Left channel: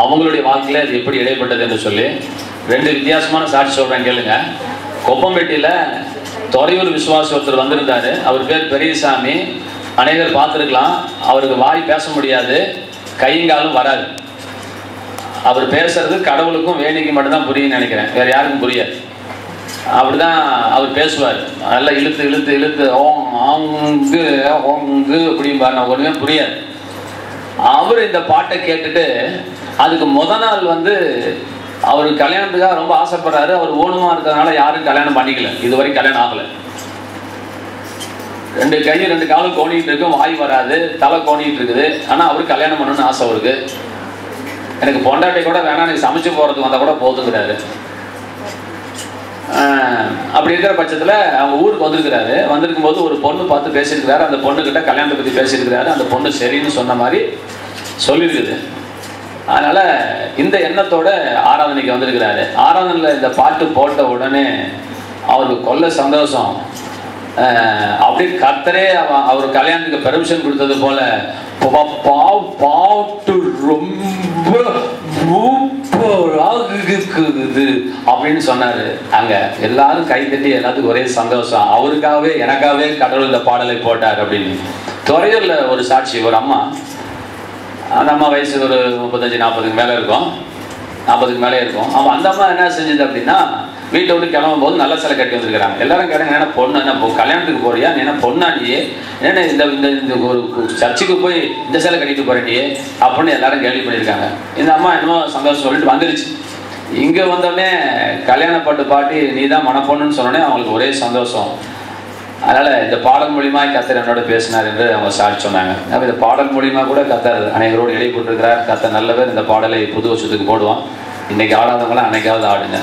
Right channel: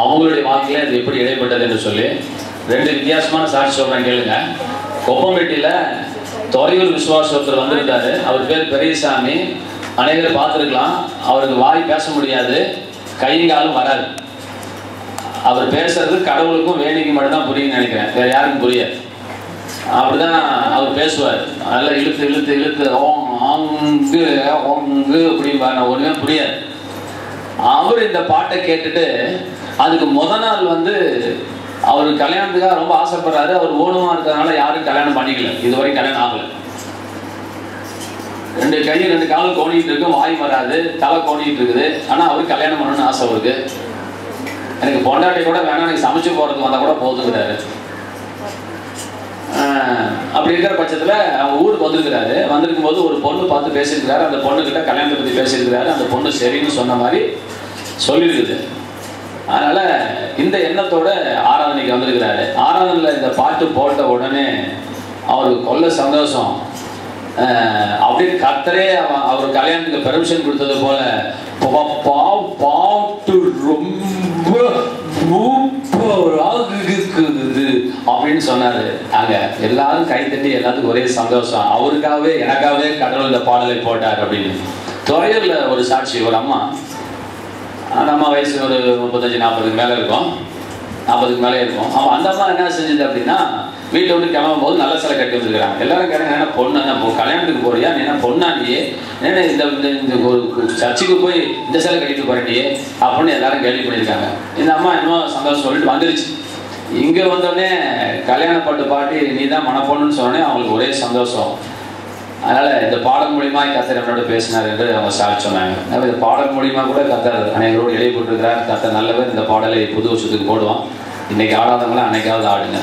அவங்களுடைய வாழ்க்கையில அது எப்படி இடைப்பட்டது என்று சொல்லி 2 வித்தியாசமான சாட்சி சொல்றேன் கேளுங்க. கொப்பம்பேட்டியில துறையூர் விசுவாசி ஒருத்தர் வந்திருந்தாரு. அவர் பேர் பெரியசாமி. அநேகர் பார்த்துருக்கலாம். அவருக்கு வாய் பேச முடியாது, கைங்காலும் வராது. அவர் பேசுறது கடவுளுக்கும் வேலைக்கு மட்டும்தான் புரியும்னு நினைக்கிறேன், வேற யாருக்கும் புரியாது. அப்படிதான் அவர் பேசுவார். நல்லா இழுத்து இழுத்து இழுத்து ஓங்கு ஓங்கு அப்படிம்பாரு. ஒண்ணுமே புரியாது. அவர் இந்த பாட்டை கேட்டுட்டு அதுக்கு நாள் அவர் கல்யாணத்துக்காக ரொம்ப ஆசைப்படுறாரு. அவர் ஊனமா இருக்கிறதுனால யாரும் கல்யாணம் பண்ணிக்கல, இதுவரை கல்யாணம் ஆகல. 2 கை 2 காலும் கோணிட்டு இருக்கும், வாய் வராது, தலை கோணிட்டு இருக்குது. ஆனா அவருக்கு கல்யாணம் பண்ணணும்னு ஆசை அவருக்கு. எனக்கு பொண்டாட்டி கூட வேணா, எனக்கு சமைச்சு போறதுக்கு வந்தா கூட போதுங்கிறாரு. அப்படி இருக்கிற பட்சத்துல அவங்க ஊருக்கு வந்திருக்கிறாரு. வந்திருக்கும் போது ஒரு பொண்ணு பார்த்து பேசியிருக்கிறாரு. அந்த பொண்ணு கிட்ட கல்யாணத்தை பத்தி பேசியிருக்கிறாரு. அந்த பொண்ணு சரின்னு சொன்ன மாதிரி சொல்லியிருக்குது. அதனால இந்த எண்ணத்தோட ஆராதனைக்கு வந்திருக்கிறாரு. ஆராதனையில் இந்த பாட்டு போட்ட உடனே அவருக்கு கொல்ல சந்தோஷம். அப்படி கர்த்தரே அவர் கல்யாணத்துக்கு பெர்மிஷன் கொடுத்தது போல பாட்டு ரொம்ப இருக்குது அப்படின்னு சொன்னாரு. அங்க எல்லாரும் கை தட்டி எல்லாத்துக்கும் ஒரே சந்தோஷம். அவருக்காகவே எனக்காகவே கடவுள் இந்த பாடலை போட்டார் அப்படின்னு. துறையூர்ல ஒரு சாட்சி, ஒரு அம்மா, நம்ம வயசு ஒரு 35-40க்கு மேல இருக்கும், 40க்கு மேலே இருக்கும். அவன் அந்த அம்மா என்ன செஞ்சது அப்படின்னா, வீட்டை விட்டு கிளம்பும் போது நல்ல சிலை கட்டி வந்துருக்கிறாங்க. எல்லாரும் கேட்டாங்க, என்ன பொண்ணு, என்ன கல்யாணத்துக்கு போறியா, என்ன பொண்ணாண்டியே, என்ன இந்த ஒரு சர்ச்சுக்கு போய் இந்த சிலை கட்டிட்டு போறேன்டியே அப்படின்னு எல்லாரும் கேள்வி பண்ணியிருக்காங்க. இந்த அம்மா இன்னும் சந்தோஷம் சொல்லிட்டு வந்துருச்சு. இங்க வந்தோடனே கல்யாணப்பட்டு பாட்டி நீ தான் மனப்பொண்ணுன்னு சொன்னோடனே அவங்களுக்கு ஒரே சந்தோஷம். அதனால இந்த பாடல் மூலியமா கர்த்தர் என்னோட பேசினார் என்று அவங்க சாட்சி சொன்னாங்க. இந்த பாடல் மூலியமா கூட கர்த்தர் அனைவரோடு இடையே கொண்டிருக்கிறார். கர்த்தர் நல்ல பேர் இந்த பாடலை புது வருஷத்துக்கு போடுவோம். இன்னைக்கு ஆடாதவங்களாம் அன்னைக்காவது ஆடுங்க.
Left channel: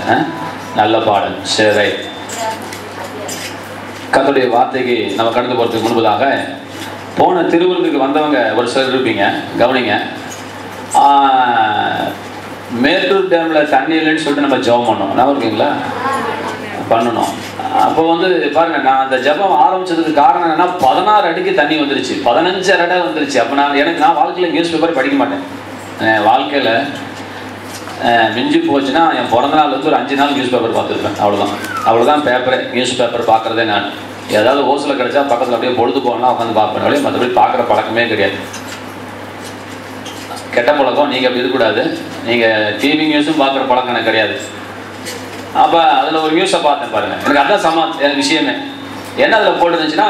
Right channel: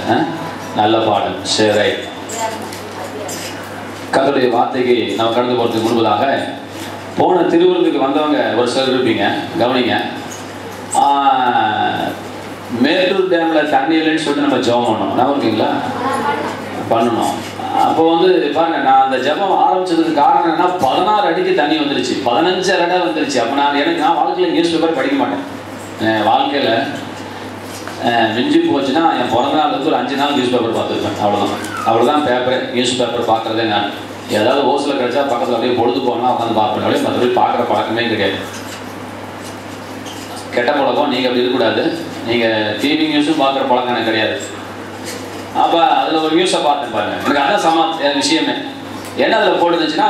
நல்ல பாடல். சரி, கர்த்தருடைய வார்த்தைக்கு நம்ம கடந்து போறதுக்கு முன்பதாக போன திருவிருந்துக்கு வந்தவங்க ஒரு சிலர் இருப்பீங்க, கவனிங்க. மேட்டூர் டேம்ல தண்ணி இல்லைன்னு சொல்லிட்டு நம்ம ஜெபம் பண்ணோம், நான் இருக்கீங்களா பண்ணணும். அப்போ பாருங்க, நான் அந்த ஜெபம் ஆரம்பிச்சதுக்கு காரணம் என்னன்னா 16 அடிக்கு தண்ணி வந்துருச்சு, 15 அடி வந்துருச்சு. அப்போ நான் வாழ்க்கையில் நியூஸ் பேப்பர் படிக்க மாட்டேன். வாழ்க்கையில் மிஞ்சி போச்சுன்னா என் பிறந்த நாள் ஒரு 5 நாள் நியூஸ் பேப்பர் பார்த்துருப்பேன், அவ்வளோதான் பேப்பர். நியூஸ் பேப்பர் பார்க்குறதே நான் ஏதாவது ஓசில் கிடைச்சா பக்கத்தில் அப்படியே பொழுது போனால் உட்காந்து பார்க்குறேன். அப்படியே மற்றபடி பார்க்குற பழக்கமே கிடையாது. கெட்ட பழக்கம். நீங்கள் அப்படி இருக்கக்கூடாது. நீங்கள் டிவி நியூஸும் பார்க்குற பழக்கம் எனக்கு கிடையாது. அப்போ அதில் ஒரு நியூஸை பார்த்தேன் பாருங்க, எனக்கு அதான் விஷயமே. என்ன அதில் போட்டுருந்துச்சுன்னா,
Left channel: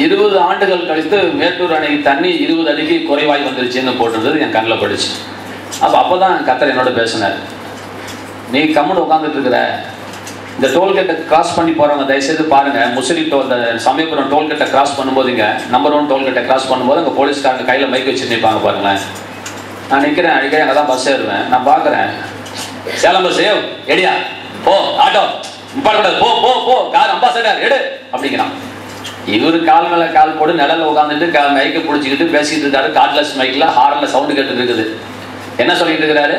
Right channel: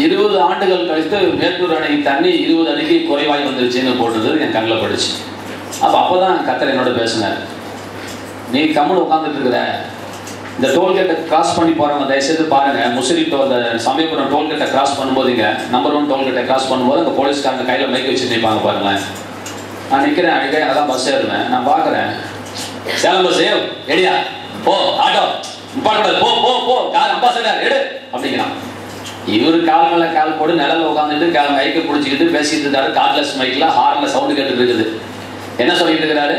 20 ஆண்டுகள் கழித்து மேட்டூர் அணை தண்ணி 20 அடிக்கு குறைவாய் வந்துருச்சுன்னு போட்டுருந்தது என் கண்ணில் பட்டுச்சு. அப்போதான் கர்த்தர் என்னோட பேசினார். நீ கம்முன்னு உட்காந்துட்டு இருக்கிற, இந்த டோல்கேட்டை கிராஸ் பண்ணி போறவங்க தயவுசெய்து பாருங்க. முசிறி இந்த சமயபுரம் டோல்கேட்டை கிராஸ் பண்ணும்போது, இங்க நம்பர் 1 டோல்கேட்டை கிராஸ் பண்ணும்போது அங்கே போலீஸ்காரங்க கையில் மைக் வச்சு நிற்பாங்க பாருங்களேன். நான் நிற்கிறேன், அடிக்கடி அங்கே தான் பஸ் ஏறுவேன். நான் பார்க்குறேன், சேலம் பஸ் எடியா போ, ஆட்டோ நிப்பாடக்கூடாது, போ போ போ, கார் அம்பாசடர் எடு அப்படிங்கிறான். இவரு கால் மேல கால் போட்டு நிழல்ல உட்காந்துட்டு மைக்கை பிடிச்சிக்கிட்டு பேசிட்டு இருக்காரு. கார்ட்லெஸ் மைக்ல ஹார்ன்ல சவுண்டு கேட்டுட்டு இருக்குது. என்ன சொல்லிட்டு இருக்கிறாரு?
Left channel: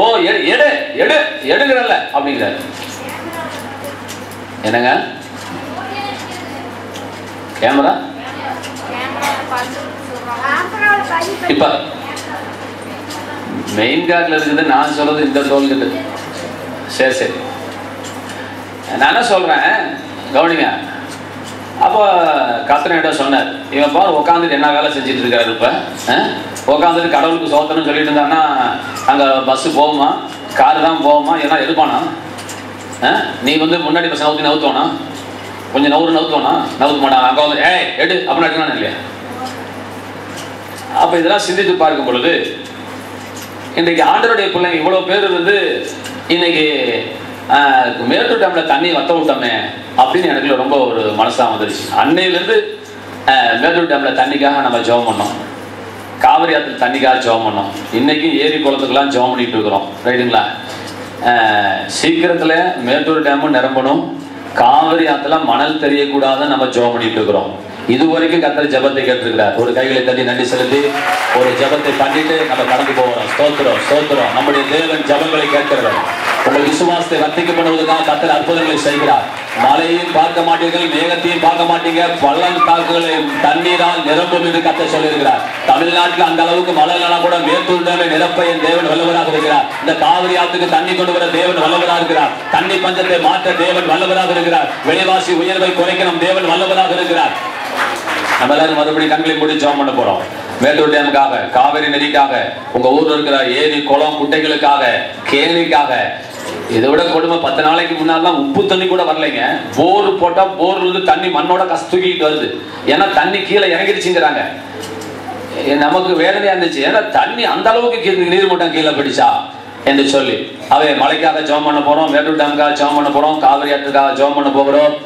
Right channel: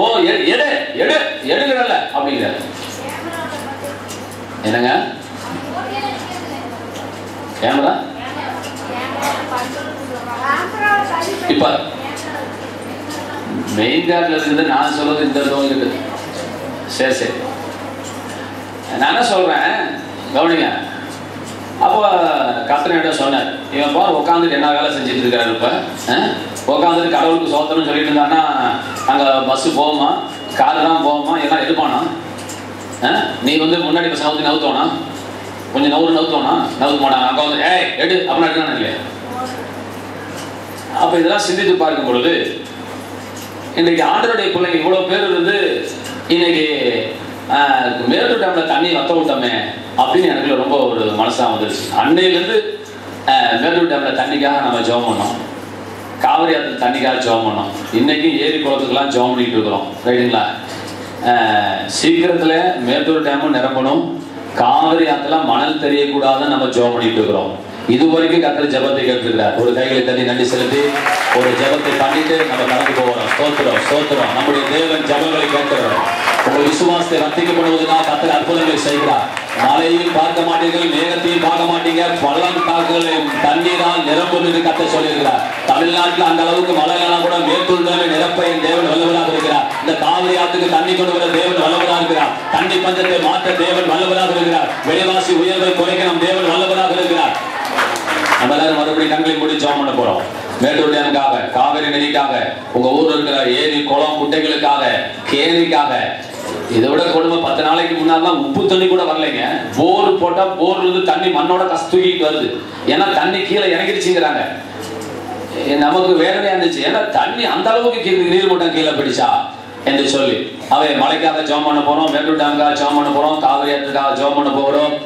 ஓ எடு எடு எடுக்கிறல்ல அப்படிங்கிறாரு. என்னங்க கேமரா இப்ப மெயின் கார்ட்ல இருக்குது. நான் சொல்றது இந்த டோல்கேட். சரி சரி, நான் என்ன சொல்றேன் கவனிங்க. அப்போ கர்த்தர் சொன்னார், இவன் பா உட்காந்துட்டு என்ன வேலை செஞ்சுட்டு இருக்காரு. இப்ப உட்காந்துட்டு கடவுளுக்கு சோத்தணும்னு சொல்லிட்டு இருந்தான்னா அங்கே பஸ்ஸு போகுமா, காரு தான் போகுமா, எல்லாம் எடுப்பானா? நீ முன்னாடி இப்போ சவுத்தி நவுத்தோனா, கொஞ்சம் நவுத்தோனா நவுத்த மாட்டான். அங்கே ஏய் எடு அப்படின்னு எடுக்கணும் இல்லையா? அப்போ இதெல்லாம் சிந்தித்து பார்க்கும் பொழுது, இன்றைக்கு ஆண்டவருடைய பிள்ளைங்க இவ்வளோ பேர் இன்னைக்கு மேட்டூர் டேம்ல தண்ணி வத்த விட்டோமே அப்படின்னு எனக்கு ரொம்ப ஒரு மனசாக வந்துருச்சு. அன்னையிலேருந்து மேட்டூர் டேம்ல தண்ணிக்காக நம்ம ஜெபம் பண்ணோம், காவிரி ஆற்றுக்கு தண்ணிக்காக ஜெபம் பண்ணோம். இன்னைக்கும் ஏரி குளத்துக்கெல்லாம் ஜெபம் பண்ணிட்டு இருக்கிறோம், ரைட்டுங்களா? சீக்கிரத்தில் மேட்டூர் டேமும் நிரம்பணும், காவிரி ஆற்றுல மணல் தெரியக்கூடாதுன்னு நம்ம ஜெபம் பண்ணிட்டு இருக்கிறோம். இதுவரைக்கும் கர்த்தர் ஜெபத்தை கேட்டிருக்கிறார். ஒரு கைகளை தள்ளி நன்றி செலுத்தி ஒரு ஜெபத்தை பண்ணிட்டு நம்ம கடந்து போகிறோம். ஸ்தோத்திரம் ஸ்தோத்திரம். நம்முடைய தேவன் ஜெபங்களை கேட்கிறவர். உங்கள் விசுவாசத்தை வர்த்திக்க பண்ணுவதற்காக கர்த்தர் அற்புதங்களை செய்கிறார். மழையும் பார்க்க மாட்டீர்கள், மேகத்தையும் பார்க்க மாட்டீங்க, பள்ளத்தாக்குகளை தண்ணீரால் நிரம்பும் என்று கர்த்தர் சொல்லியிருக்கிறார். தமிழ்நாட்டில் அந்த அளவுக்கு மழை கூட மேற்கொண்டு நிரப்ப என் தேவன் வல்லவராக இருக்கிறார். இந்த காவிரி ஆற்றுக்கு தண்ணி கொண்டு வர தேவன் வல்லவராக இருக்கிறார். தண்ணி பஞ்சத்தை மாற்ற தேவன் வல்லவராக இருக்கிறார். விலைவாசி உயர்வை குறைக்க நம் தேவன் வல்லவராக இருக்கிறார். நம்ம எல்லாரும் மறுபடியும் கண்களை மூடி ஜெபம் பண்ண போறோம். மேட்டூர் டேமுக்காக, காவிரி நதிக்காக, உங்க ஊர்ல இருக்கிற ஏரி குளம் குட்டைகளுக்காக, கேணிக்காக. இதை விட கொடுமை, 10 நாளைக்கு முன்னாடி உப்பு தண்ணி கூட வரலைங்க. போர் போட்டா போர்ல இருந்து தண்ணி மண்ணோட கஸ்தூக்கிட்டு வருது. ஏன்னா தண்ணி கீழே இறங்கிடுச்சுங்கிறாங்க. நமக்கு வேதனையா இருந்துச்சு. ஏன்னா தண்ணி அந்த அளவுக்கு நீர் மட்டம் கீழே பிடிச்சா என்று சொல்லி அவை மழைக்காக ஜெபம் பண்ண போறோம். மேட்டூர் டேமுக்காக ஜெபம் பண்ண போறோம். காவிரி ஆற்றுக்காக ஜெபம் பண்ண போகிறோம்.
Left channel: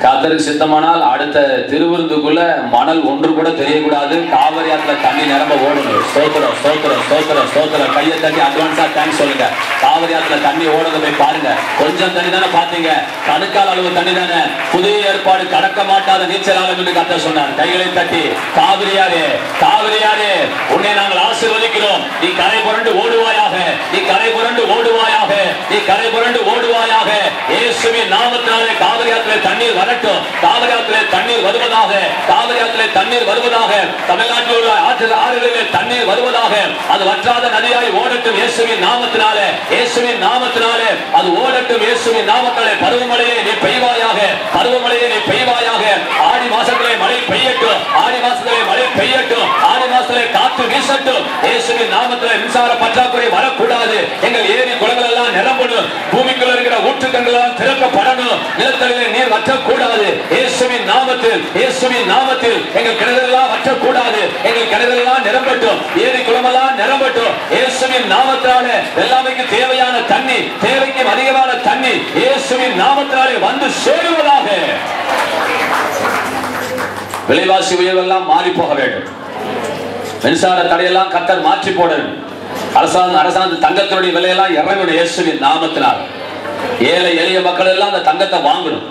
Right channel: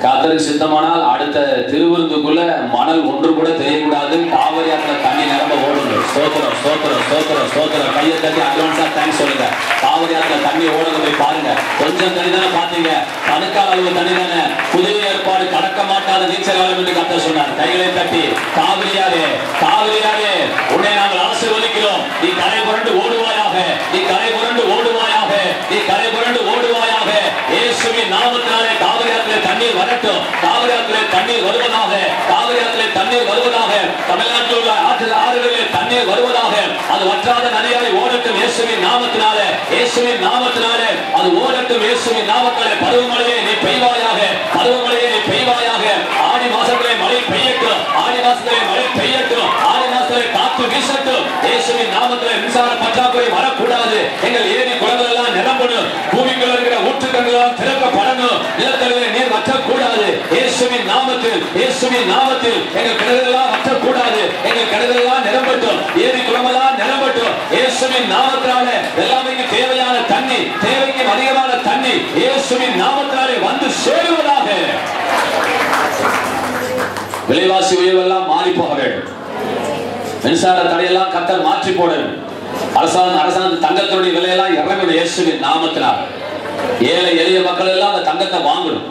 கர்த்தருக்கு சித்தமானால் அடுத்த திருவிருந்துக்குள்ள மணல் ஒன்று கூட தெரியக்கூடாது. காவிரி ஆற்றுல தண்ணி நிரம்ப ஓடணும். ஸ்தோத்திரம் ஸ்தோத்திரம் ஸ்தோத்திரம் ஸ்தோத்திரம். கையை தட்டி அட்வான்ஸா தேங்க்ஸ் சொல்லுங்க. காவிரி ஆற்றுல தண்ணி ஓடுறது போய் பாருங்க. கொஞ்சம் தண்ணி தானே பாத்தீங்க, கணக்கால் அளவு தண்ணி தானே. புதிய ஏற்பாடு கடக்க மாட்டாத நீச்சல் ஆளும் என்று கர்த்தர் சொன்னார். கைகளை தட்டி காவிரியாரே காவிரியாரே உன்னை நாங்கள் ஆசீர்வதிக்கிறோம். நீ கரை புரண்டு ஓடுவாயாக, நீ கரை புரண்டு ஓடுவாயாக, நீ கரை புரண்டு ஓடுவாயாக. இயேசுவின் நாமத்தினாலே காவிரி ஆற்றிலே தண்ணீர் வரட்டும். காவிரி ஆற்றிலே தண்ணீர் வருவதாக, காவிரி ஆற்றிலே தண்ணீர் வருவதாக. தமிழ்நாட்டில் உள்ள ஆறுகளிலே தண்ணீர் வருவதாக. அது வற்றாத நதியாய் ஓடட்டும் இயேசுவின் நாமத்தினாலே, இயேசுவின் நாமத்தினாலே அது ஓடட்டும் இயேசுவின் நாமத்தினாலே. பருவமழையை நீ பெய்வாயாக, பருவமழையை நீ பெய்வாயாக. ஆடி மாசத்திலே மழை பெய்யட்டும், ஆடி மாசத்திலே மழை பெய்யட்டும், ஆடி மாசத்திலே காற்று வீசட்டும். இயேசுவின் நாமத்திலே மின்சார பற்றாக்குறை வரக்கூடாது. எங்கள் ஏரி குளங்கள் எல்லாம் நிரம்பணும். பூமிக்குள்ள இருக்கிற ஊற்றுக்கண்கள் எல்லாம் திறக்கப்படணும். நிலத்தடியிலே நீர் வற்றக்கூடாது. இயேசுவின் நாமத்தில், இயேசுவின் நாமத்தில் எங்கள் கிணறுகளெல்லாம் வற்றக்கூடாது. எங்கள் கிணறுகளெல்லாம் நிரம்பட்டும், ஏரி குளமெல்லாம் நிரம்பட்டும். இயேசுவின் நாமத்தினாலே எல்லாமே தேவையான தண்ணி, தேவைக்கு அதிகமான தண்ணி இயேசுவின் நாமத்தினாலே வந்து சேருவதாக. விலைவாசி உயர்வெல்லாம் மாறி போக வேண்டும். மின்சார தடையெல்லாம் கர்த்தர் மாற்றி போடணும். அரசாங்க தங்கத்தினுடைய விலையெல்லாம் இறங்கணும் இயேசுவின் நாமத்தினால். ஏழை எளிய மக்கள் எல்லாம் அந்த தங்கத்தை வாங்கணும்.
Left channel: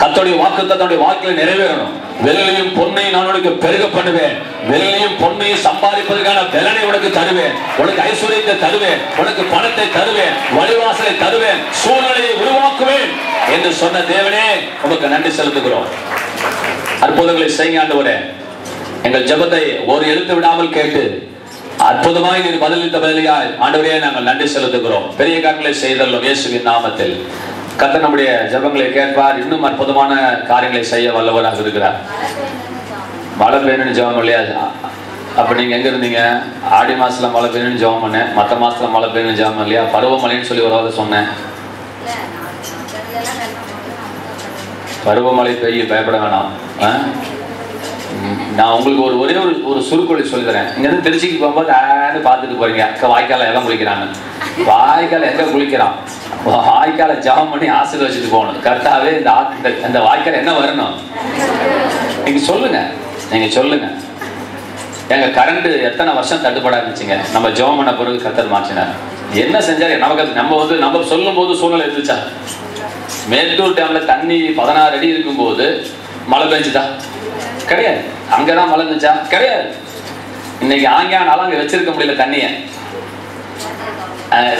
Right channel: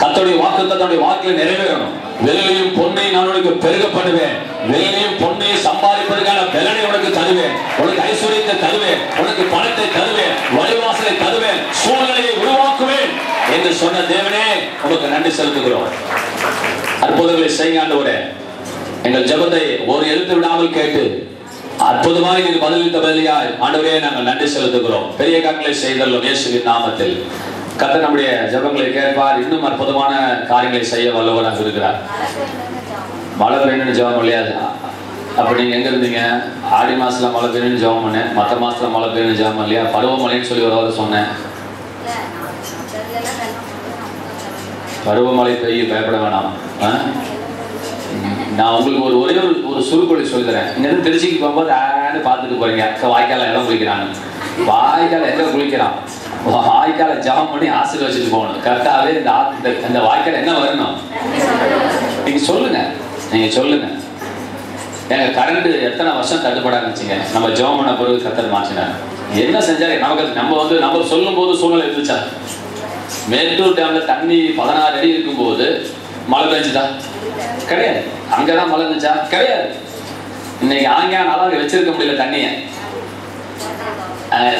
கர்த்தருடைய வாக்குத்தத்தனுடைய வாக்கில் நிறைவேறணும். வெள்ளியும் பொன்னையும் நான் உனக்கு பெருக பண்ணுவேன். வெள்ளியும் பொன்னையும் சம்பாதிப்பதற்கான பலனை உனக்கு தருவேன். உனக்கு ஐஸ்வர்யத்தை தருவேன், உனக்கு பணத்தை தருவேன், வழிவாசலை தருவேன், சூழ்நிலையை உருவாக்குவேன் என்று சொன்ன தேவனே உனக்கு நன்றி செலுத்துகிறோம். அற்புதங்களை செய்ய ஆண்டவரே. எங்கள் ஜெபத்தை ஒரு எழுத்து விடாமல் கேட்டு அற்புதமாய் நீர் பதிலளித்த பதிலாய் ஆண்டவரே நாங்கள் நன்றி செலுத்துகிறோம். பெரிய காரியங்களை செய்தல்லும் இயேசுவின் நாமத்தில். கர்த்தர் நம்முடைய ஜெபங்களை கேட்பார். இன்னும் அற்புதமான காரியங்களை செய்ய வல்லவராக இருக்கிறார். மழை பெய்யணும்னு ஜெபம் இல்லையா? அப்ப நீங்க எங்க இருந்தீங்க? ஆடி மாசத்துல மழை பெய்யணும்னு ஜெபம் பண்ணேன், மற்ற மாசத்துல மழை பெய்யணும்னு ஜெபம் இல்லையா? பருவமழைன்னு சொல்லி ஒரு சொன்னேன். பருவமழை பெய்ய பயப்பட வேணாம். நான் உங்களுக்கு ஒரே ஒரு சுருக்கொழி சொல்லிக்கிறேன். இங்க இருந்து திருச்சிக்கு போகும்போது பார்த்துட்டு போறீங்க, வாய்க்கால எல்லாம் குளிக்கிறாங்க. வாய்க்கால எங்க குளிக்கிறான்? வாய்க்கால ஜபம் பண்ணி ஆசீர்வதிச்சுட்டு போகணும். கரெக்டாவே இந்த வாய்க்கால என்ன வரணும் நீங்க சொல்லுங்க, நீங்க சொல்லுங்க. எங்க கரண்ட் எத்தனை வருஷம் தட்டுப்பாடா இருந்துச்சுங்க. நம்ம ஜபம் பண்ண பிறகு கர்த்தர் மாற்றினார். என்ன செஞ்சாரு நமக்கு? நம்ம சொல்லும் போது சூழ்நிலை இருந்துச்சா? மேட்டூர் டேம்ல தண்ணி 16 அடி இருக்கும் போது மழை பெஞ்சுதா? கிடையாது. அங்கதான் மழை இருந்துச்சா? கிடையாது. இன்னைக்கு ஆங்கியானாலும் அங்க வச்சிருக்க முடியல தண்ணிய.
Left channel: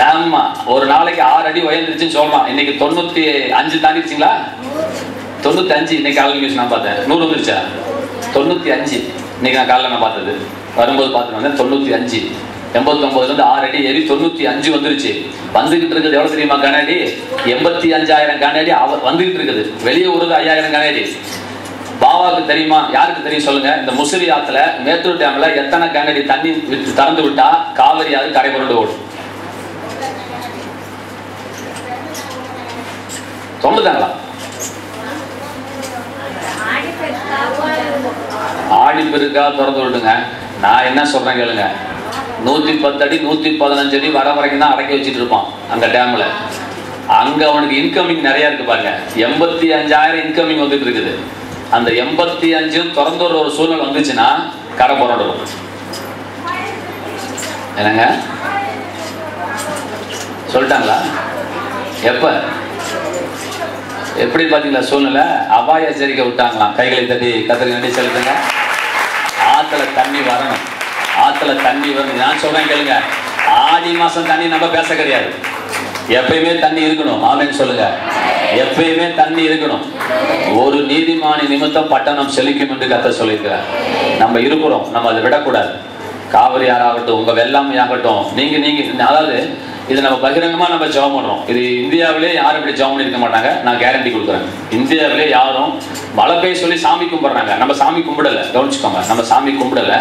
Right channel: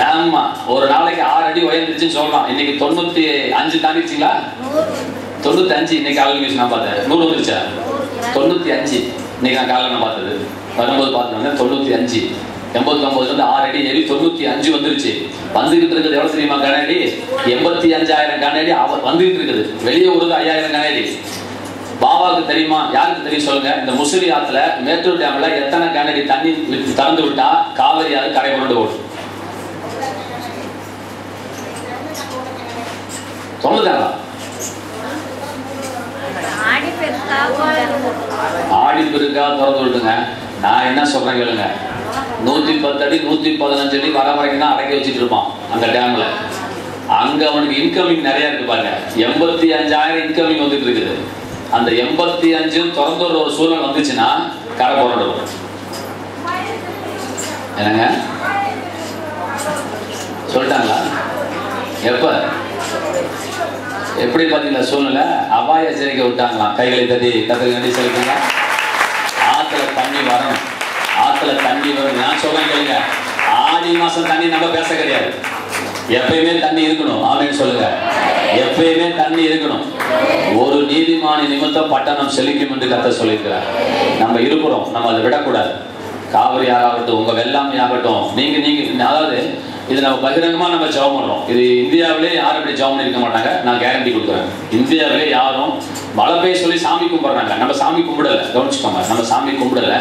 ஆமா, ஒரு நாளைக்கு 6 அடி உயர்ந்துச்சுன்னு சொல்லலாம். இன்னைக்கு 95 தாண்டிடுச்சுங்களா? 95. இன்னைக்கு காலையில் நியூஸ் நான் பார்த்தேன். 100 வந்துருச்சா? 95. இன்னைக்கு நான் காலையில் நான் பார்த்தது, வரும்போது பார்த்து 95. 89 6 அடி ஏறி 95 வந்துருச்சு. வந்துகிட்டு இருக்குது எவ்வளவு தெரியுமா? கனஅடி 85,000 கனஅடி வந்துகிட்டு இருக்குது. வெளியே ஊருக்கு 5,000 கனஅடி. பாபாவுக்கு தெரியுமா? யாருக்கு தெரியும் சொல்லுங்க? இந்த முசிறி ஆத்துல மேட்டூர் டேம்ல எத்தனை கனஅடி தண்ணி திறந்து விட்டா காவிரி ஆறு கரை புரண்டு ஓடும்? சொல்லுதாங்களா? ஆடி பெருக்கா திறந்து விட்டுங்க. நான் என்ன சொல்றேன் கேளுங்க. 110 அடி 115 அடி வர வரைக்கும் தான் அடக்கி வச்சுட்டு இருப்பான் அந்த டேம்ல. அங்க அவனுக்கு இன்கமிங் நிறைய இருக்கு பாருங்க. 85,000 இன்கமிங் வந்துட்டு இருக்குது. அந்த 85 திறந்து ஒரு சூழ்நிலை வந்துச்சுன்னா கரை புரண்டு வரும். என்னங்க சொல்லிட்டாங்களா? எப்ப எப்படி பாத்தீங்களா சூழ்நிலை? அபாய எச்சரிக்கை விட்டாங்களாம். கைகளை தட்டி கர்த்தருக்கு நன்றி செலுத்துங்க. ஆத்துல தண்ணி வரணும், ஆத்துல தண்ணி வரும். நான் சொல்றேன் கேளுங்க. ஆடி மாசம் தண்ணி நம்ம பேச கிடையாது. எப்பயுமே தண்ணி இருக்கணும். ஆமென் சொல்லுங்க. எப்பயுமே தண்ணி இருக்கணும். ஒரு நீதிமானி நிமித்தம் பட்டணம் செழிக்கும் என்று கர்த்தர் சொல்லியிருக்கிறார். நம்ம இருக்கிறோம், நம்ம அதை விடக்கூடாது. காவிரி ஆகட்டும், உங்க வெள்ளாமை ஆகட்டும், நீங்க அதாவது இது நம்ம பகிரங்கமா நம்ம ஜெபம் பண்றோம். இது இந்தியாவிலே யாரும் இப்படி ஜெபம் பண்ணிருக்க மாட்டாங்க, நான் கேரண்டி கொடுக்குறேன். இந்தியாவிலே யாரும் மழை பெய்ய சொல்லி சாமி கும்பிடுறாங்க. நம்ம சாமி கும்பிடல, கவனிச்சுக்கோங்க. நம்ம சாமி கும்பிடல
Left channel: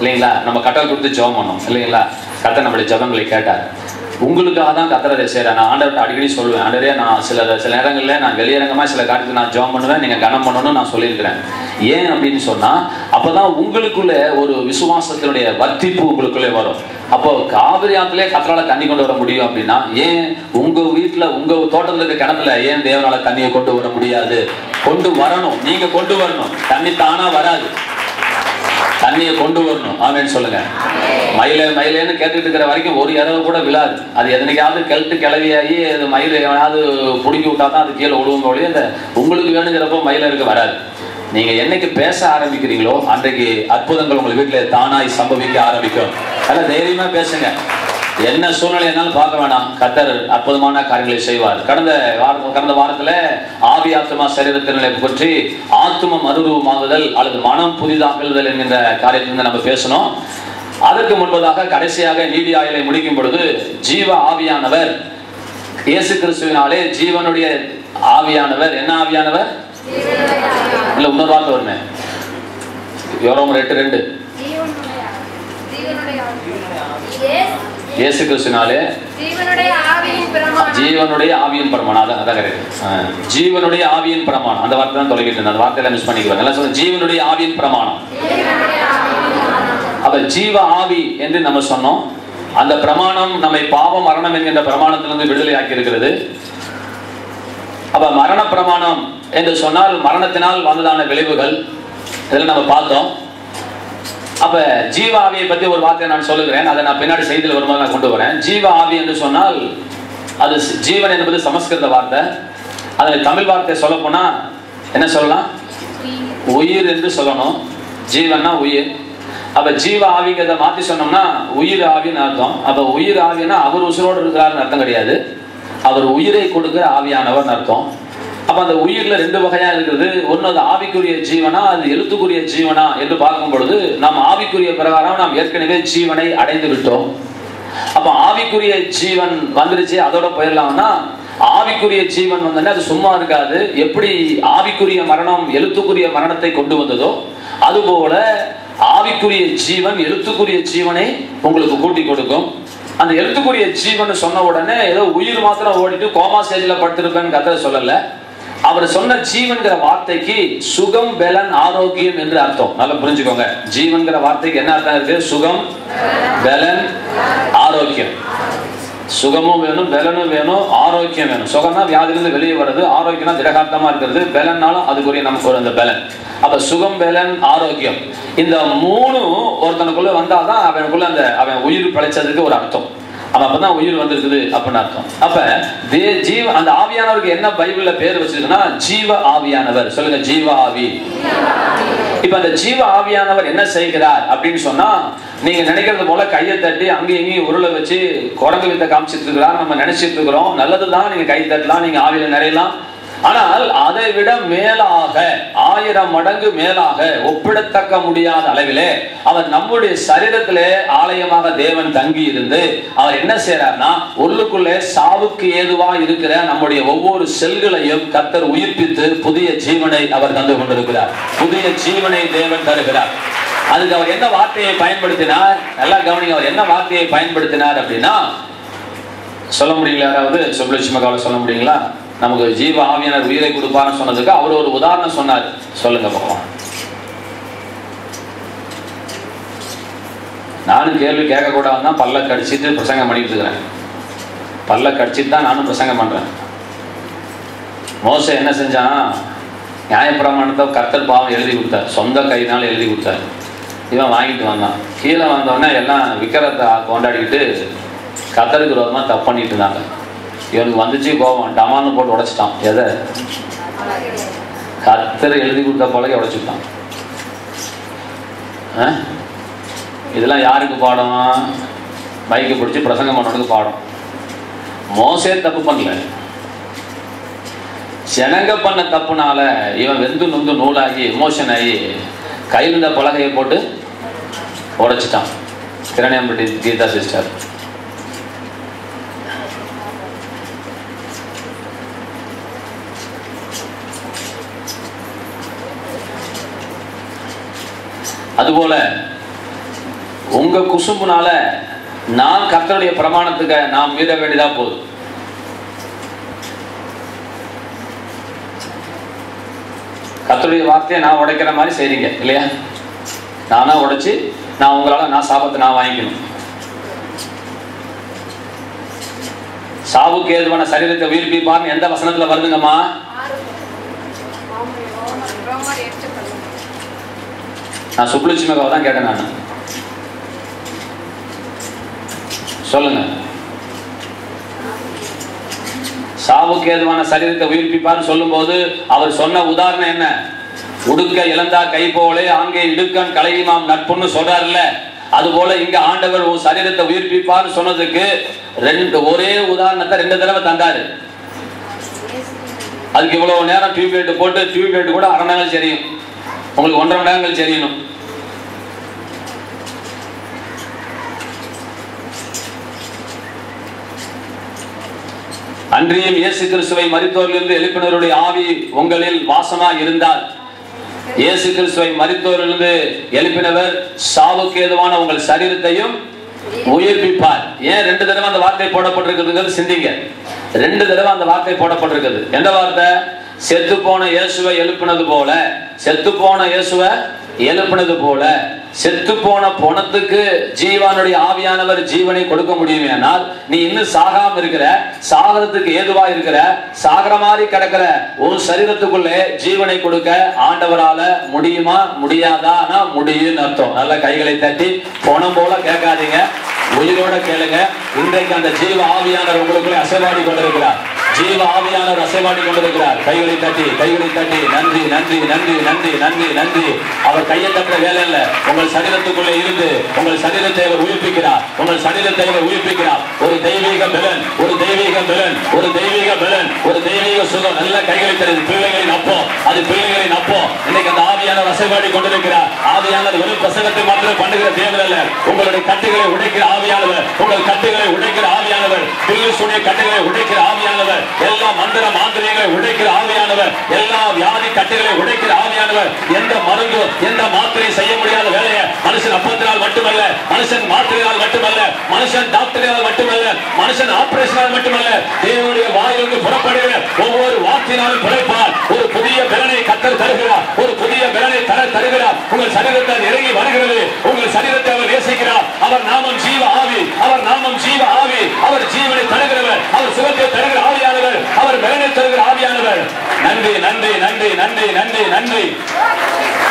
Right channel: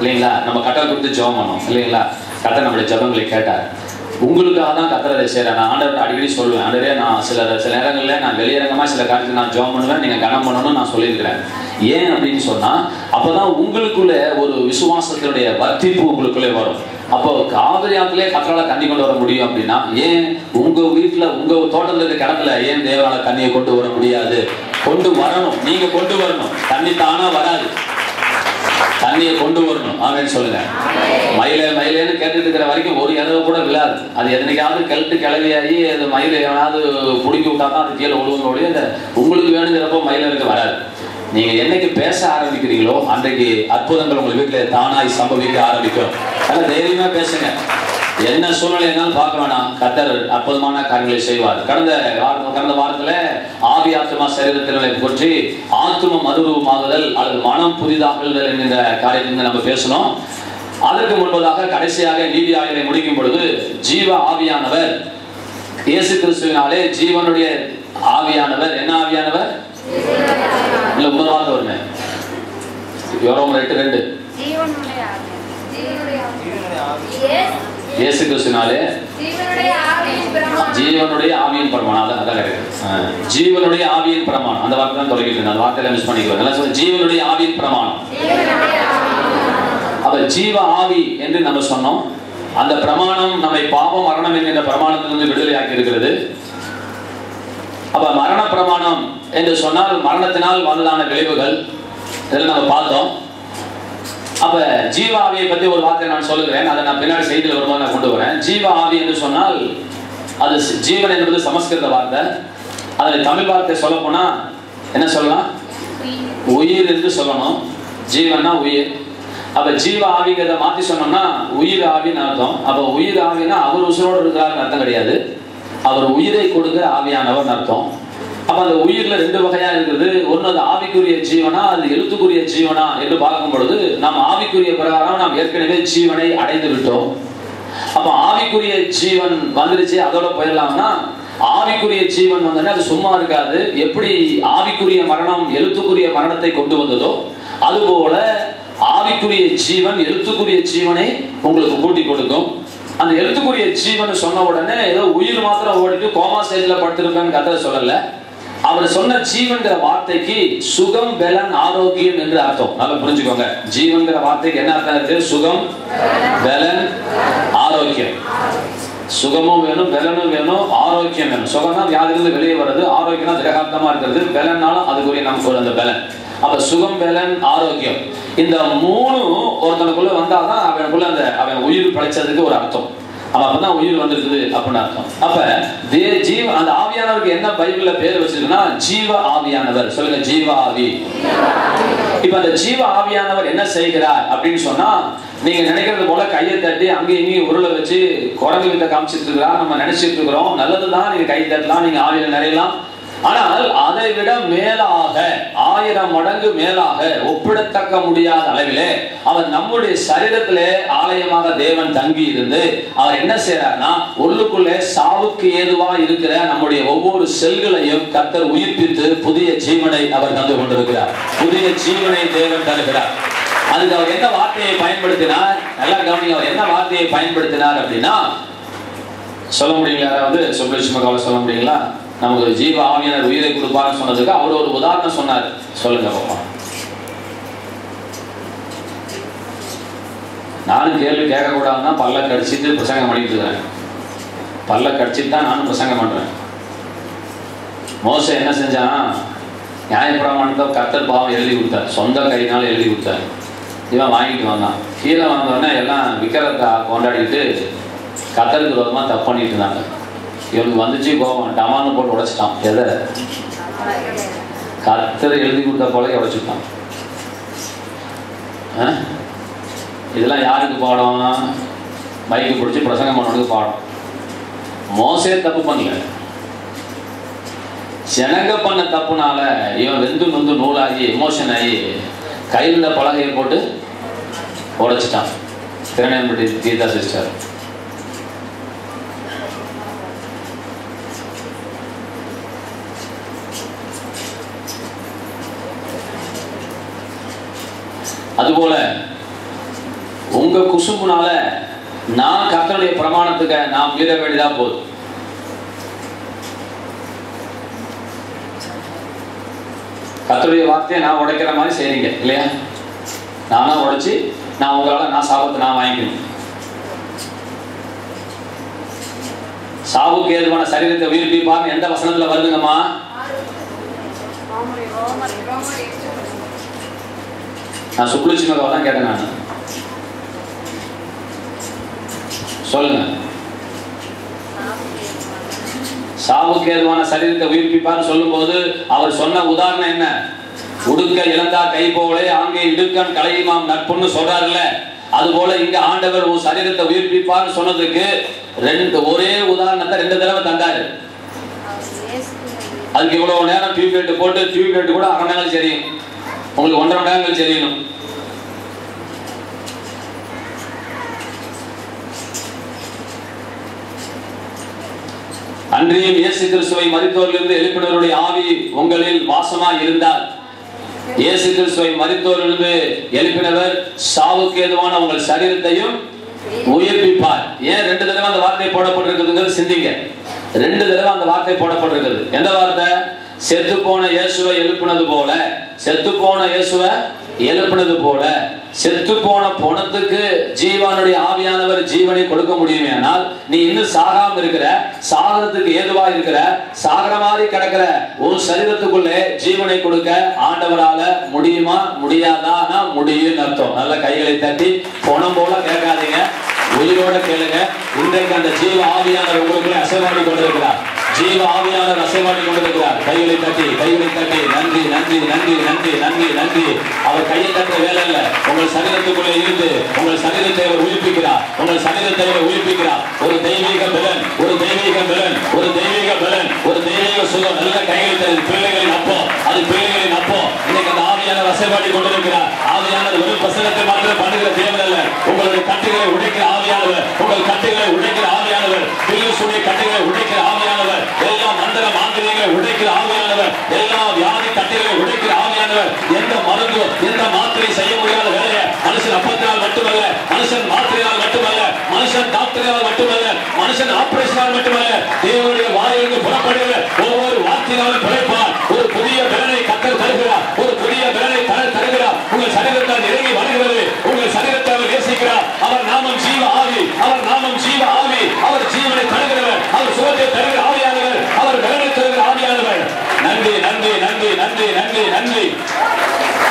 இல்லைங்களா? நம்ம கட்டளை கொடுத்து ஜெபம் பண்ணோம் இல்லைங்களா? கர்த்தர் நம்மளுடைய ஜெபங்களை கேட்டார். உங்களுக்காக தான் கர்த்தரை செய்யறேன். நான் ஆண்டவர்கிட்ட அடிக்கடி சொல்லுவேன், ஆண்டவரே நான் சில நேரங்களில் நான் வெளியரங்கமா சில காரியத்தை நான் ஜெபம் பண்ணுவேன், நீங்க கனம் பண்ணணும்னு நான் சொல்லியிருக்கிறேன். ஏன் அப்படின்னு சொன்னா அப்பதான் உங்களுக்குள்ள ஒரு விசுவாசத்தினுடைய வர்த்திப்பு உங்களுக்குள்ளே வரும். அப்போ காவிரி ஆற்றிலே கர்த்தரால தண்ணி கொண்டு வர முடியும் அப்படின்னா, ஏன் உங்க வீட்டுல உங்க தோட்டத்துல இருக்க கிணத்துல ஏன் தேவரால தண்ணியை கொண்டு வர முடியாது? கொண்டு வரணும், நீங்க கொண்டு வரணும். தண்ணி தானா வராது, தண்ணியை கொண்டு வரணும். ஆமென் சொல்லுங்க. மயிலேன்னு கேட்டுட்டு இருக்கிற வரைக்கும் ஒரு இரவு கூட விழாது. அது எதனைக்காவது கெழுத்து கிளவியாகி அது மயில் எவனாவது பிடிக்கி விட்டா தான் அது கீழே விழுவுங்க ஒழிய அந்த உங்களுக்கு வேணுங்கிறப்போ மயிலருக்கு வராது. நீங்க என்னைக்கு பேச ஆரம்பிக்கிறீங்களோ அன்றைக்கு அற்புதங்கள் உங்க வீட்டுல தானாய் சம்பவிக்க ஆரம்பிக்கும். அதனால தைரியமா பேசுங்க. என்ன சூழ்நிலைனாலும் பார்க்க வேணாம், கர்த்தர் அற்புதமான காரியங்களை செய்வார். கடந்த வாரத்துல ஆவி ஆத்மா சரீரத்தினை பற்றி ஆத்ம மறுரூபமாகுதல் அல்லது மனம் புதிதாக்குதல் என்கிற காரியத்தை நம்ம பேசணும். அதற்கு முன்பதாக கடைசியாக நீதி ஆயுளை முடிக்கும் பொழுது ஜீவ ஆவியானவர் இயேசு கிறிஸ்துவினாலே ஜீவனுடைய ஆவியானவர் என்ன ஆவியானவர் இல்ல இன்னொரு வார்த்தை வருமே, யோரோம் 8:2 இயேசு கிறிஸ்துவினாலே ஜீவனுடைய ஆவியின் பிரமாணம். அதான் கரெக்ட். ஜீவனுடைய ஆவியின் பிரமாணம் அந்த வார்த்தை தான் தொலைக்கிட்டு இருந்தேன். அந்த வார்த்தையில மிஸ் பண்ணிக்குவேன். ஜீவனுடைய ஆவியின் பிரமாணம். அப்ப ஜீவ ஆவி என்று நம்ம சொன்னோம். அந்த பிரமாணம் நம்மை பாவம் மரணம் என்கின்ற பிரமாணத்திலிருந்து விடுதலை ஆக்கி இருக்கிறது. அப்ப மரண பிரமாணம் என்று சொன்னால் மரணத்தினால் வந்ததான விளைவுகள் இதெல்லாம் நம்ம பார்த்தோம். அப்ப ஜீவ ஆவியை பத்தி ஒரு வார்த்தை நான் சொல்லுகிறேன், அதை நான் பின்னாடி செய்தியில் வரும்போது நான் கொண்டு வரேன். ஜீவ ஆவி என்று சொன்னால் அது ஜீவன் என்பது சமஸ்கிருத வார்த்தை. அதில் தமிழ் வார்த்தை சொல்ல போனா என்ன சொல்லலாம்? உயிர் என்று சொல்லணும். ஜீவன்னா உயிர். அப்ப ஜீவ ஆவிங்கிறத மாத்தி சொன்னோம்னா உயிர் ஆவின்னு அர்த்தம். அப்ப உயிர் ஆவினா அவர் உசுரோடு இருக்கிறாருன்னு அர்த்தம் கிடையாது, அவர் உயிரை கொடுக்கிற ஆவியானவர் அர்த்தம். அப்ப அந்த உயிர்ல 2 வகையா இருக்குது. ஒன்னு அது ஆவிக்குரிய ஜீவனா, அது எழுத்துக்குரிய ஜீவனா என்று பார்க்கும் பொழுது நாம் ஆவிக்குரிய பிரகாரம் நாம் ஏற்கனவே ஜீவனை அடைந்து விட்டோம். அப்ப ஆவிக்குரிய ஜீவன் வந்துருச்சு, அதோட போயிடலாம்னா ஆவிக்குரிய ஜீவன் வந்தோடனே அது சும்மா இருக்காது. எப்படி ஆவிக்குரிய மரணம் எழுத்துக்குரிய மரணத்தை கொண்டு வந்ததோ அதுபோல ஆவிக்குரிய ஜீவன் எழுத்துக்குரிய ஜீவனை உங்களுக்கு கூட்டி கொடுக்கும். அந்த எழுத்துக்குரிய ஜீவன் சொன்ன உடனே ஏதோ உயிர் மாத்திரம் ஓடிட்டு கோமா ஸ்டேஜில் படுத்திருப்பேன்னு கதை சொல்லல. அவர் சொன்ன ஜீவன்கிற வார்த்தைக்கு சுகம், பலன், ஆரோக்கியம் என்று அர்த்தம். நல்லா புரிஞ்சுக்கோங்க. ஜீவன்கிற வார்த்தைக்கு என்ன அர்த்தம் இருக்கு? சுகம், பலன், ஆரோக்கியம். சுகமும் வேணும், பலனும் வேணும், ஆரோக்கியம் வேணும். சுகம்னா வியாதிலிருந்து வெளியே வருது, ஆரோக்கியம்னா திடகாத்தமா இருக்கிறது, பலன்னாலும் அதுக்குரிய நமக்கு அந்த பலன். அப்ப சுகம், பலன், ஆரோக்கியம் இந்த 3 ஒருத்தனுக்குள்ள வந்தாதான் அவனுக்குள்ள அவன் உயிர் படைச்சதுக்கு ஒரு அர்த்தம். அப்பதான் உயிர் வந்திருக்குது அப்படின்னு அர்த்தம். அப்ப அந்த ஆவியானவருக்கு என்ன பைபிள்ல பேர் வச்சிருக்குன்னா ஜீவ ஆவியானவர். சொல்லுங்க, ஜீவ ஆவி. இப்ப அந்த ஜீவ ஆவியானவர் என்ன செய்கிறார் அப்படின்னு சொன்னா, நீங்க நினைக்கிறது போல கையை தட்டி அங்கேயும் இங்கேயும் உருளை வச்சு குரங்கு கிட்ட காமிச்சிட்டு இருக்கிறார் நம்ம நினைச்சிட்டு இருக்கிறோம். நல்லதுதான், நீங்க கை தட்டலாம், நீங்க ஆவியில நிறையலாம். ஆனால் அதை விட மேலாக 1000 மடங்கு மேலாக ஒப்பிடத்தக்க முடியாத அளவிலே அவர் நம்முடைய சரீரத்திலே ஆலயமாக தேவன் தங்கி இருந்து அவர் என்ன செய்யறாருன்னா, உள்ளுக்குள்ளே சாவுக்கு ஏதுவா இருக்கிற நம்முடைய ஒவ்வொரு செல்களையும் கர்த்தர் உயிர்ப்பித்து புதிய ஜீவனை அவர் தந்து கொண்டிருக்கிறார். புதிய ஜீவனை தேவன் தருகிறார். அதுக்கு அவர் என்ன வார்த்தையை பயன்படுத்தினார்? நல்லா கவனிங்க. அவர் என்ன வார்த்தையை பயன்படுத்தினார் அப்படின்னா, சொல்ல முடியுங்களா? யாராவது சுப்லட்சுமி சொல்ல முடியுங்களா? நமக்கு ஜீவ ஆவியானவர் உயிரை கொடுப்பான்னு சொன்னதுக்கு அவர் ஒரு உதாரணம் சொன்னார். சொல்லுங்க பாப்போம். நானும் கேள்வி கேட்கக்கூடாதுன்னா பல்ல கடிச்சிட்டு பிரசங்கம் பண்ணிட்டு இருக்கிறேன். பல்ல கடிச்சிட்டு தான் நானும் பிரசங்கம் பண்றேன். மோசே என்ன செஞ்சானா, நியாயப்பிரமாணத்தை கர்த்தர் பாவம் எழுதி கொடுத்தார், சொந்த கையினால எழுதி கொடுத்தார். இவன் வாங்கிட்டு வந்தான். கீழே வந்தோடனே எல்லாம் விக்கிரத்தை கொண்டாடிட்டு கர்த்தருக்கு விரோதமா தப்பு பண்ணிட்டு இருந்தாங்க. இவனுக்கு வந்துச்சு கோபம், டமான்னு போட்டு உடைச்சிட்டான். எதை? கர்த்தர் எழுதி கொடுத்த போல உடைச்சுட்டான். இதெல்லாம் யாருக்கு பாடம்? மைக்கு பிடிச்சி பிரசங்கம் பண்ணனுக்கு பாடம். மோசே தப்பு பண்ணல, ஜனங்க பண்ண தப்புனால இவன் வெந்து நொந்து நூலாகி எமோஷன் ஆகி கையில் இருந்த பலகையை போட்டு உடைச்சிட்டான். திறனையம்பட்டி கீதா சிஸ்டர். அதுபோல உங்க குசும்புனால நான் கர்த்தருடைய பிரமாணத்துக்கு நாம் மீற வேண்டியதா போகுது. கர்த்தருடைய வார்த்தையை நான் உடைக்கிற மாதிரி செய்றீங்க இல்லையா? நானா உடைச்சு நான் உங்களால நான் சாபத்தை நான் வாங்கிக்கணும். சாவுக்கு ஏதுவான சரீரத்தை உயிர்ப்பிப்பார்னு எந்த வசனத்துல வருதுங்கம்மா? நான் சுப்புலட்சுமிக்காக தான் கேட்டேன். நான் சொல்லுங்க. சாவுக்கு ஏதுவான சரீரத்தை உயிர்ப்பிப்பார்னு சொல்லும் போது அவர் சொன்ன உதாரணம் என்ன? உடுக்க இழந்தா கை போலே அங்கே இடுக்கன் கலையுமாம் நட்புன்னு சொல்றாருல்ல, அது போல இங்க ஆண்டவர் ஒரு சரீரத்தை உயிர்ப்பிப்பார்னு சொன்னதுக்கு ஒரே உதாரணத்தை 2 தடவை தந்தாரு. அதுக்கு இவ்வளவு நேரம் டியூப்லைட் போட்டு டியூப்லைட் கூட 1/2 மணி நேரம் தெரியும், உங்களுக்கு 1.5 மணி நேரங்கள் தெரியணும். அன்றியும் இயேசு கிறிஸ்துவை மரித்தோரிலிருந்து எழுப்பினவருடைய ஆவி உங்களில் வாசமா இருந்தால், இயேசு கிறிஸ்துவை மரித்தோரிலிருந்து எழுப்பினவர் சாவுக்கு ஏதுவான உங்கள் சரீரத்தையும் உயிர்ப்பிப்பார். ஏன் 2 தடவை அந்த வார்த்தை போடப்பட்டிருக்குதுங்கிறது சிந்திங்க. 2 தடவை அந்த வார்த்தை போடப்பட்டிருக்குது. எந்த வார்த்தை? செத்து போன இயேசுவை எழுப்பினது போல, செத்து போன இயேசுவை எழுப்பினது போல. செத்து போன பொணத்துக்கு ஜீவனுடைய ஆவியானவர் ஜீவனை கொடுக்க முடியுமேனால், நீ இன்னும் சாகாம இருக்கிற, சாகரத்துக்கு ஏதுவா இருக்கிற, சாகர மாதிரி கிடக்கிற ஒரு சரீரத்துக்குள்ளே ஜீவனை கொடுக்க ஆண்டவரால முடியுமா முடியாதா? முடியும் அர்த்தம். நல்ல கைகளை தட்டி பொணம் போல கேட்காதீங்க, உயிரோட கேளுங்க. இன்றைக்கு அந்த ஜீவ ஆவியானவர் உங்களுக்குள்ளே அசைவாடி கொண்டிருக்கிறார். ஜீவ ஆவியானவர் அசைவாடி கொண்டிருக்கிறார். கைகளை தட்டி நன்றி நன்றி நன்றி நன்றி நன்றி நன்றி. அவர் கையை தட்டுற வேலை இல்ல, உங்கள் சரீரத்துக்குள்ளே இருந்து உங்கள் சரீரத்தை அவர் உயிர்ப்பிக்கிறார். உங்கள் சரீரத்தை அவர் உயிர்ப்பிக்கிறார். ஒரு தெய்வீக பலன், ஒரு தெய்வீக பலன், ஒரு தெய்வீக பலன், ஒரு தெய்வீக சுகம். நல்ல கைகளை தருது. பிள்ளைகளின் அப்போ, அது பிள்ளைகளின் அப்போ. இன்னைக்கு அந்த ஆவியானவர் அசைவாடி கொண்டிருக்கிறார். ஆவியானவர் வெறும் பிரசங்கத்தை மாத்திரம் பண்ணுகிற தேவன் அல்ல, உங்களுடைய கட்டுகளை உடைக்கிற ஆவியானவர், உங்கள் கட்டுகளை உடைக்கிற ஆவியானவர், பில்லுடைய கட்டுகளை உடைக்கிற ஆவியானவர், எல்லா மந்திர மாந்திரிகளை உடைக்கிற ஆவியானவர், எல்லா வியாதி கட்டுகளை உடைக்கிற ஆவியானவர். எந்த மருந்து எந்த மாத்திரை செய்ய முடியாத வேலையை மனுஷன் அப்பத்தினால் மட்டுமல்ல, மனுஷன் மாத்திரையால் மட்டுமல்ல, மனுஷன் டாக்டரால் மட்டுமல்ல, மனுஷன் ஆபரேஷனால் மட்டுமல்ல, தேவனுடைய வாயிலிருந்து புறப்படுகிற ஒவ்வொரு வார்த்தையினாலும் பிழைப்பார். ஒரு புதிய பலனை கர்த்தர் தருகிறார். ஒரு புதிய பலனை தருகிறார். உங்கள் சரீரத்தால் இறங்கி வருகிறது. உங்கள் சரீரத்தை அவர் நேசிக்கிறார். அவர் நாமம் ஜீவ ஆவி, அவர் நாமம் ஜீவ ஆவி. அவர் ஜீவனை தருகிறவர், அவர் சுகத்தை தருகிற ஆவியானவர், அவர் பலனை தருகிற ஆவியானவர். நன்றி நன்றி நன்றி நன்றி நன்றி நன்றி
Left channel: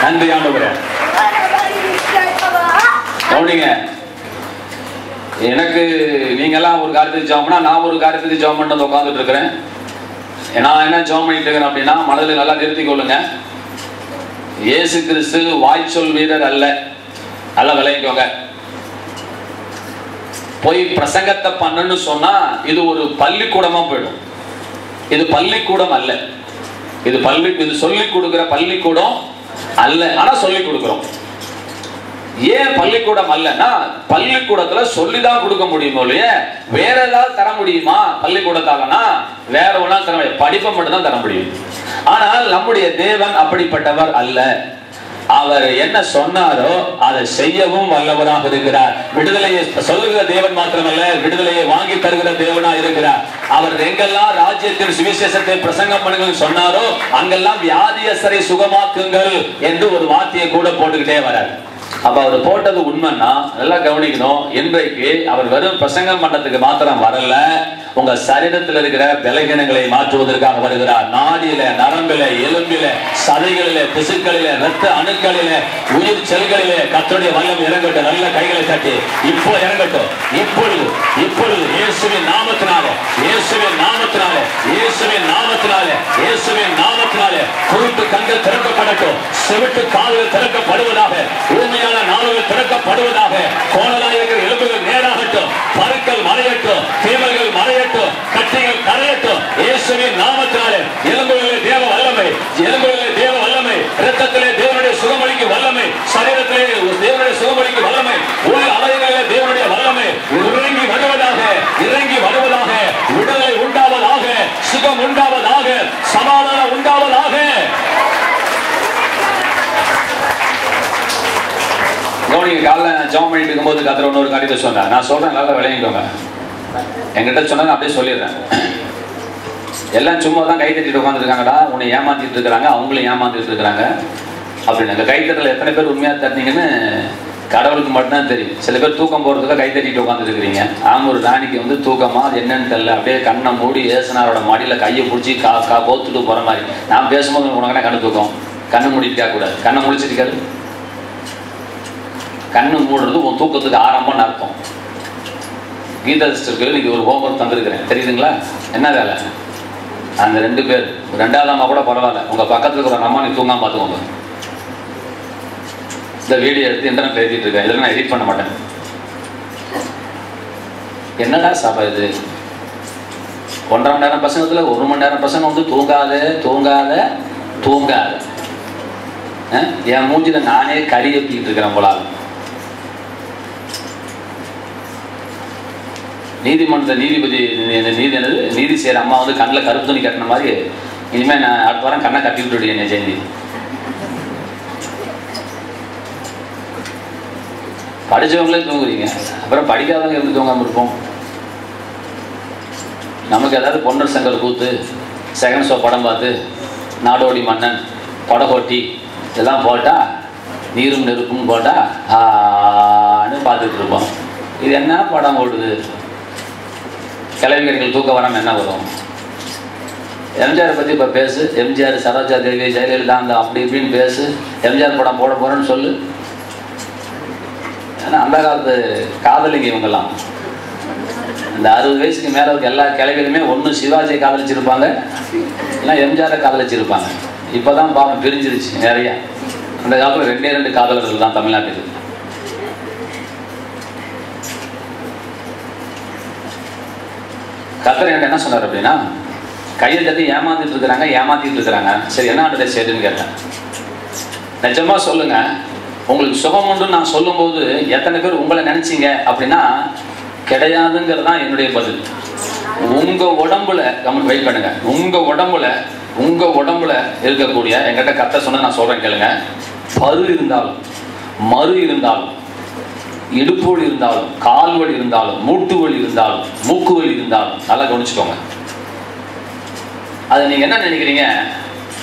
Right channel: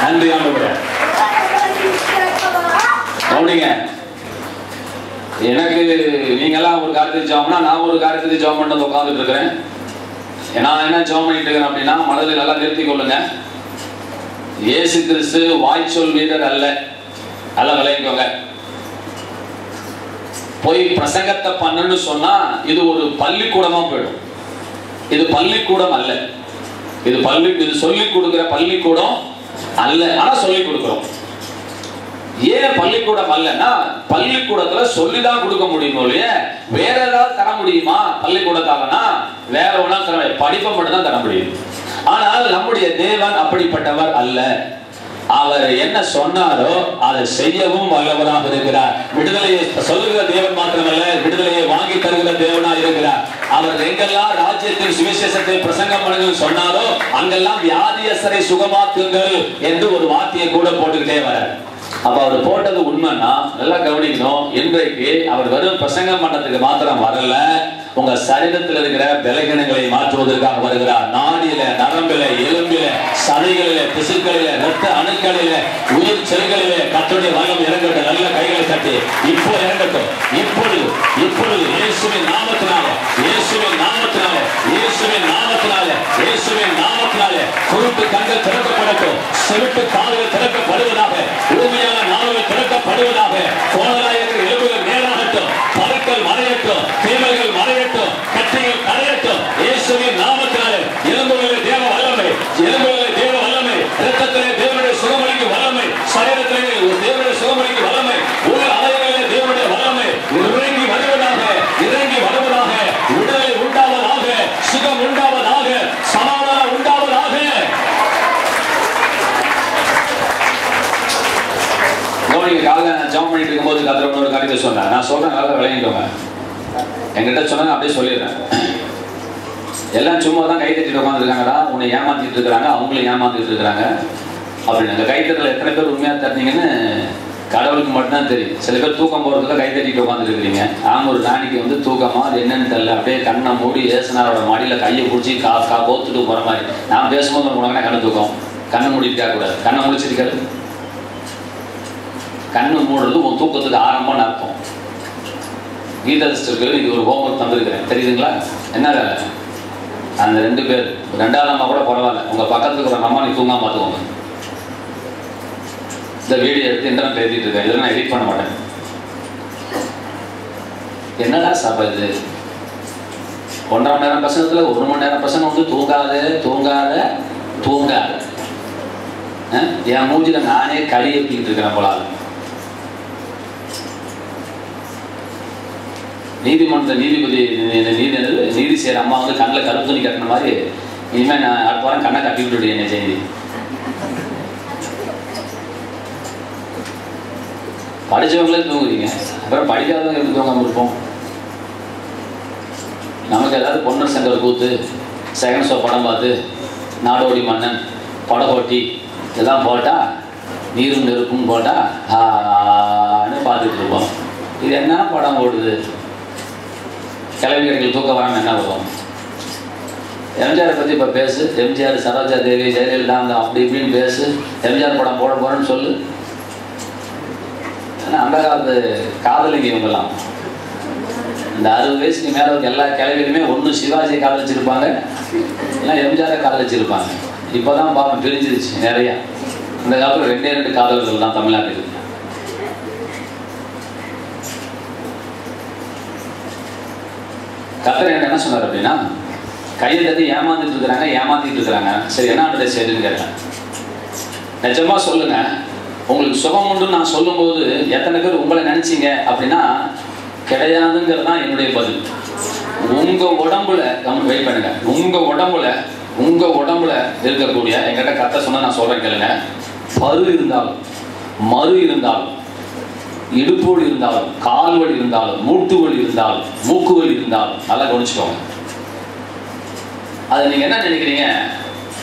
நன்றி ஆண்டவரே. கவனிங்க, எனக்கு நீங்க எல்லாம் ஒரு காரியத்துக்கு ஜெபம்னா நான் ஒரு காரியத்துக்கு ஜெபம் பண்ணி உட்கார்ந்துட்டு இருக்கிறேன். நான் என்ன ஜெபம் பண்ணிட்டு இருக்கிறேன் அப்படின்னா, மனதில் நல்லா நிறுத்திக் கொள்ளுங்க. இயேசு கிறிஸ்து வாய்ச்சொல் வீரர் அல்ல, நல்லா விளைவிக்கோங்க. போய் பிரசங்கத்தை பண்ணு சொன்னா இது ஒரு பள்ளிக்கூடமா போயிடும். இது பள்ளிக்கூடம் அல்ல, இது சொல்லிக் கொடுக்கிற பள்ளிக்கூடம் அல்ல. ஆனா சொல்லிக் கொடுக்கிறோம். ஏன் பள்ளிக்கூடம் அல்லன்னா, பள்ளிக்கூடத்துல சொல்லிதான் கொடுக்க முடியுமோ இல்லையா, வேற ஏதாவது தர முடியுமா? பள்ளிக்கூடத்தாலனா வேற ஒண்ணா தர, படிப்பை மட்டும் தான் தர முடியும். ஆனால் நம்முடைய தேவன் அப்படிப்பட்டவர் அல்ல. அவர் என்ன சொன்னாரோ அதை செய்யவும் வல்லவராக இருக்கிறார். விடுதலையை சொல்லுகிற தேவன் மாத்திரமல்ல, விடுதலையை வாங்கி தருகிற தேவனா இருக்கிறார். அவர் எங்கெல்லாம் ராஜ்யத்தின் சுவிசேஷத்தை பிரசங்கம் பண்ணுங்க சொன்னாரோ அங்கெல்லாம் வியாதியஸ்தரை சுகமாக்குங்கள் என்று ஒரு வார்த்தையை கூட போட்டுக்கிட்டே வர. அப்ப அவர் போட்டது உண்மைன்னா நல்லா கவனிக்கணும். இன்றைக்கு அவர் வெறும் பிரசங்கம் பண்ணதுக்கு மாத்திரம் வரல, உங்க சரீரத்தில் இருக்கிற பலகீனங்களை மாற்றுவதற்காக வருகிறார். நாடியில, நரம்பில, எலும்பில, சதைகளில, திசுக்களில, ரத்த அணுக்களில, உயிர் செல்களிலே கர்த்தருடைய வல்லம் இறங்கட்டும். நல்ல கைகளை தட்டி இப்போ இறங்கட்டும். இப்பொழுது இயேசுவின் நாமத்தினாலே, இயேசுவின் நாமத்தினாலே, இயேசுவின் நாமத்தினாலே, இயேசுவின் நாமத்தினாலே குருட்டு கண்கள் திறக்கப்படட்டும். செவிட்டு கால்கள் திறக்கப்படுவதாக, ஊமையான நாவுகள் திறக்கப்படுவதாக, கோணலாக இருக்கிற எலும்புகள் நேராகட்டும், பருக்கள் மறையட்டும், தேவர்கள் மறையட்டும். பண்ணிட்டு இருக்கும்போது கத்திர இன்னொரு காரியத்தை சொன்னேன். நான் சொல்றேன், நல்லா விளங்கிக்கோங்க. என்கிட்ட சொன்னாங்க, அப்படியே சொல்லிடுறேன். எல்லாம் சும்மா தான் கை தட்டிட்டு உட்காந்துருக்காங்கடா, உன்னை ஏமாத்திட்டு இருக்கிறாங்க, அவங்களும் ஏமாத்திட்டு இருக்கிறாங்க அப்படின்னு. அந்த கைத்தட்டல எத்தனை பேர் உண்மையா தட்டினீங்கன்னு கடவுளுக்கு மட்டும்தான் தெரியும். சில பேர் தூக்கம் போறதுக்கு கை தட்டிட்டு உட்காந்துட்டு இருக்கிறீங்க. ஒரு ராணிக்கு வந்து தூக்கமா அது என்னன்னு தெரியல, அப்படியே கண்ணை மூடி ஏசுனாரோட மடியில கையை பிடிச்சி கோத்துட்டு போற மாதிரி. நான் பேசும்போது உனக்கு கண்ணு தூக்கம், கண்ணை மூடிட்டு கூடாது, கண்ணை முடிச்சிருக்காரு. கண்ணு மூடுறது உன் தூக்கத்துக்கு ஆரம்பம்னு அர்த்தம். கீதா சிஸ்டருக்கு இது ஒரு ஹோம்ஒர்க் தந்திருக்கிறேன், தெரியுதுங்களா? என்ன வேலை? அந்த 2 பேர், 2வது அம்மா கூட பரவாயில்ல, உங்க பக்கத்துல இருக்கிற அம்மா நீ தூங்காம பார்த்துக்கோங்க. இந்த வீடியோ எடுத்து இன்டர்நெட் எழுதிட்டு இருக்கேன், இதெல்லாம் நான் எடிட் பண்ண மாட்டேன். என்னடா சபை இது? 1.5 மணி நேரம் பசங்கத்துல 1 மணி நேரம் பசங்க வந்து தூங்காத என் மூஞ்சில நானே கறி ஏற்றிட்டு இருக்கிறேன் போல. நீதிமன்ற நீதிபதி நீதி செய்யற அம்மா வந்து கண்ணில் கருப்பு துணி கட்டின மாதிரி இனிமே நான் அடுத்த வாரம் கண்ணை கட்டி விட்டுடு என்ன செய்தி. படிச்சவங்களே தூங்குறீங்க, அப்புறம் படிக்காதவங்க எப்படி தூங்காம இருப்போம்? நமக்கு ஏதாவது பொன்னர் செங்கல் கூத்து, செகண்ட் ஷோ படம் பார்த்து, நாடோடி மன்னன், படகோட்டி இதெல்லாம் போட்டா, நீரும் நெருப்பும் போட்டா பார்த்துட்டு இருப்போம். இது என்ன படம் ஓடுது? கிளவிகள் தூக்க வராமல் என்ன வரும்? எம்ஜிஆர் பற்றி இப்போ பேசு, எம்ஜிஆர், சரோஜா தேவி, ஜெயலலிதா அப்படி இப்படின்னு பேசு, எம்ஜிஆர் படம் போட போறேன்னு சொல்லு. ஆனால் அந்த காலத்து காதலிங்க இவங்கெல்லாம் இந்த 60 வயசுக்கு மேலே எல்லா கிளவிகளுமே ஒன்று சிவாஜியை காதலிச்சிருப்பாங்க, இல்லை எம்ஜிஆரை காதலிச்சிருப்பாங்க. இப்போதான் பாவம் பிரிஞ்சிருச்சு நிறையா. அந்த காலத்தில் 2 காதலர்கள் தான் தமிழ்நாட்டுக்கு. கர்த்தர் என்ன சொன்னார் அப்படின்னா, கையை தட்டி ஏமாத்திட்டு இருக்கிறாங்க. சரி, என்ன ஆண்டு செய்யுதுன்னு கேட்டேன். நிஜமா சொல்லுங்க, உங்களுக்கு சுகம் உண்டுன்னு நான் சொல்லும் போது எத்தனை பேர் உங்களை நினைச்சீங்க அப்படின்னா கிடையாதுங்கிறது தான் என்னுடைய பதில். உங்க உடம்புல வெயிட் பண்ணுங்க. உங்க உடம்புல இருக்கக்கூடிய என்கிட்ட கர்த்தர் சொன்ன நான் சொல்றேன் கேளுங்க. பரு இருந்தாலும், மறு இருந்தாலும், இடுப்பு வலி இருந்தாலும், கால் வலி இருந்தாலும், மூட்டு வலி இருந்தாலும், மூக்கு வலி இருந்தாலும் நல்லா கவனிச்சுக்கோங்க. அதை நீங்க என்ன நினைக்கிறீங்க?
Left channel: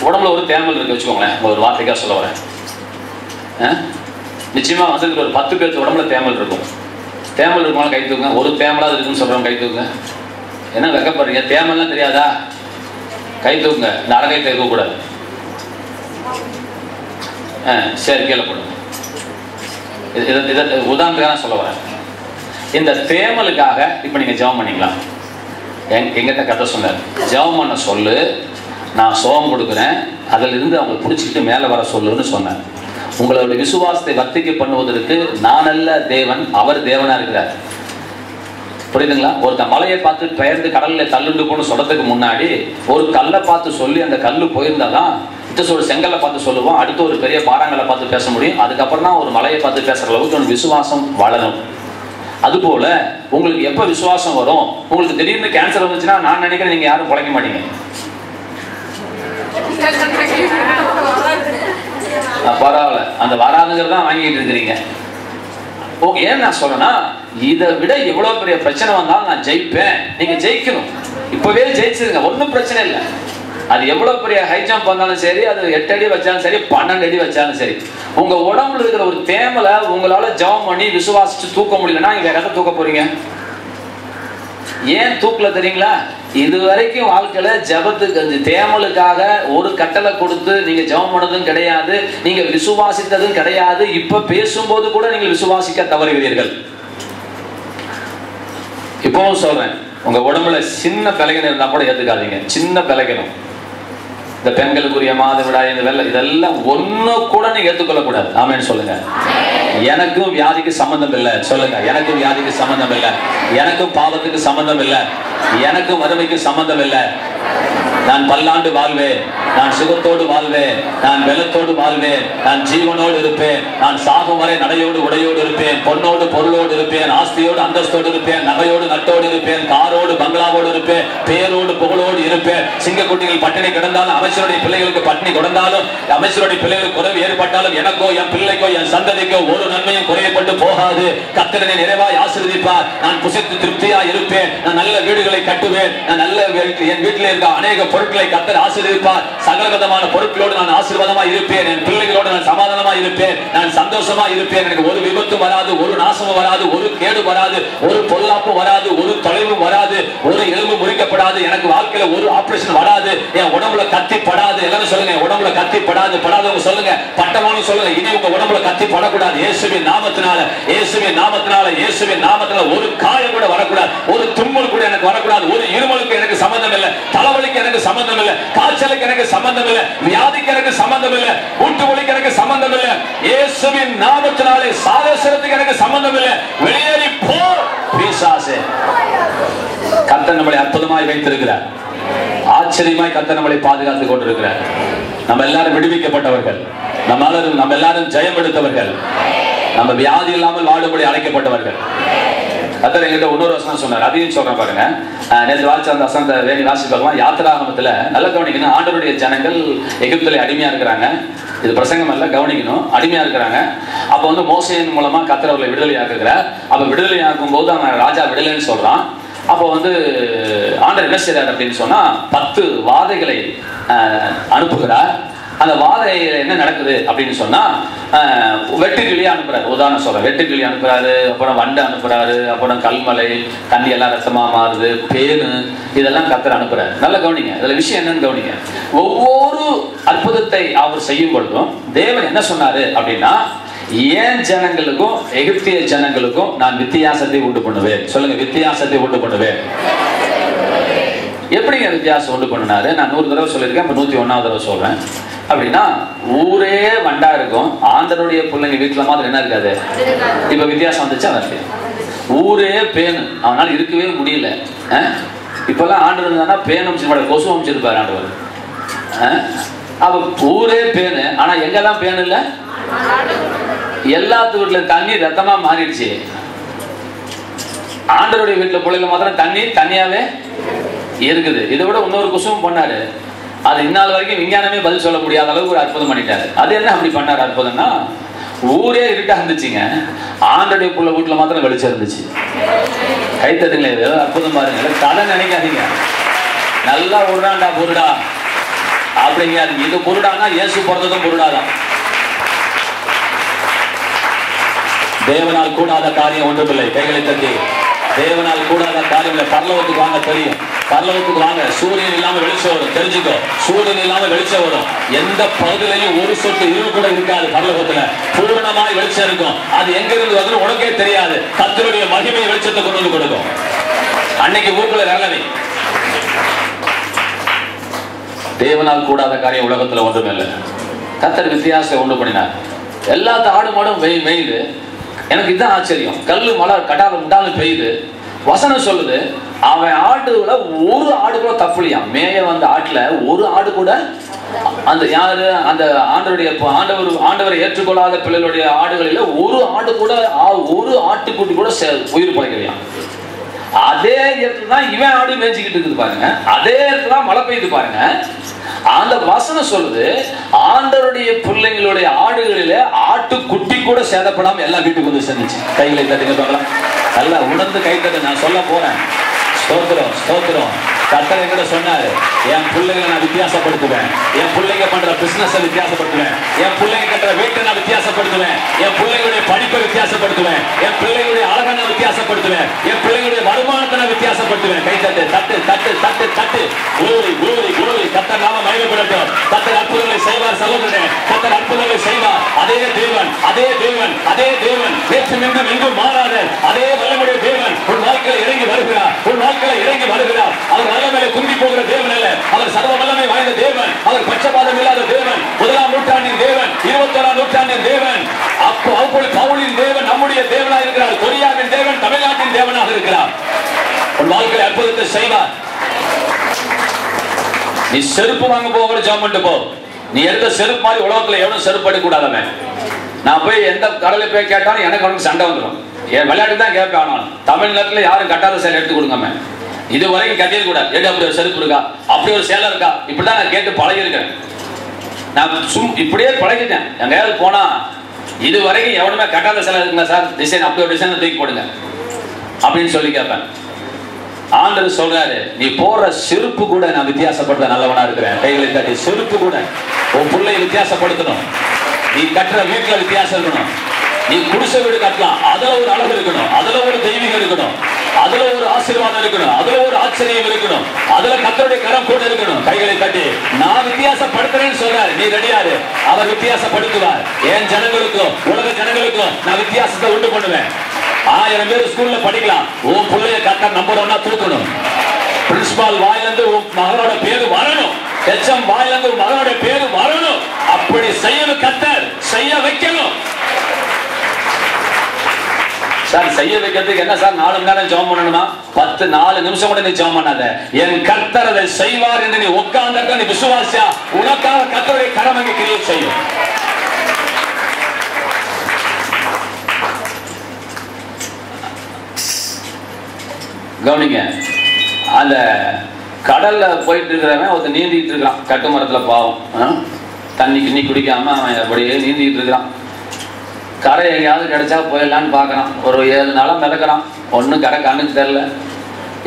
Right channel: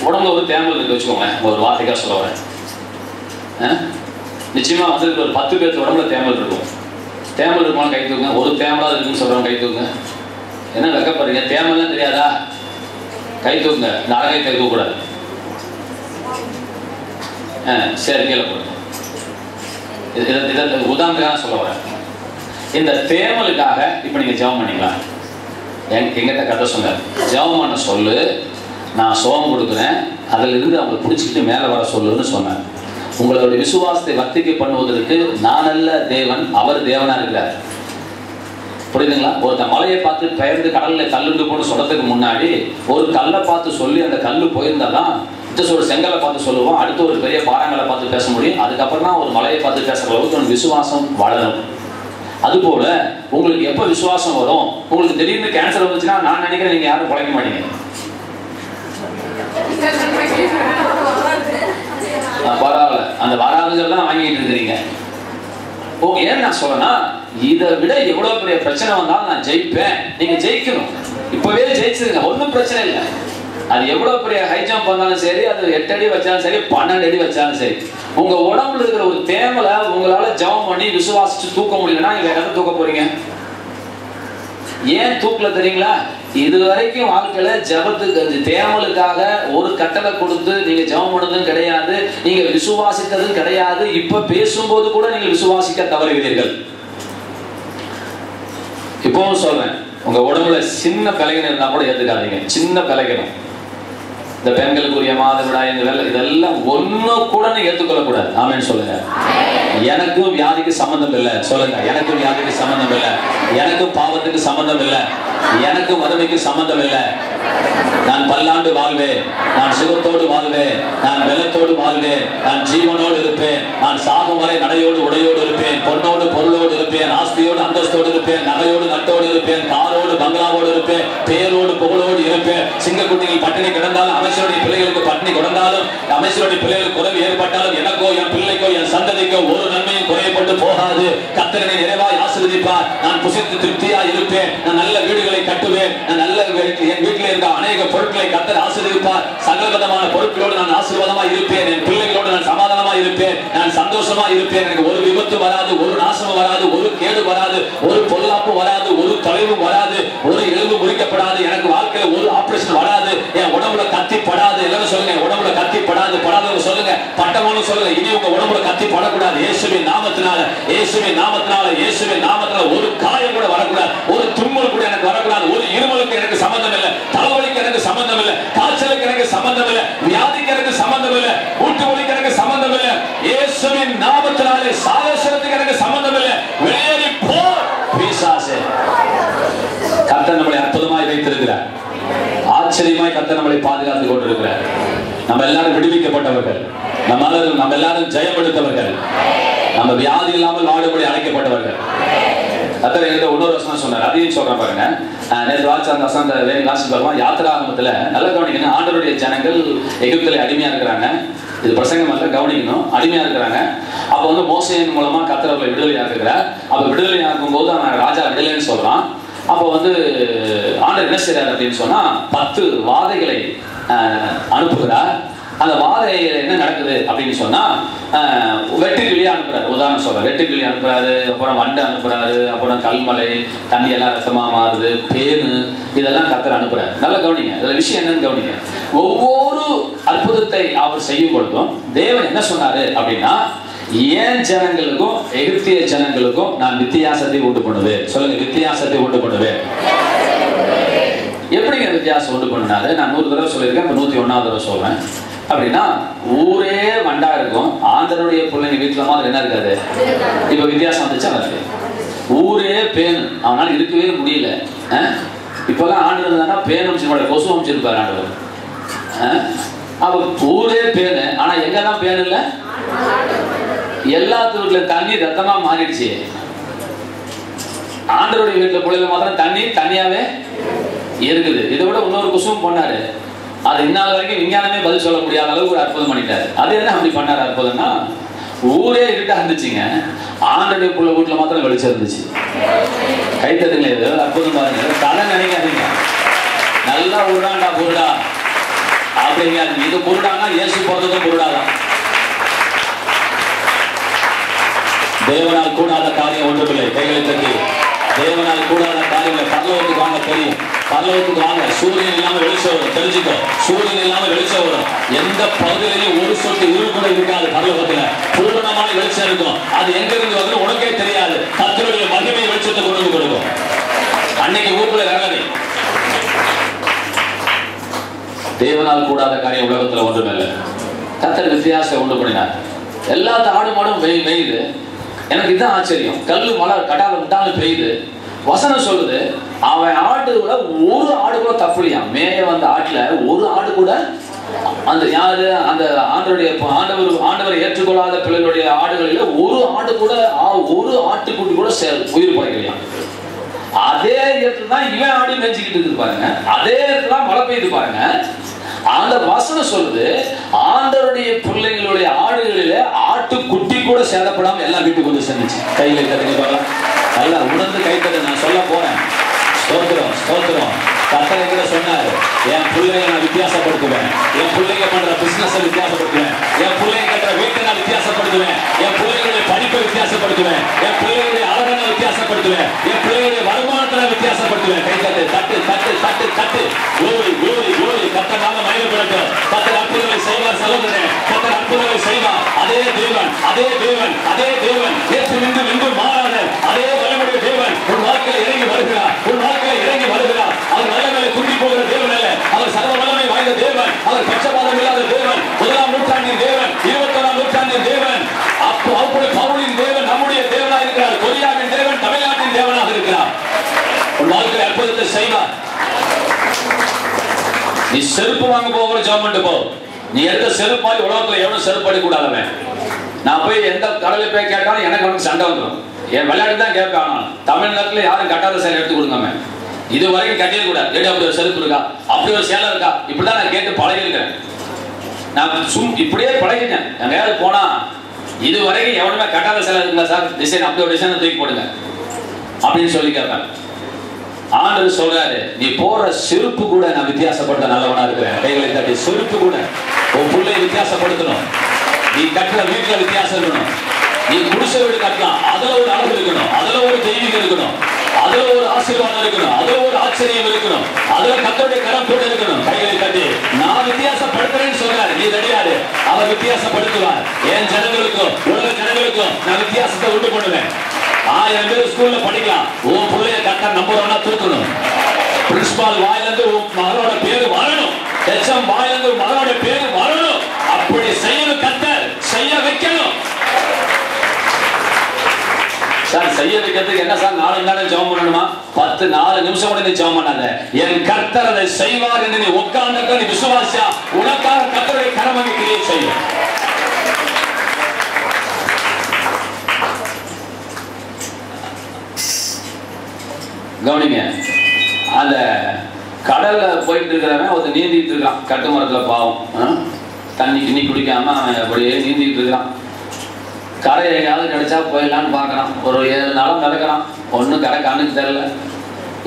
உடம்புல ஒரு தேமல் இருக்கு வச்சுக்கோங்க. ஒரு வார்த்தைக்காக சொல்ல வரேன். நிச்சயமா வந்து ஒரு 10 பேருக்கு உடம்புல தேமல் இருக்கும். தேமல் இருக்குமா கை தூங்க. ஒரு தேமலா இருக்குன்னு சொல்றவங்க கை தூங்க. என்ன வெக்கப்படுறீங்க? தேமல்லாம் தெரியாதா? கை தூங்க. இந்த அறகை இருக்கக்கூடாது. சரி, கீழே போடுங்க. உதாரணத்துக்காக சொல்ல வரேன். இந்த தேமலுக்காக இப்ப நீங்க ஜெபம் பண்ணீங்களா? எங்கிட்ட கதை சொன்னார், ஜெபம் பண்ண சொல்லு, நான் சுகம் கொடுக்குறேன், அதுல இருந்து அவங்க பிடிச்சிட்டு மேல வர சொல்லுன்னு சொன்னார். உங்களுடைய விசுவாசத்தை வர்த்திக்க பண்ணுவதற்கு நான் அல்ல தேவன், அவர் தேவனா இருக்கிறார். புரியுதுங்களா? ஒருத்த மலையை பார்த்து பெயர்ந்து கடல்ல தள்ளுண்டு போன்னு சொல்றதுக்கு முன்னாடி ஒரு கல்லை பார்த்து சொல்லி அந்த கல்லு போயிருந்தாதான் ஒரு செங்கலை பார்த்து சொல்லுவோம், அடுத்து ஒரு பெரிய பாறாங்களை பார்த்து பேச முடியும். அதுக்கப்புறம் தான் ஒரு மலையை பார்த்து பேசுற அளவுக்கு விசுவாசம் வளரும். அதுபோல உங்களுக்கு எப்ப விசுவாசம் வரும்? உங்களுக்கு திடீர்னு கேன்சர் வந்துச்சுன்னா நான் நினைக்கிறேன் நீங்க யாரும் பிழைக்க மாட்டீங்க. பரவாயில்ல, அந்த வராதுங்கிறதான் வாங்கிட்டு இருக்கிறீங்க. ஓகே, ஏன் நான் சொல்றேன்னா, இதை விட எவ்வளவு பெரிய பிரச்சனை வந்தாலும் நான் ஜெயிப்பேன். நீங்க ஜெயிக்கணும், இப்பவே ஜெயிச்சிருங்க, ஒன்றும் பிரச்சனை இல்லை. அது எவ்வளவு பெரிய ஹை ஜம்ப் வந்தாலும் சரி, அது 8 அடி வச்சாலும் சரி, 12 அடி வச்சாலும் சரி, உங்க உடம்புல இருக்கிற ஒரு தேமலை உங்களால ஜெபம் பண்ணி விசுவாசிச்சு தூக்க முடியலன்னா நீங்க எதை தூக்க போறீங்க? ஏன் தூக்கல தெரியுங்களா? இதுவரைக்கும் வாழ்க்கையில ஜெபத்துக்கு தேமலுக்காக ஒரு கட்டளை கொடுத்து நீங்க ஜெபம் பண்ணதும் கிடையாது, நீங்க விசுவாசித்ததும் கிடையாது. இப்ப பேசும்போது கூட நீங்க விசுவாசிக்க தவறுகிறீர்கள். இப்பவும் சொல்றேன், உங்க உடம்புல சின்ன பிழைகள் இருந்தா கூட ஏத்துக்காதீங்க. சின்ன பிழைகளும், இந்த பெண்களுக்குரிய மாதவிடாய், இந்த வெள்ளை, இதெல்லாம் ஒண்ணு கூட நீங்க ஏற்றுக்கொள்ள கூடாது. ஆமென் சொல்லுங்க. எனக்கும் வியாதிக்கு சம்பந்தம் இல்லை சொல்லுங்க. எனக்கும் வியாதிக்கு சம்பந்தம் இல்லை, எனக்கும் பாவத்துக்கு சம்பந்தம் இல்லை. எனக்கு வறுமைக்கு சம்பந்தம் இல்லை. நான் பல்லாண்டு வாழ்வேன், நான் சுகத்தோடு வாழ்வேன், நான் வெள்ளத்தோடு வாழ்வேன், நான் ஜீவனோடு இருப்பேன், நான் சாகும் வரை நடையோடு உடையோடு இருப்பேன், பொன்னோடு பொருளோடு இருப்பேன், ஆஸ்தியோடு அந்தஸ்தோடு இருப்பேன், நகையோடு நட்டோடு இருப்பேன், காரோடு பங்களாவோடு இருப்பேன், பேரோடு புகழோடு இருப்பேன். சிங்கக்குட்டிகள் பட்டினி கிடந்தாலும், அமைச்சருடைய பிள்ளைகளுக்கு பட்டினி கிடந்தாலும், அமைச்சருடைய பிள்ளைகளுக்கு குறைவு ஏற்பட்டாலும், எனக்கோ என் பிள்ளைக்கோ என் சந்ததிக்கோ ஒரு நன்மையும் குறையப்பட்டு போகாது. கர்த்தர் என்னை நிறைவாய் ஆசீர்வதிப்பார். நான் புசித்து திருப்தியா இருப்பேன், நான் நல்ல வீடுகளை கட்டுவேன், நான் நல்ல என் வீட்டில் இருக்க அநேக பொருட்களை கர்த்தர் ஆசீர்வதிப்பார். சகல விதமான பொருட்களோடு நான் ஆசீர்வாதமா இருப்பேன், என் பிள்ளைகளோடு நான் சமாதானமா இருப்பேன், நான் சந்தோஷமா இருப்பேன். எனக்கு ஒரு விபத்து வராது, ஒரு நாசமும் வராது, ஒரு கேடு வராது, ஒரு பொல்லாப்பு வராது, ஒரு தொலைவும் வராது, ஒரு எலும்பு முறிக்கப்படாது, எனக்கு வாழ்க்கையில ஒரு ஆபரேஷன் வராது, என் உடம்புல கத்தி படாது. எல்லாரும் சொல்லுங்க, உடம்புல கத்தி படாது. படாதவங்க சொல்லுங்க, பட்டவங்க சொல்லுங்க, இனி உங்க உடம்புல கத்தி படக்கூடாது. இயேசுவின் நாமத்தினால, இயேசுவின் நாமத்தினால, இயேசுவின் நாமத்தினால ஒரு காயம் கூட வரக்கூடாது, ஒரு தும்மல் கூட எனக்கு வரக்கூடாது, ஒரு இருமலுக்கு எனக்கு சம்பந்தம் இல்லை, தலைவலிக்கு எனக்கு சம்பந்தம் இல்லை, காய்ச்சலுக்கு எனக்கு சம்பந்தம் இல்லை, வியாதிக்கு எனக்கு சம்பந்தம் இல்லை, மூட்டு வலிக்கு எனக்கு சம்பந்தம் இல்லை. இயேசுவின் நாமத்தினாலே சாகசத்துக்கு எனக்கு சம்பந்தம் இல்லை. வெளியேறி போ பிசாசே. கர்த்தர் நம்மளை அற்புதமாய் வைத்திருக்கிறார். ஆச்சரியமாய் கர்த்தர் நம்மளை பாதுகாத்துக் கொண்டிருக்கிறார். நம்ம எல்லாரும் விடுவிக்கப்பட்டவர்கள், நம்ம எல்லாரும் ஜெயம் எடுத்தவர்கள், நம்ம வியாதி இல்லாமல் வாழும்படி அழைக்கப்பட்டவர்கள். கர்த்தர் என்கிட்ட இன்னொரு வசனம் சொன்னார், அதையும் சொல்றேன் பாருங்க. நேற்று வாட்சி அந்த வசனத்தை வேண்டி வாசி பார்க்கலாம். யாத்திராகமத்துல நல்ல கவனிக்கணும். ஆண்டவருடைய ஜனங்கள் எகிப்திலே அடிமையா இருக்கிறாங்க. இது பிரசங்கம் அல்ல, கவனிக்கணும். அடிமையா இருக்கிறாங்க. அப்ப வந்து மோசேயின் மூலமா கர்த்தர் அவர்களை விடுதலையாக்குகிறார். அப்ப விடுதலையாக்கும் போது அவன் ராஜா விடுதலைன்னு சொல்றான். அப்போ வந்து ஆண்டவர் என்ன செய்யறாரு அப்படின்னு சொன்னா 10 வாதைகளை அனுப்புகிறார். அந்த வாதையில என்ன நடக்குது அப்படின்னு சொன்னா வெட்டுக்கிளியா அனுப்புறாரு. உதாரணம் சொல்றேன், வெட்டுக்கிளி அனுப்புறாரு, அப்புறம் வண்டை அனுப்புறாரு, அப்புறம் கல்மலை, தண்ணி எல்லாம் ரத்தமா மாறுது, பேனு, இதெல்லாம் கர்த்தர் அனுப்புறாரு. நல்ல கவனிங்க, இதுல விஷயம் என்னன்னு கவனிங்க. ஒவ்வொரு அற்புதத்தை அவர் செய்யும் பொழுதும் தேவன் என்ன சொன்னாரு அப்படின்னா, ஏன் ஜனங்களுக்கும் எகிப்திய ஜனங்களுக்கும் நான் வித்தியாசத்தை உண்டு பண்ணுவேன். சொல்லுங்க, வித்தியாசத்தை உண்டு பண்ணுவேன். எப்படிங்க வித்தியாசம் உண்டு பண்ணினாரு? நான் 100 தடவை சொல்லியிருக்கேன், இப்ப 101வது தடவை சொல்றேன். அப்படின்னா ஊரே வண்டா இருக்கும், ஆண்டவருடைய பிள்ளைங்க வீட்டுல மாதிரி என்ன இருக்காது. இப்ப வித்தியாசம் வந்துச்சு. அவனுக்கு ஊரே பேனு, அவனால இருக்கவே முடியல. இப்பெல்லாம் ஆண்டு இருந்தானா பேன் அமைச்சு கொசு அமைச்சிருப்பாரு ஆண்டவர். அப்ப ஊரே பேனு, ஆனா எங்கெல்லாம் பேனு இல்ல, எல்லாத்து வீட்டுல தண்ணி ரத்தமா மாறிடுச்சு. ஆண்டவருடைய வீட்டுல பிள்ளைல மாத்திரம் தண்ணி தண்ணியாவே இருக்குது. இதை விட இன்னொரு குசும் பண்ணாரு. அது இந்நாள் வரைக்கும் விஞ்ஞானமே பதில் சொல்ல முடியாத அளவுக்கு ஒரு அற்புதம் பண்ணிட்டாரு. அது என்ன அப்படி பண்ணாரு அற்புதம்னா, ஊரே இருட்டா இருந்துச்சுங்க, ஆண்டோடைய புள்ள வீட்டுல மாத்திரம் வெளிச்சம் இருந்துச்சு. கைத்தட்டுங்களே, இது அற்புதம் பாருங்க. கதை நினைக்காதீங்க, நல்லா உருடாண்டா பொருடா அப்படிங்க. இது பொருடானா இயேசு பிறந்ததும் பொருடாதான். தேவனால் கூடாத காரியம் ஒன்றுமில்லை. கைகளை தட்டி, தேவனால் கூடாத காரியங்களை பரலோகத்துக்கு வாங்க தெரியும். பரலோகத்துக்கு வாங்க. சூரியன் இல்லாம வெளிச்சம் வரும், தெரிஞ்சுக்கோ. சூரியன் இல்லாம வெளிச்சம் வரும். எந்த பகுதியிலையும் ஒரு சொட்டு இருள் கூட இருக்காது. பரலோகத்துல பூரணமான வெளிச்சம் இருக்கும். அது எங்க இருந்து வந்து உனக்கே தெரியாது. கர்த்தருடைய மகிமை வெளிச்சத்தை கொண்டு வந்து கொடுக்கும். அன்னைக்கு ஊருக்குள்ள வேலை. தேவனால் கூடாத காரியம் உலகத்துல ஒன்றும் இல்லை. கர்த்தர் வித்தியாசம் உண்டு பண்ணினார். எல்லா ஆடு மாடும் பெய்யுது. எனக்கு இதுதான் ஆச்சரியம். கல்லு மழை கடால விட்டாலும் பெய்யுது. வசனம் சொல்லுது, அவன் ஆடுல ஒரு ஆடு கூட தப்புலையாம். மேய வந்த ஆட்டுல ஒரு ஆடு கூட, அந்த யாரு அந்த ஆண்டவரை ஏற்றுக்கொள்ளாத பிள்ளைகளுடைய ஆடுகளில ஒரு ஆடு கூட, ஒரு ஆட்டுக்குட்டி கூட உயிர் படைக்கலையாம். அதே இடத்துல தான் இவன் ஆடு மேய்ச்சிக்கிட்டு இருக்குது பாருங்க. அதே இடத்துல தான் மழை பெய்யுது பாருங்க. அந்த வசனம் சொல்லுது, ஆண்டவருடைய பிள்ளைங்களுடைய ஆடுகளில ஆட்டுக்குட்டி கூட சேதப்படாம எல்லா வீட்டுக்கு வந்து சேர்ந்துச்சு. கைகளை தட்டுங்க, நல்லா உணர்ந்து கை தட்டு. நான் சொல்ல போறேன். ஸ்தோத்திரம், ஸ்தோத்திரம். கர்த்தர் கூட சொன்னாரு, என் பிள்ளைங்களை நான் வித்தியாசப்படுத்துவேன், என் பிள்ளைங்க பண்ற பிசினஸ் வித்தியாசப்படுத்துவேன், என் பிள்ளைங்க கட்டுற வீட்டை நான் வித்தியாசப்படுத்துவேன், என் பிள்ளைங்களுடைய படிப்பை வித்தியாசப்படுத்துவேன், என் பிள்ளைங்களுடைய அழகை வித்தியாசப்படுத்துவேன், என் பிள்ளைங்களுடைய வருமானத்தை நான் வித்தியாசப்படுத்துவேன். கை தட்டு, தட்டு தட்டு தட்டு தட்டு. glory glory glory. கர்த்தர் நாம மகிமைப்படட்டும். கர்த்தர் அற்புதங்களை செய்வார் சகோதரனே. கர்த்தர் அற்புதங்களை செய்வார். அதே தேவன், அதே தேவன், அதே தேவன், நேற்றும் இன்றும் என்றும் மாறாத அதே வல்லமையுடைய தேவன் உன் வாழ்க்கையில இறங்கி வருகிறார். உன் வாழ்க்கையில இறங்கி வருகிறார். அவர் வல்லமையில துண்டி போகிற தேவன் அல்ல. அவர் சர்வ வல்லமை வாய்ந்த தேவன். அவர் பட்சபாதம் இல்லாத தேவன். 1ஆம் நூற்றாண்டின் தேவன், 21ஆம் நூற்றாண்டின் தேவன். அப்படி பவுலின் தேவன் நம்முடைய தேவனாக இருக்கிறார். கொரியாவின் தேவன் தமிழ்நாட்டின் தேவனாக இருக்கிறார். உன் வாழ்க்கையில் அற்புதத்தை செய்வார். நீ செருப்பு வாங்க போகிற ஜெபம் பண்ணிட்டு போ. நீ எடுத்த செருப்பு மாதிரி உலகத்துல எவனும் செருப்பு எடுக்க கூடாதவன். நான் போய் எந்த கடலை போய் கேட்டாலும் எனக்கு அவனுக்கு சண்டை வந்துடும். என் விளையாட்டு தான் கேட்பான். தமிழ்நாட்டுல யாரும் கட்டாத சேலை எடுத்து கொடுங்க. இது வரைக்கும் கட்டிட கூடாது. எடு அப்படி ஒரு செருப்பு இருக்கா, அப்படி ஒரு சேலை இருக்கா, இப்படிதான் நான் கேட்டு பழகிருக்கிறேன். நான் இப்படியே பழகிட்டேன். என் வேலை போனா இது வரைக்கும் எவனுமே கட்டாத சேலை இருக்குங்களா சார், டிசைன் அப்படி ஒரு டிசைன் தூக்கி போடுங்க அப்படின்னு சொல்லி கேட்பேன். ஆண்டவர் சொல்றாரு, நீ போற செருப்பு கூட நான் வித்தியாசப்படுத்த நல்லவனா இருக்கிறேன். கைகளை தட்டி செருப்பு கூட உன் பிள்ளை வித்தியாசப்படுத்தணும். நீ கட்டுற வீட்டுல வித்தியாசம் இருக்கணும். நீ குடிசை வீடு கட்டலாம், அதுல ஒரு அழகு இருக்கணும், அதுல ஒரு தெய்வீகம் இருக்கணும், அதுல ஒரு ஆசீர்வாதம் இருக்கணும், அதுல ஒரு ஆச்சரியம் இருக்கணும், அதுல கர்த்தருடைய கரம் போட்டு இருக்கணும். கைகளை தட்டி நான் வித்தியாசப்படுத்துறேன்னு சொல்றாரு. நீ கிடையாது, அவர் வித்தியாசப்படுத்துவார். என் ஜனங்களுக்கும் உலக ஜனங்களுக்கும் நான் வித்தியாசத்தை உண்டு பண்ணுவேன். 1000 பேர் ஸ்கூல்ல படிக்கலாம். உன் பிள்ளைய கட்ட நம்புறவனா தூக்கணும். பிரின்சிபால் வாயிலிருந்து உன் மகளோட பேரு வரணும். ஹெச்எம் வாயிலிருந்து உன் மகளோட பேரு வரணும். அப்படி செய்யணும். கர்த்தர் செய்ய வைக்கணும். சார் செய்ய வைக்கிறதுக்கு என்ன சார் 4 மணி நேரம் ஜெபம் பண்ணணுமா? 4 நிமிஷம் கூட நீ ஜெபம் பண்ணாத. என் கர்த்தர் அதை செய்வார் என்று நீ உட்கார்ந்து நீ விசுவாசியா, உனக்காக கர்த்தருடைய கரம் அங்கே கிரியேட் செய்யும். கவனிங்க, அந்த கடல்ல போயிட்டு இருக்கிறவன் ஒருத்தர் நீந்திட்டு இருக்கான். கட்டு மரத்துல பாவம், தண்ணி கிண்ணி குடிக்காம அவன் அப்படியே நீந்திட்டு இருக்கான். கரை எங்கேயாவது கிடைச்சா போயிடலான்னு பார்க்கறான். ஒரு 7 நாளும் நடக்கிறான். ஒன்றும் கரை கண்ணுக்கு தெரியல.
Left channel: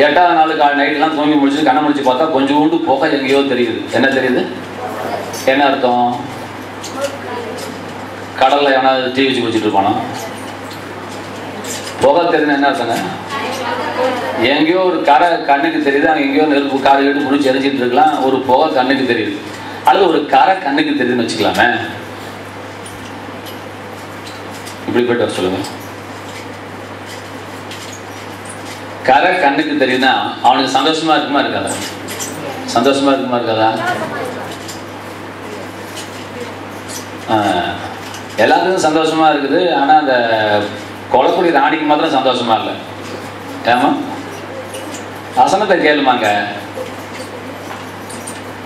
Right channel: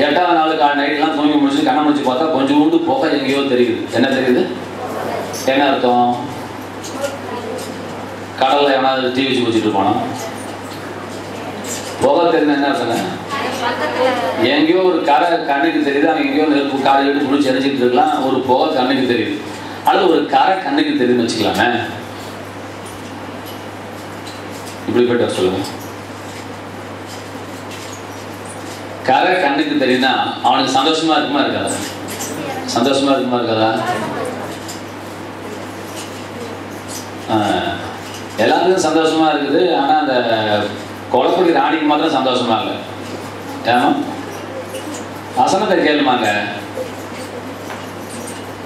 8ஆவது நாள் நைட்லாம் தூங்கி முடிச்சு கண்ணை முடிச்சு பார்த்தா கொஞ்சோண்டு புகை எங்கேயோ தெரியுது. என்ன தெரியுது? என்ன அர்த்தம்? கடல்ல எவனாவது தீ வச்சு குடிச்சிட்டு இருப்பானா? புகை தெரியுது என்ன அர்த்தங்க? எங்கேயோ ஒரு கரை கண்ணுக்கு தெரியுது. அங்கே எங்கேயோ நெருப்பு காரை எடுத்து முடிச்சு எரிஞ்சிட்டு இருக்கலாம். ஒரு புகை கண்ணுக்கு தெரியுது. அல்லது ஒரு கரை கண்ணுக்கு தெரியுதுன்னு வச்சுக்கலாமே. இப்படி போயிட்டு சொல்லுங்க. கரை கண்ணுக்கு தெரியுதுன்னா அவனுக்கு சந்தோஷமா இருக்குமா இருக்காதா? சந்தோஷமா இருக்குமா இருக்காதா? எல்லாத்துக்கும் சந்தோஷமா இருக்குது. ஆனா அந்த கொலைக்குடி ராணிக்கு மாத்திரம் சந்தோஷமா இல்லை. ஏமா வசனத்தை கேளுமாங்க.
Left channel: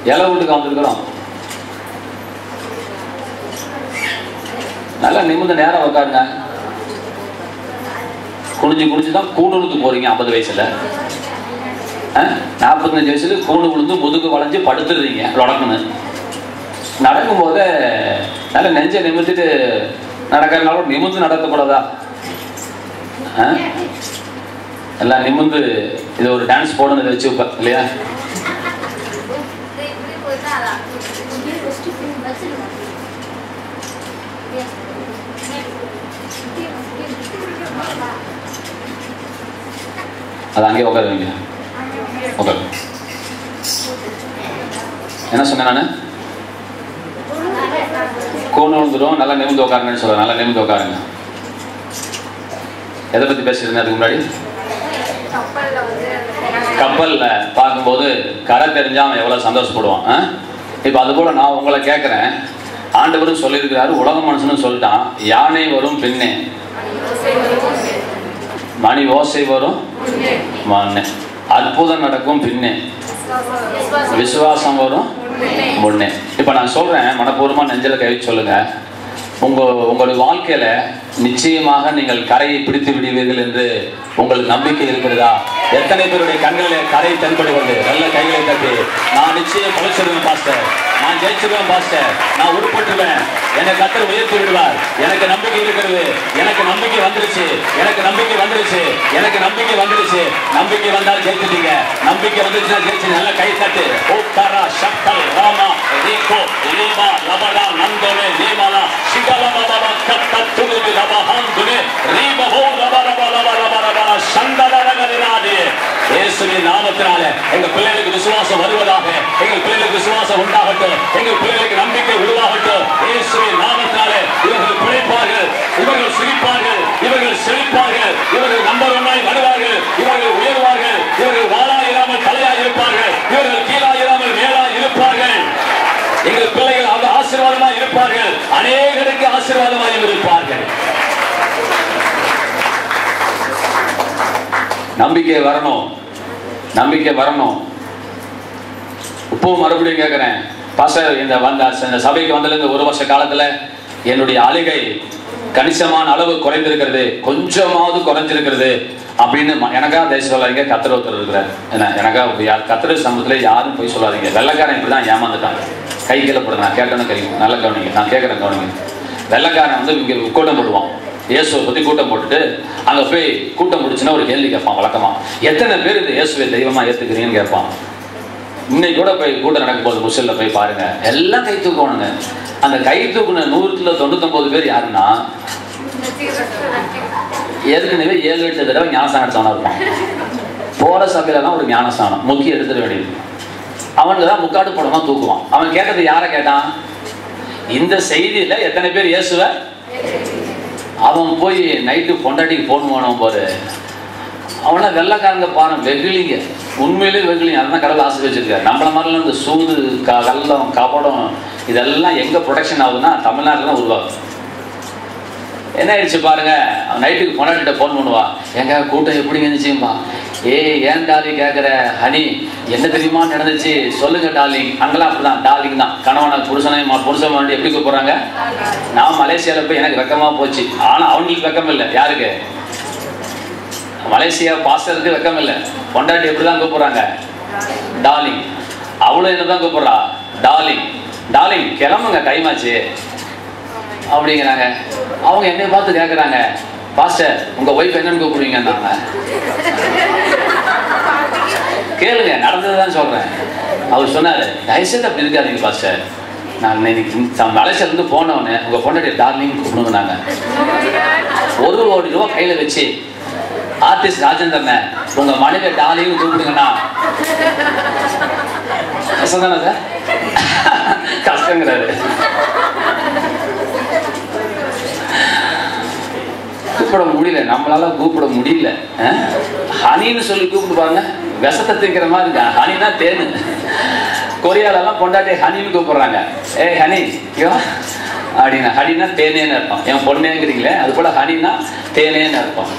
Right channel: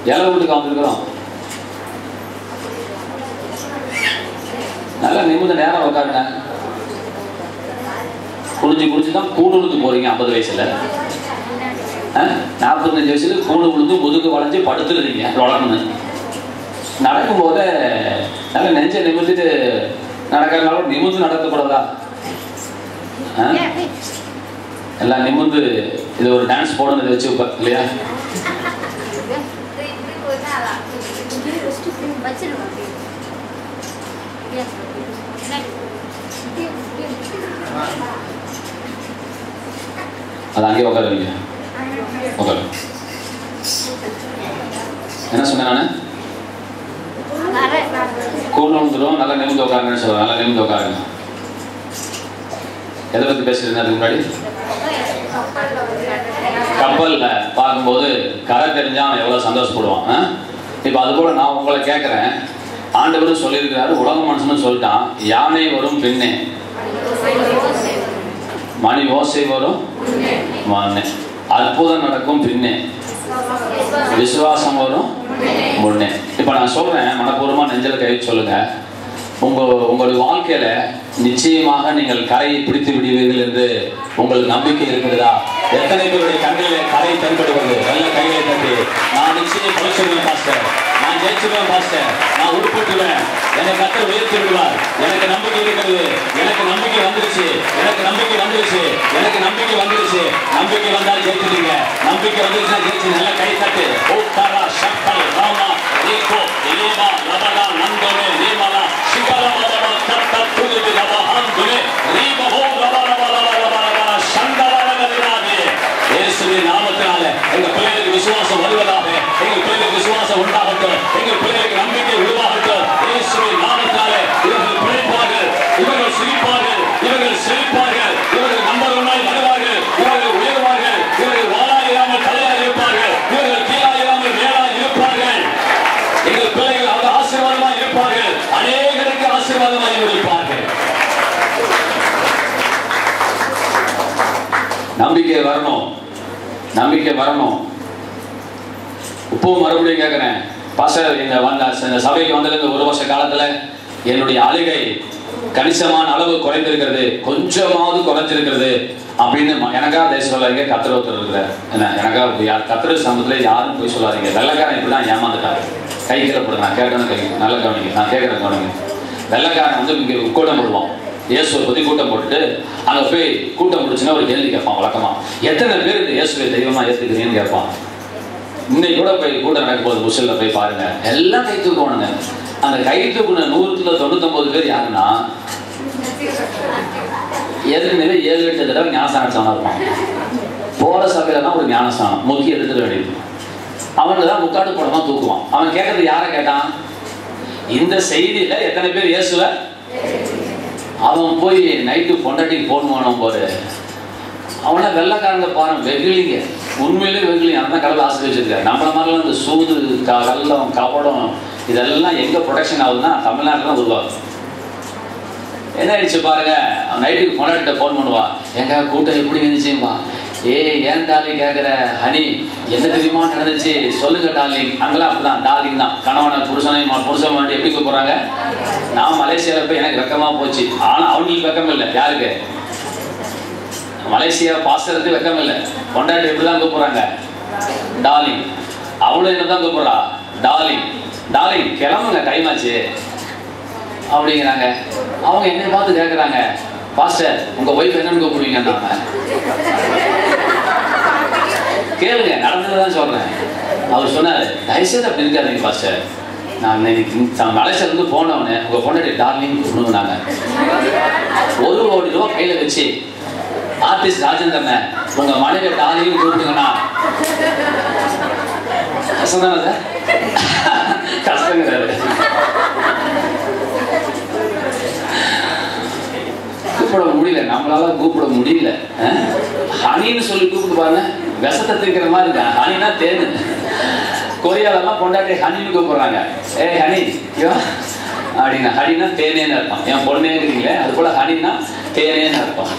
இலை வீட்டுக்கு வந்துருக்கிறோம். நல்லா நிமிர்ந்து நேரம் உட்காருங்க. குடிச்சுதான் கூடு விழுந்து போறீங்க. 50 வயசுல 45 வயசுல கூடு விழுந்து முதுகு வளைஞ்சு படுத்துடுறீங்க. தொடர்ந்து நடக்கும் போது நல்ல நெஞ்சை நிமிர்ந்துட்டு நடக்கிறதுனால நிமிர்ந்து நடக்கக்கூடாதா? எல்லாம் நிமிர்ந்து இது ஒரு டான்ஸ் போடணும் வச்சு இல்லையா? அது அங்கே உட்காருவீங்க. உட்காரு. என்ன சொன்னேன் நான்? கூண்டு விழுந்துடும். நல்லா நிமிர்ந்து உட்காருங்கன்னு சொல்லுவேன். நல்லா நிமிர்ந்து உட்காருங்க. எதை பற்றி பேசுறேன்? அதுக்கு முன்னாடி கப்பல்ல பார்க்கும்போது கரை தெரிஞ்சா அவன் எவ்வளவு சந்தோஷப்படுவான். இப்ப அது போல நான் உங்களை கேட்கிறேன். ஆண்டவரும் சொல்லியிருக்கிறாரு, உலக மனுஷனும் சொல்லிட்டான், யானை வரும் பின்னே, மணி ஓசை வரும் முன்னே, அற்புதம் நடக்கும் பின்னே, விசுவாசம் வரும் முன்னே. இப்ப நான் சொல்றேன், மனப்பூர்வமா நெஞ்சில கை சொல்லுங்க. உங்களுடைய வாழ்க்கையில நிச்சயமாக நீங்கள் கரையை பிடித்து விடுவீர்கள் என்று உங்களுக்கு நம்பிக்கை இருக்கிறதா? எத்தனை பேருடைய கண்களில் கரை தென்படுவது? நல்ல கையை தட்டி நான் நிச்சயம் பழிச்சிருவேன் பாஸ்டர், நான் ஜெயிச்சிருவேன் பாஸ்டர், நான் உட்பட்டுவேன், என்னை கர்த்தர் உயர்த்தி விடுவார், எனக்கு நம்பிக்கை இருக்கிறது, எனக்கு நம்பிக்கை வந்துருச்சு, எனக்கு நம்பிக்கை வந்துருச்சு, எனக்கு நம்பிக்கை வந்துருச்சு. நம்பிக்கை வந்தால் ஜெயிச்சிட்டீங்க. நம்பிக்கை வந்துருச்சுன்னா ஜெயிச்சு. நல்ல கை தட்டு. ஓகாரா சக்தல் ராமா ரீகோ லீமா லபடா நந்தோனே லீமாலா சிகலா லபடா கத்தத்துது லபஹந்துனே ரீபஹோ லபரபா லபரபா சந்தரலலனாதே. இயேசுவின் நாமத்தினாலே எங்கள் பிள்ளைகளுக்கு விசுவாசம் வருவதாக, எங்கள் பிள்ளைகளுக்கு விசுவாசம் உண்டாகட்டும், எங்கள் பிள்ளைகளுக்கு நம்பிக்கை உருவாகட்டும். இயேசுவின் நாமத்தினாலே இவர்கள் பிழைப்பார்கள், இவர்கள் சிரிப்பார்கள், இவர்கள் செழிப்பார்கள், இவர்கள் நம்பர் 1 வருவார்கள், இவர்கள் உயர்வார்கள், இவர்கள் வாழாயிராமல் தலையாக இருப்பார்கள், இவர்கள் கீழாயிராமல் மேலாக இருப்பார்கள். எங்கள் பிள்ளைகள் அந்த ஆசீர்வாதமாக இருப்பார்கள், அநேகருக்கு ஆசீர்வாதமாக இருப்பார்கள். நம்பிக்கை வரணும். நம்பிக்கை வரணும். இப்போ மறுபடியும் கேட்கிறேன், பாஸ்டர் இந்த சபைக்கு வந்ததுக்கு 1 வருஷ காலத்துல என்னுடைய ஆளுகை கணிசமான அளவு குறைந்திருக்கிறது, கொஞ்சமாவது குறைஞ்சிருக்கிறது அப்படின்னு எனக்காக தேச சொல்லாதீங்க. கத்திர ஒருத்தர் இருக்கிறார், எனக்காக கத்திர சமூகத்துல யாரும் போய் சொல்லாதீங்க. வெள்ளக்காரன் இப்படிதான் ஏமாந்துட்டாங்க. கை கீழே போடுங்க, நான் கேட்டேன்னு கை நல்ல கவனிங்க, நான் கேட்கறேன் கவனிங்க. வெள்ளக்காரன் வந்து இங்க கூட்டம் போடுவான், இயேசுவை பத்தி கூட்டம் போட்டுட்டு அங்க போய் கூட்டம் முடிச்சுன்னா ஒரு கேள்வி கேட்பான். வழக்கமா எத்தனை பேர் இந்த இயேசுவை தெய்வமா ஏத்துக்கிறீங்கன்னு கேட்பான். இன்னைக்கு கூட போய் கூட்டம் நடக்கும் போது முசல்ல போய் பாருங்க, எல்லாம் கை தூக்குவானுங்க. அந்த கை தூக்குன 199 பேர் யாருன்னா ஏற்கனவே 7-8 தடவை ஞானஸ்தானம் இருப்பான். போற சபையில தான் ஒரு ஞானஸ்தானம் முக்கிய எடுத்துட வேண்டியது. அவனுக்கு தான் முக்காடு படமா தூக்குவான். அவன் கேட்டது யாரை கேட்டான்? இந்த செய்தியில எத்தனை பேர் இயேசுவ. அவன் போய் நைட்டு பொண்டாட்டிக்கு போன் பண்ணுவோம் போது அவனை வெள்ளக்காரங்க பாருங்க, வெகுலிங்க, உண்மையிலே வெகுலிங்க. அதான் கடவுள் ஆசை வச்சிருக்காரு. நம்மள மாதிரிலாம் இந்த சூது கள்ளம் கபடம் இதெல்லாம் எங்க ப்ரொடக்ஷன் ஆகுதுன்னா தமிழ்நாட்டில் தான் உருவாகும். என்ன ஆயிடுச்சு பாருங்க, அவன் நைட்டுக்கு பொண்டாட்டிட்ட போன் பண்ணுவா, எங்க கூட்டம் எப்படி இருந்துச்சுப்பா. ஏன் டார்லிங் கேட்குற, ஹனி என்ன தெரியுமா நடந்துச்சு சொல்லுங்க டார்லிங். அங்கெல்லாம் அப்படிதான் டார்லிங் தான். கணவனை புருஷன் வேண்டி எப்படி கூப்பிடுறாங்க. நான் மலேசியாவில் போய் எனக்கு வெக்கமா போச்சு. ஆனா அவங்களுக்கு வெக்கம் இல்லை. யாருக்கு? மலேசியா பாஸ்டருக்கு வெக்கம் இல்லை. பொண்டாட்டி எப்படிதான் கூப்பிடுறாங்க, டார்லிங். அவளும் என்னதான் கூப்பிடுறா, டார்லிங். டார்லிங் கிளம்புங்க டைம் ஆச்சு அப்படிங்கிறாங்க. அவங்க என்னை பார்த்து கேட்குறாங்க, பாஸ்டர் உங்க ஒய்ஃப் என்னன்னு கூப்பிடுவீங்க? கேளுங்க, நடந்ததுதான் சொல்றேன். அவர் சொன்னாரு, தயவுசெய்து அப்படி இருக்காதீங்க பாஸ்டர். நான் மலேசியால இருந்து போனவனே உங்க பொண்டாட்டி டார்லிங் கூப்பிடுங்க. 1 கோடி ரூபாய் கையில வச்சு ஆர்டிஸ்ட் ராஜேந்திரன் உங்க மனைவி டார்லிங் கூப்பிடுங்கன்னா கஷ்டம் தானே? கஷ்டங்கிறாரு. கூப்பிட முடியல, நம்மளால கூப்பிட முடியல. ஹனின்னு சொல்லி கூப்பிடுவாங்க, விஷத்தை தீக்கிற மாதிரி இருக்கா. ஹனினா தேனு. கொரியாலெல்லாம் பொண்டாட்டி ஹனின்னு கூப்பிடுறாங்க. ஹனி அப்படின்னா ஹனினா தேனேன்னு அர்த்தம். என் பொண்ணேங்கிறீங்களே அது போல ஹனினா தேனேன்னு அர்த்தம்.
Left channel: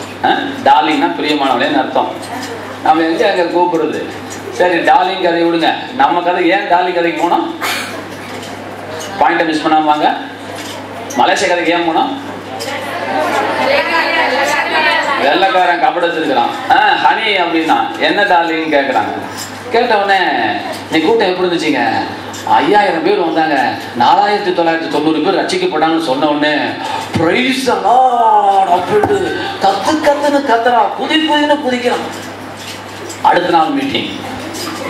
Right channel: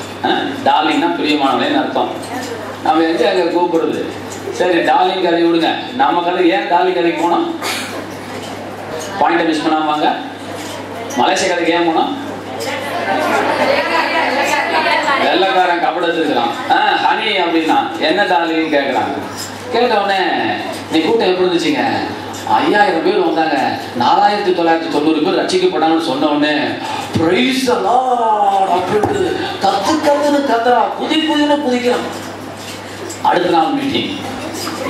டார்லிங்னா பிரியமானவனேன்னு அர்த்தம். நம்ம எங்க அங்க கூப்பிடுறது. சரி டார்லிங் கதை விடுங்க, நம்ம கதை ஏன் டார்லிங் கதைக்கு போனோம்? பாயிண்ட மிஸ் பண்ணாம வாங்க. மலேசியா கதைக்கு ஏன் போனோம்? வெள்ளக்காரன் கபடத்து இருக்கிறான். ஹனி அப்படின்னா என்ன டார்லிங் கேட்கறாங்க. கேட்ட உடனே நீ கூட்டம் எப்படி இருந்துச்சுங்க? 5000 பேர் வந்தாங்க, 4990 பேர் ரட்சிக்கப்பட்டாங்கன்னு சொன்ன உடனே பிரைஸ் தி லார்ட் அப்படினு கத்துன்னு கத்துறான், புதின்னு குதிக்கிறான். அடுத்த நாள் மீட்டிங்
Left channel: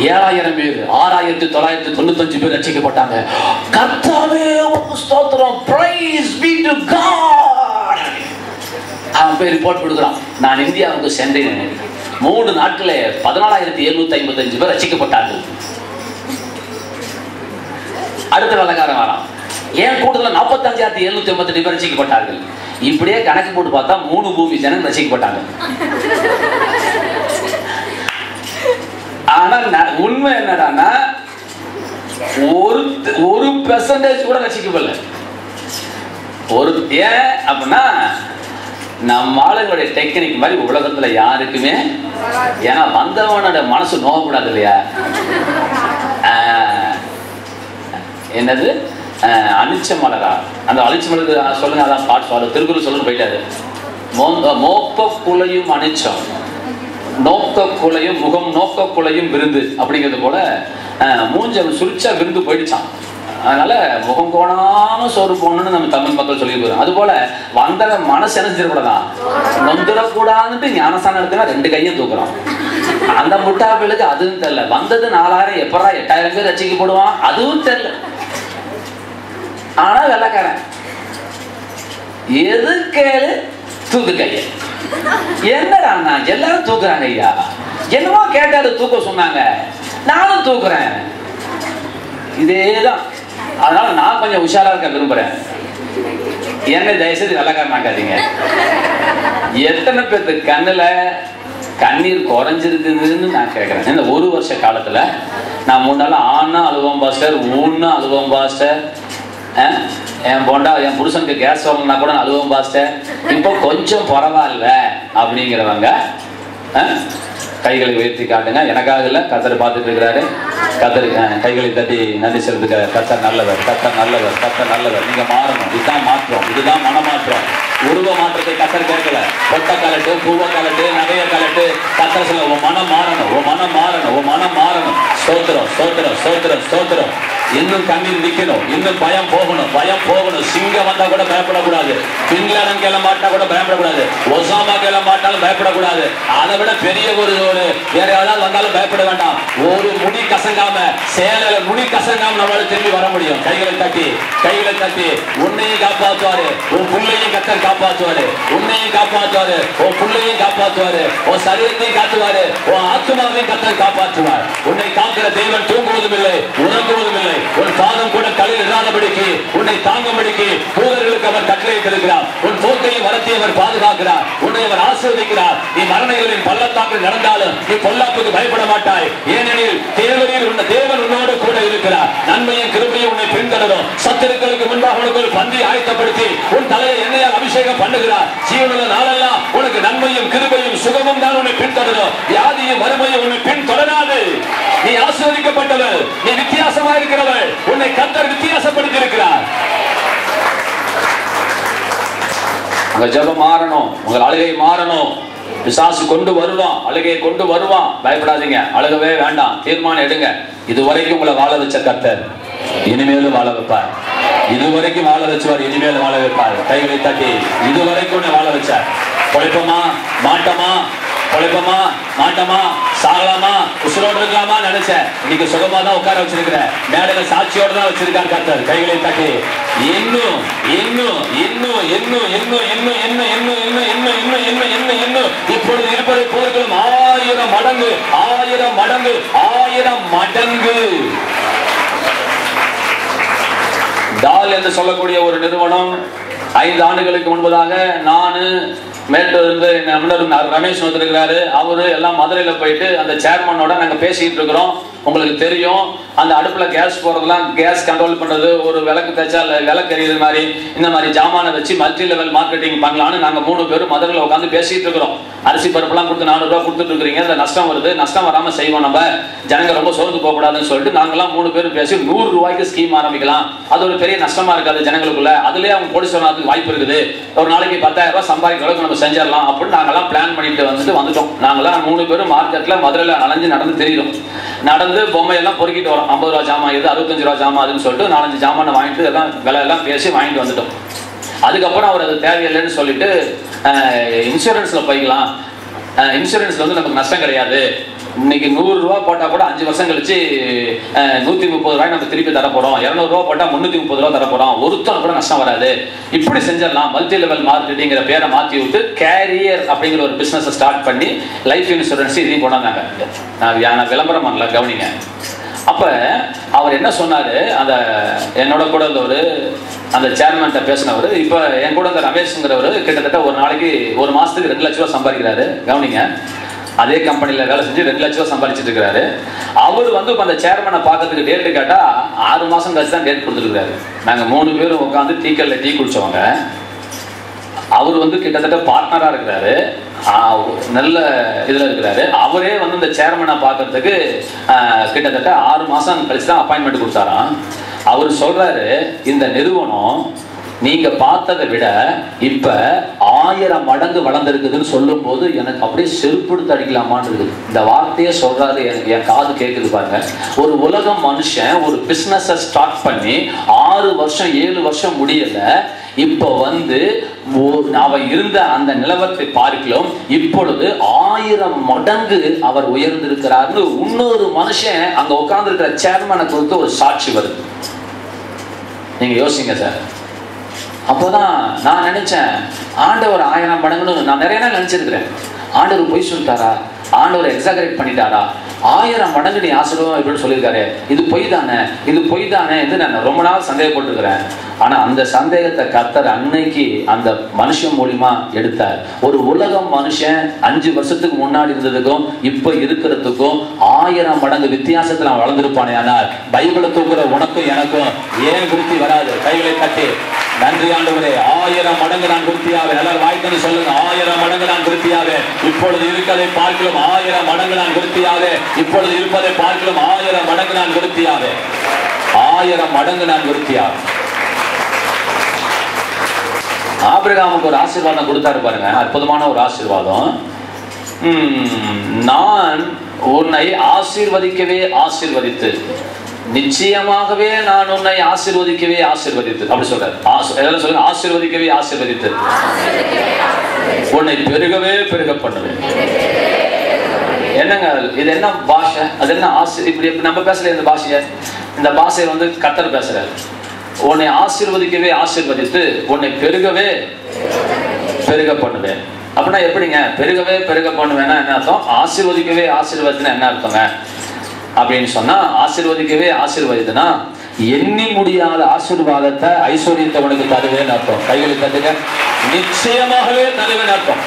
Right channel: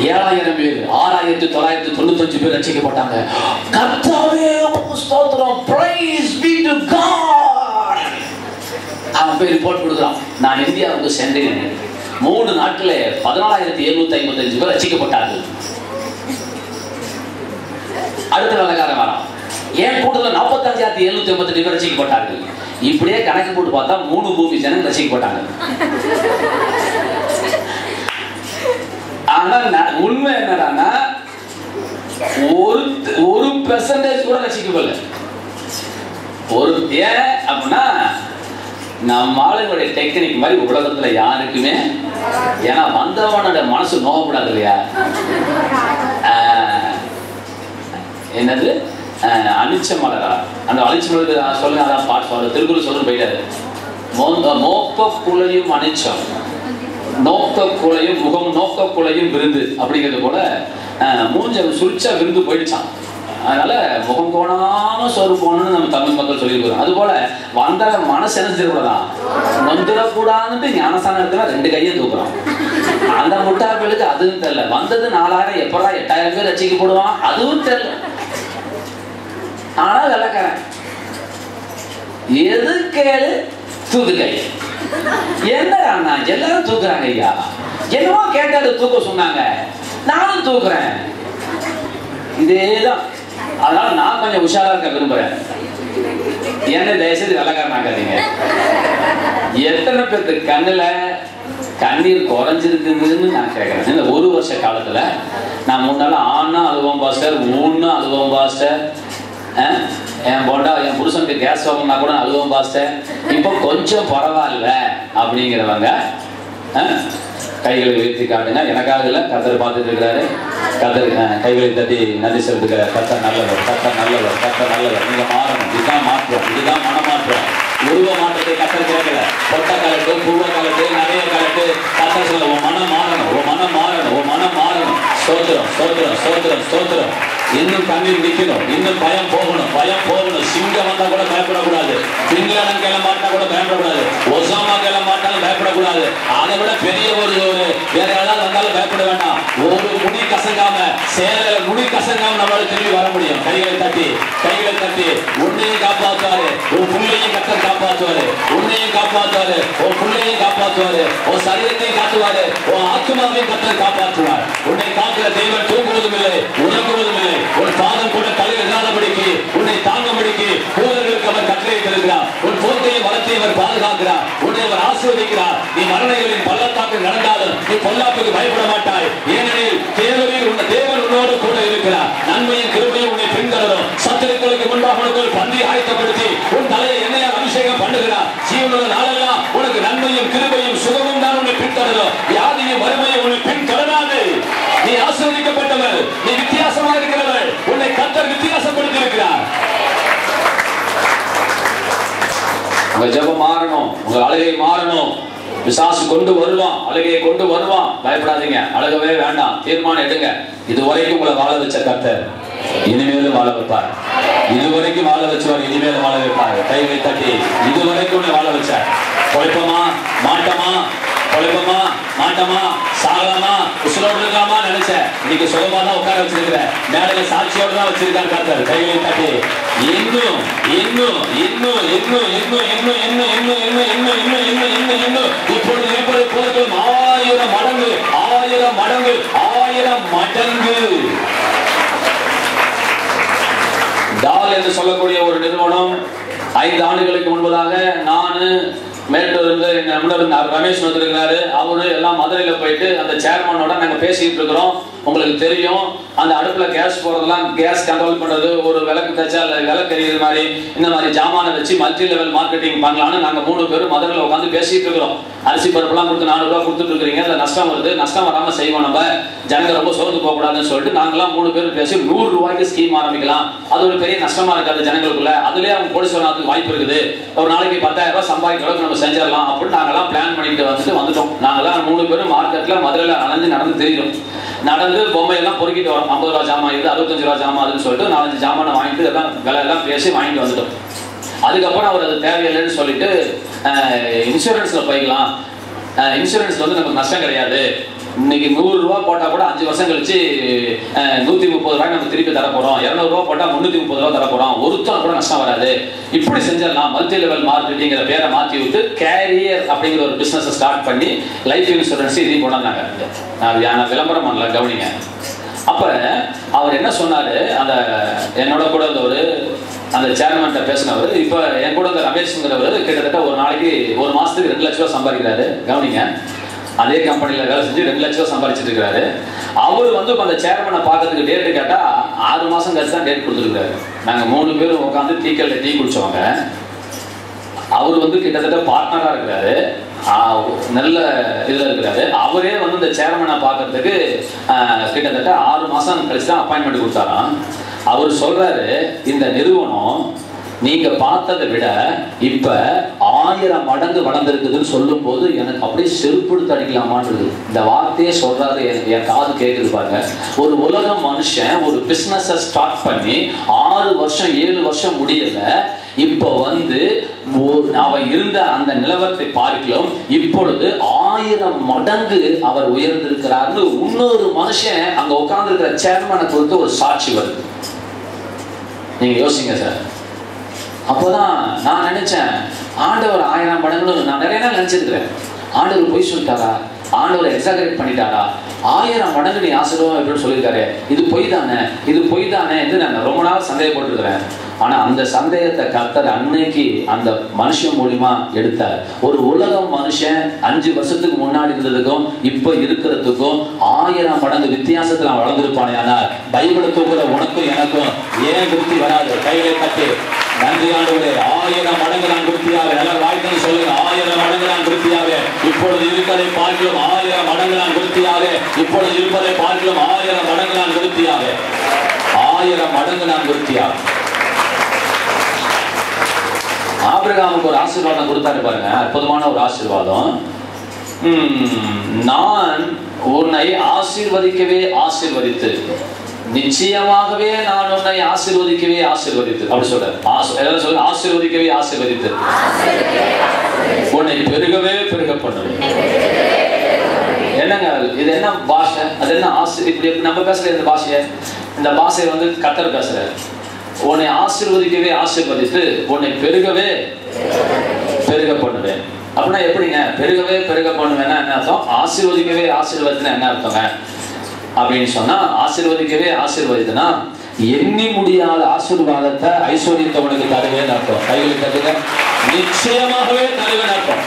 7000 பேர், 6995 பேர் ரட்சிக்கப்பட்டாங்க. கர்த்தாவே உமக்கு ஸ்தோத்திரம், பிரைஸ் பீ டு காட். அவன் போய் ரிப்போர்ட் கொடுக்குறான், நான் இந்தியாவுக்கு சென்றேன், 3 நாட்களே 14755 பேர் ரட்சிக்கப்பட்டார்கள். அடுத்த வெள்ளக்காரன் வரான், ஏன் கூடுதல் 45782 பேர் ரட்சிக்கப்பட்டார்கள். இப்படியே கணக்கு போட்டு பார்த்தா 3 பூமி ஜனம் ரட்சிக்கப்பட்டாங்க. ஆனா உண்மை என்னடான்னா ஒரு பெர்சன்டேஜ் கூட ரட்சிக்கப்படல. ஏன் அப்படின்னா நம்ம ஆளுங்களுடைய டெக்னிக் மாதிரி உலகத்துல யாருக்குமே, ஏன்னா வந்தவனோட மனசு நோகப்படாது இல்லையா. என்னது அழிச்ச மலரா, அந்த அழிச்ச மலருக்கு சொல்லுங்க, அதான் பாட்டு சொல்ல திருக்குறள் சொல்லுன்னு போயிட்டாரு. மோக்க குலையும் அணிச்சம், நோக்க குலையும் முகம், நோக்க குலையும் விருந்து அப்படிங்கிறது போல மூஞ்ச சுரிச்சா விருந்து போயிடுச்சான். அதனால முகம் போனாலும் சோறு போகணும்னு நம்ம தமிழ் மக்கள் சொல்லியிருக்கிறோம். அது போல வந்த மனசு நினைச்சிடக்கூடாதான், நொந்துடக்கூடாதுன்ட்டு ஞானஸ்தானம் இருக்குன்னா 2 கையும் தூக்குறான். அந்த முட்டாளுக்கு அதுவும் தெரியல. வந்தது 4000, எப்படா 8000 பேர் ரசிக்க போடுவான் அதுவும் தெரியல. ஆனா வெள்ளக்காரன் எது கேளு தூக்கு கைய. என்ன எல்லாரும் தூக்குறாங்க ஐயா, என்னவோ கேட்டாரு தூக்க சொன்னாங்க, நானும் தூக்குறேன். இதேதான். அதனால நான் கொஞ்சம் உஷாரா இருக்க விரும்புறேன். என்ன தயவுசெய்து வெள்ளக்காரன் ஆகாதீங்க. எத்தனை பேருக்கு கண்ணுல கண்ணீர் குறைஞ்சிருக்குதுன்னு நான் கேட்கிறேன். இந்த 1 வருஷ காலத்துல நான் முன்னால ஆனா அழுவோம் பாஸ்டர், ஊன்னா அழுவோம் பாஸ்டர், என் பொண்டா என் புருஷனுக்கு கேஸ் வாங்கினா கூட அழுவோம் பாஸ்டர், இப்போ கொஞ்சம் பரவாயில்ல அப்படிங்கிறவங்க கைகளை உயர்த்தி காட்டுங்க. எனக்காக இல்லை, கர்த்தர் பார்த்துட்டு இருக்கிறாரு. கர்த்தர் கைகளை தட்டி நன்றி செலுத்துகிறார். கர்த்தர் நல்லவர், கர்த்தர் நல்லவர், கர்த்தர் நல்லவர். நீங்க மாறணும். இதுதான் மாற்றம், இதுதான் மனமாற்றம். உருவ மாற்றத்தை கர்த்தர் கேட்கல. பொட்ட கலட்டு, பூவ கலட்டு, நகைய கலட்டு. கர்த்தர் சொல்ல உன் மனம் மாறணும், உன் மனம் மாறணும், உன் மனம் மாறணும். ஸ்தோத்திரம், ஸ்தோத்திரம், ஸ்தோத்திரம், ஸ்தோத்திரம். இன்னும் கண்ணீர் நிற்கணும், இன்னும் பயம் போகணும், பயம் போகணும். சிங்கம் வந்தா கூட பயப்படக்கூடாது. பின்லாடன் கேள மாட்டா கூட பயப்படக்கூடாது. ஒசாமா கேள மாட்டாலும் பயப்படக்கூடாது. அதை விட பெரிய ஒரு வேற யாராவது வந்தாலும் பயப்பட வேண்டாம். ஒரு முடி கசங்காம, சேல முடி கசங்காம நம்மளால திரும்பி வர முடியும். கைகளை தட்டி, கைகளை தட்டி. உன்னையும் காப்பாற்றுவாரு, உன் பிள்ளையும் கர்த்தர் காப்பாற்றுவாரு. உன்னையும் காப்பாற்றுவாரு, உன் பிள்ளையும் காப்பாற்றுவாரு. உன் சரீரத்தையும் காட்டுவாரு, உன் ஆத்மாவையும் கர்த்தர் காப்பாற்றுவார். உன்னை காக்கிற தெய்வம் தூங்குவதும் இல்லை, உறங்குவதும் இல்லை. உன் பாதம் கூட தலையில் இல்லாதபடிக்கு, உன்னை தாங்கும்படிக்கு தூதர்களுக்கு அவர் கட்டளை தருகிறார். உன் போக்கையும் வரத்தையும் அவர் பாதுகாக்கிறார். உன்னை அவர் ஆசீர்வதிக்கிறார். நீ மரணங்களின் பள்ளத்தாக்கில் நடந்தாலும் நீ பொல்லாப்புக்கு பயப்பட மாட்டாய். ஏனெனில் தேவன் உன்னோடு கூட இருக்கிறார். நன்மையும் கிருபையும் உன்னை பின்தொடரும். சத்துருக்களுக்கு முன்பாக உனக்கு ஒரு பந்தி ஆயத்தப்படுத்தி உன் தலையை எண்ணெயால் அபிஷேகம் பண்ணுகிறார். ஜீவனுள்ள நாளெல்லாம் உனக்கு நன்மையும் கிருபையும் சுகமும் தான் உன்னை பின்தொடரும். வியாதியும் வறுமையும் உன்னை பின்தொடராது. நீ ஆசீர்வதிக்கப்பட்டவர், நீ வித்தியாசமாக இருக்கிறவர். உன்னை கர்த்தர் வித்தியாசப்படுத்தி இருக்கிறார். உங்க ஜெபம் மாறணும், உங்கள் அழுகை மாறணும். பிசாசு கொண்டு வருவான், அழுகையை கொண்டு வருவான். பயப்படாதீங்க, அழுகவே வேண்டாம். தீர்மானம் எடுங்க. இதுவரைக்கும் உங்களை வாழ வச்ச கர்த்தர் இனிமேலும் வாழ வைப்பார். இதுவரைக்கும் வாழ வச்சவர் இனிமேலும் வாழ வைப்பார். கைகளை தட்டி இதுவரைக்கும் உன்னை வாழ வச்சார். குழப்பமா, மாட்டமா, குழப்பமா, மாட்டமா, சாகலாமா, உசுரோடு இருக்கலாமா நினைச்சேன். இன்னைக்கு சுகமா தான் உட்கார வச்சிருக்கிறேன். மேடையில சாட்சியோடு தான் வச்சிருக்காங்க கர்த்தர். கைகளை தட்டி இன்னும் இன்னும் இன்னும் இன்னும் இன்னும் இன்னும் இன்னும் இன்னும் இன்னும் இன்னும் இன்னும் இன்னும் இன்னும் இன்னும் இப்பொழுது இருப்பதை போலும் 1000 மடங்கு, 1000 மடங்கு, 1000 மடங்கு. டால் என்று சொல்லக்கூடிய ஒரு நிறுவனம் 5 ஆண்டுகளுக்கு முன்பதாக நானு மேலிருந்து ரமேஷ் வந்துருக்கிறாரு. அவரு எல்லாம் மதுரையில போயிட்டு அந்த சேர்மனோட நாங்க பேசிட்டு இருக்கிறோம். உங்களுக்கு தெரியும், அந்த அடுப்புல கேஸ் போறதெல்லாம், கேஸ் கண்ட்ரோல் பண்றது, ஒரு விளக்கு தேய்ச்சா விளக்கு எரியுது மாதிரி, இந்த மாதிரி ஜாமான வச்சு மல்டி லெவல் மார்க்கெட்டிங் பண்ணலான்னு நாங்க 3 பேரும் மதுரையில உட்காந்து பேசிட்டு இருக்கிறோம். அரிசி பருப்புலாம் கொடுத்து 400 ரூபாய் கொடுத்துட்டு இருக்கிறீங்க, அதுல நஷ்டம் வருது, நஷ்டம் வராம செய்வோம், நம்ம ஜனங்க ரொம்ப சோர்ந்து போகக்கூடாதுன்னு சொல்லிட்டு நாங்கெல்லாம் 3 பேரும் பேசி 100 ரூபாய்க்கு ஸ்கீம் ஆரம்பிக்கலாம். அது ஒரு பெரிய நஷ்டமா இருக்காது ஜனங்களுக்குள்ள, அதுலயே அவங்க கோடீஸ்வரனுக்கு வாய்ப்பு இருக்குது, ஒரு நாளைக்கு 10,000 ரூபாய் சம்பாதிக்கிற அளவுக்கு நம்ம செஞ்சிடலாம் அப்படின்னு நாங்கெல்லாம் பிளான் பண்ணிட்டு வந்துட்டோம். நாங்கெல்லாம் 3 பேரும் மார்க்கெட்ல மதுரையில நடந்து தெரியும். நடந்து பொம்மையெல்லாம் பொறுக்கிட்டு வரோம். 50 ரூபா ஜாமான் இது, 65 ரூபா ஜாமான் அதுன்னு சொல்லிட்டு 4-5 ஜாமானை வாங்கிட்டு எல்லாம் விலையெல்லாம் பேசி வாங்கிட்டு வந்துட்டோம். அதுக்கப்புறம் அவர் அது தேவையில்லைன்னு சொல்லிட்டு இன்சூரன்ஸ்ல போய்க்கலாம், இன்சூரன்ஸ்ல வந்து நமக்கு நஷ்டம் கிடையாது, இன்னைக்கு 100 ரூபா போட்டா கூட 5 வருஷம் கழிச்சு 130 ரூபாய் நம்ம திருப்பி தர போறோம், 200 ரூபா போட்டா 330 ரூபா தர போறோம், ஒருத்தர் கூட நஷ்டம் வராது, இப்படி செஞ்சிடலாம். மல்டி லெவல் மார்க்கெட்டிங்கிற பேரை மாற்றி விட்டு கேரியர் அப்படிங்கிற ஒரு பிசினஸ் ஸ்டார்ட் பண்ணி லைஃப் இன்சூரன்ஸ் இதையும் கொண்டாந்தாங்க. நான் விளம்பரம் பண்ணல, கவனிங்க. அப்ப அவர் என்ன சொன்னாரு, அந்த என்னோட கூட ஒரு அந்த சேர்மன்ட்ட பேசினவர், இப்ப என் கூட ரமேஷ்ங்கிறவர் கிட்டத்தட்ட ஒரு நாளைக்கு 1 மாசத்துக்கு 2 லட்சம் ரூபாய் சம்பாதிக்கிறாரு. கவனிங்க, அதே கம்பெனில வேலை செஞ்சு 2 லட்சம் ரூபாய் சம்பாதிச்சிட்டு இருக்கிறாரு. அவர் வந்து அந்த சேர்மனை பார்க்கறதுக்கு டேட்டு கேட்டா 6 மாசம் கழிச்சு தான் டேட் கொடுத்துருக்காரு. நாங்க 3 பேரும் உட்காந்து டீக்கல்ல டீ குடிச்சவங்க. அவர் வந்து கிட்டத்தட்ட பார்ட்னரா இருக்கிறாரு, நல்ல இதுல இருக்கிறாரு. அவரே வந்து இந்த சேர்மனை பார்க்கறதுக்கு கிட்டத்தட்ட 6 மாசம் கழிச்சு தான் அப்பாயின்மெண்ட் கொடுத்தாராம். அவர் சொல்றாரு, இந்த நிறுவனம் நீங்க பார்த்ததை விட இப்ப 1000 மடங்கு வளர்ந்துருக்குதுன்னு சொல்லும் போது எனக்கு அப்படியே செருப்படுத்து அடிக்கலாமான்னு இருக்குது. இந்த வார்த்தையே சொல்றாரு, என் காது கேட்குது பாருங்க. ஒரு உலகம் மனுஷன் ஒரு பிசினஸ் ஸ்டார்ட் பண்ணி 6 வருஷம் 7 வருஷம் முடியல, இப்போ வந்து அவன் இருந்த அந்த நிலவரத்தை பார்க்கலாம் இப்பொழுது 1000 மடங்கு அவர் உயர்ந்திருக்கிறார். இன்னொரு மனுஷன் அங்க உட்கார்ந்து இருக்கிற சேர்மனை கொடுத்து ஒரு சாட்சி வருது. நீங்க யோசிங்க சார். அப்போதான் நான் நினைச்சேன், ஆண்டவர் 1000 மடங்குன்னு நான் நிறைய நாள் நினைச்சிருக்கிறேன். ஆண்டவர் பொய் சொல்லிட்டாரா, ஆண்டவர் எக்ஸாகரேட் பண்ணிட்டாரா, 1000 மடங்கு நீ ஆசீர்வாதம் அப்படின்னு சொல்லியிருக்காரு, இது பொய் தானே, இது பொய் தானே என்று நான் ரொம்ப நாள் சந்தேகப்பட்டிருக்கிறேன். ஆனா அந்த சந்தேகத்தை கர்த்தர் அன்னைக்கு அந்த மனுஷன் மூலியமா எடுத்தார். ஒரு உலகம் மனுஷன் 5 வருஷத்துக்கு முன்னாடி இருந்ததுக்கும் இப்ப இருக்கிறதுக்கும் 1000 மடங்கு வித்தியாசத்துல அவன் வளர்ந்திருப்பானே. ஆனால் பைபிளை தூக்குற உனக்கும் எனக்கும் ஏன் விருத்தி வராது? கைகளை கட்டி நன்றி ஆண்டவரே. 1000 மடங்கு நான் விருத்தியாக, நல்லா வாய்த்தன்னு சொல்லுங்க. 1000 மடங்கு நான் விருத்தியாக, இப்பொழுது இருப்பதை பார்க்கிறோம். 1000 மடங்கு நான் விருத்தியாக, இப்பொழுது இருப்பதை பார்க்கிறோம். 1000 மடங்கு நான் விருத்தியாக, 1000 மடங்கு நான் விருத்தியாக. ஆபிரகாமுக்கு ஒரு ஆசீர்வாதம் கொடுத்தாரு பாருங்க, அற்புதமான ஒரு ஆசீர்வாதம். நான் உன்னை ஆசீர்வதிக்கவே ஆசீர்வதித்து, நிச்சயமாகவே நான் உன்னை ஆசீர்வதிக்கவே ஆசீர்வதித்து, அப்படி சொல்றாரு. சொல்லுங்க, ஆசீர்வதிக்கவே ஆசீர்வதித்து, உன்னை பெருகவே பெருக பண்ணுவேன். என்னங்க இது? என்ன பாஷை? அது என்ன இப்படி நம்ம பேசல இந்த பாஷைய? இந்த பாஷை கர்த்தர் பேசுறாரு. உன்னை ஆசீர்வதிக்கவே ஆசீர்வதித்து, உன்னை பெருகவே பெருக பண்ணுவேன். அப்படின்னா எப்படிங்க? பெருகவே பெருக பண்ணுவேன்னா என்ன அர்த்தம்? ஆசீர்வதிக்கவே ஆசீர்வதினா என்ன அர்த்தங்க அப்படின்னு சொன்னா, ஆசீர்வதிக்கவே ஆசீர்வதினா எண்ணி முடியாத ஆசீர்வாதத்தை ஐஸ்வர்யத்தை உனக்கு தருவேன்னு அர்த்தம். கைகளை தருக. நிச்சயமாகவே தருவேன் அர்த்தம்.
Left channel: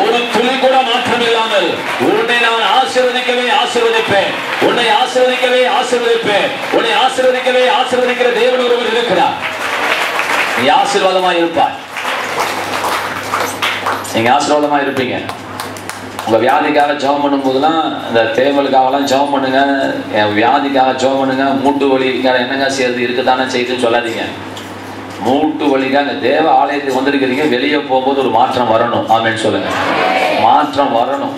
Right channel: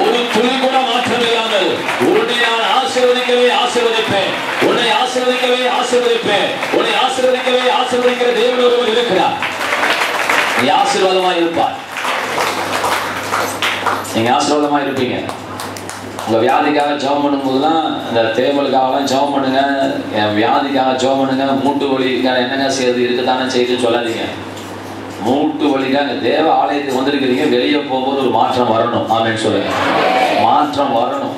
ஒரு துளி கூட மாற்றம் இல்லாமல் உன்னை நான் ஆசீர்வதிக்கவே ஆசீர்வதிப்பேன். உன்னை ஆசீர்வதிக்கவே ஆசீர்வதிப்பேன். உன்னை ஆசீர்வதிக்கவே ஆசீர்வதிக்கிற தேவன் ஒருவர் இருக்கிறார். நீ ஆசீர்வாதமா இருப்பாய். நீங்க ஆசீர்வாதமா இருப்பீங்க. உங்க வியாதிக்காக ஜெபம் பண்ணும் போதுலாம், இந்த தேவலுக்காகலாம் ஜெபம் பண்ணுங்க, என் வியாதிக்காக ஜெபம் பண்ணுங்க, மூட்டு வலிக்காக என்னங்க செய்யறது இருக்குதானே செய்யுதுன்னு சொல்லாதீங்க. மூட்டு வலிக்காக தேவ ஆலயத்துக்கு வந்திருக்கிறீங்க, வெளியே போகும்போது ஒரு மாற்றம் வரணும். ஆமென் சொல்லுங்க. மாற்றம் வரணும்.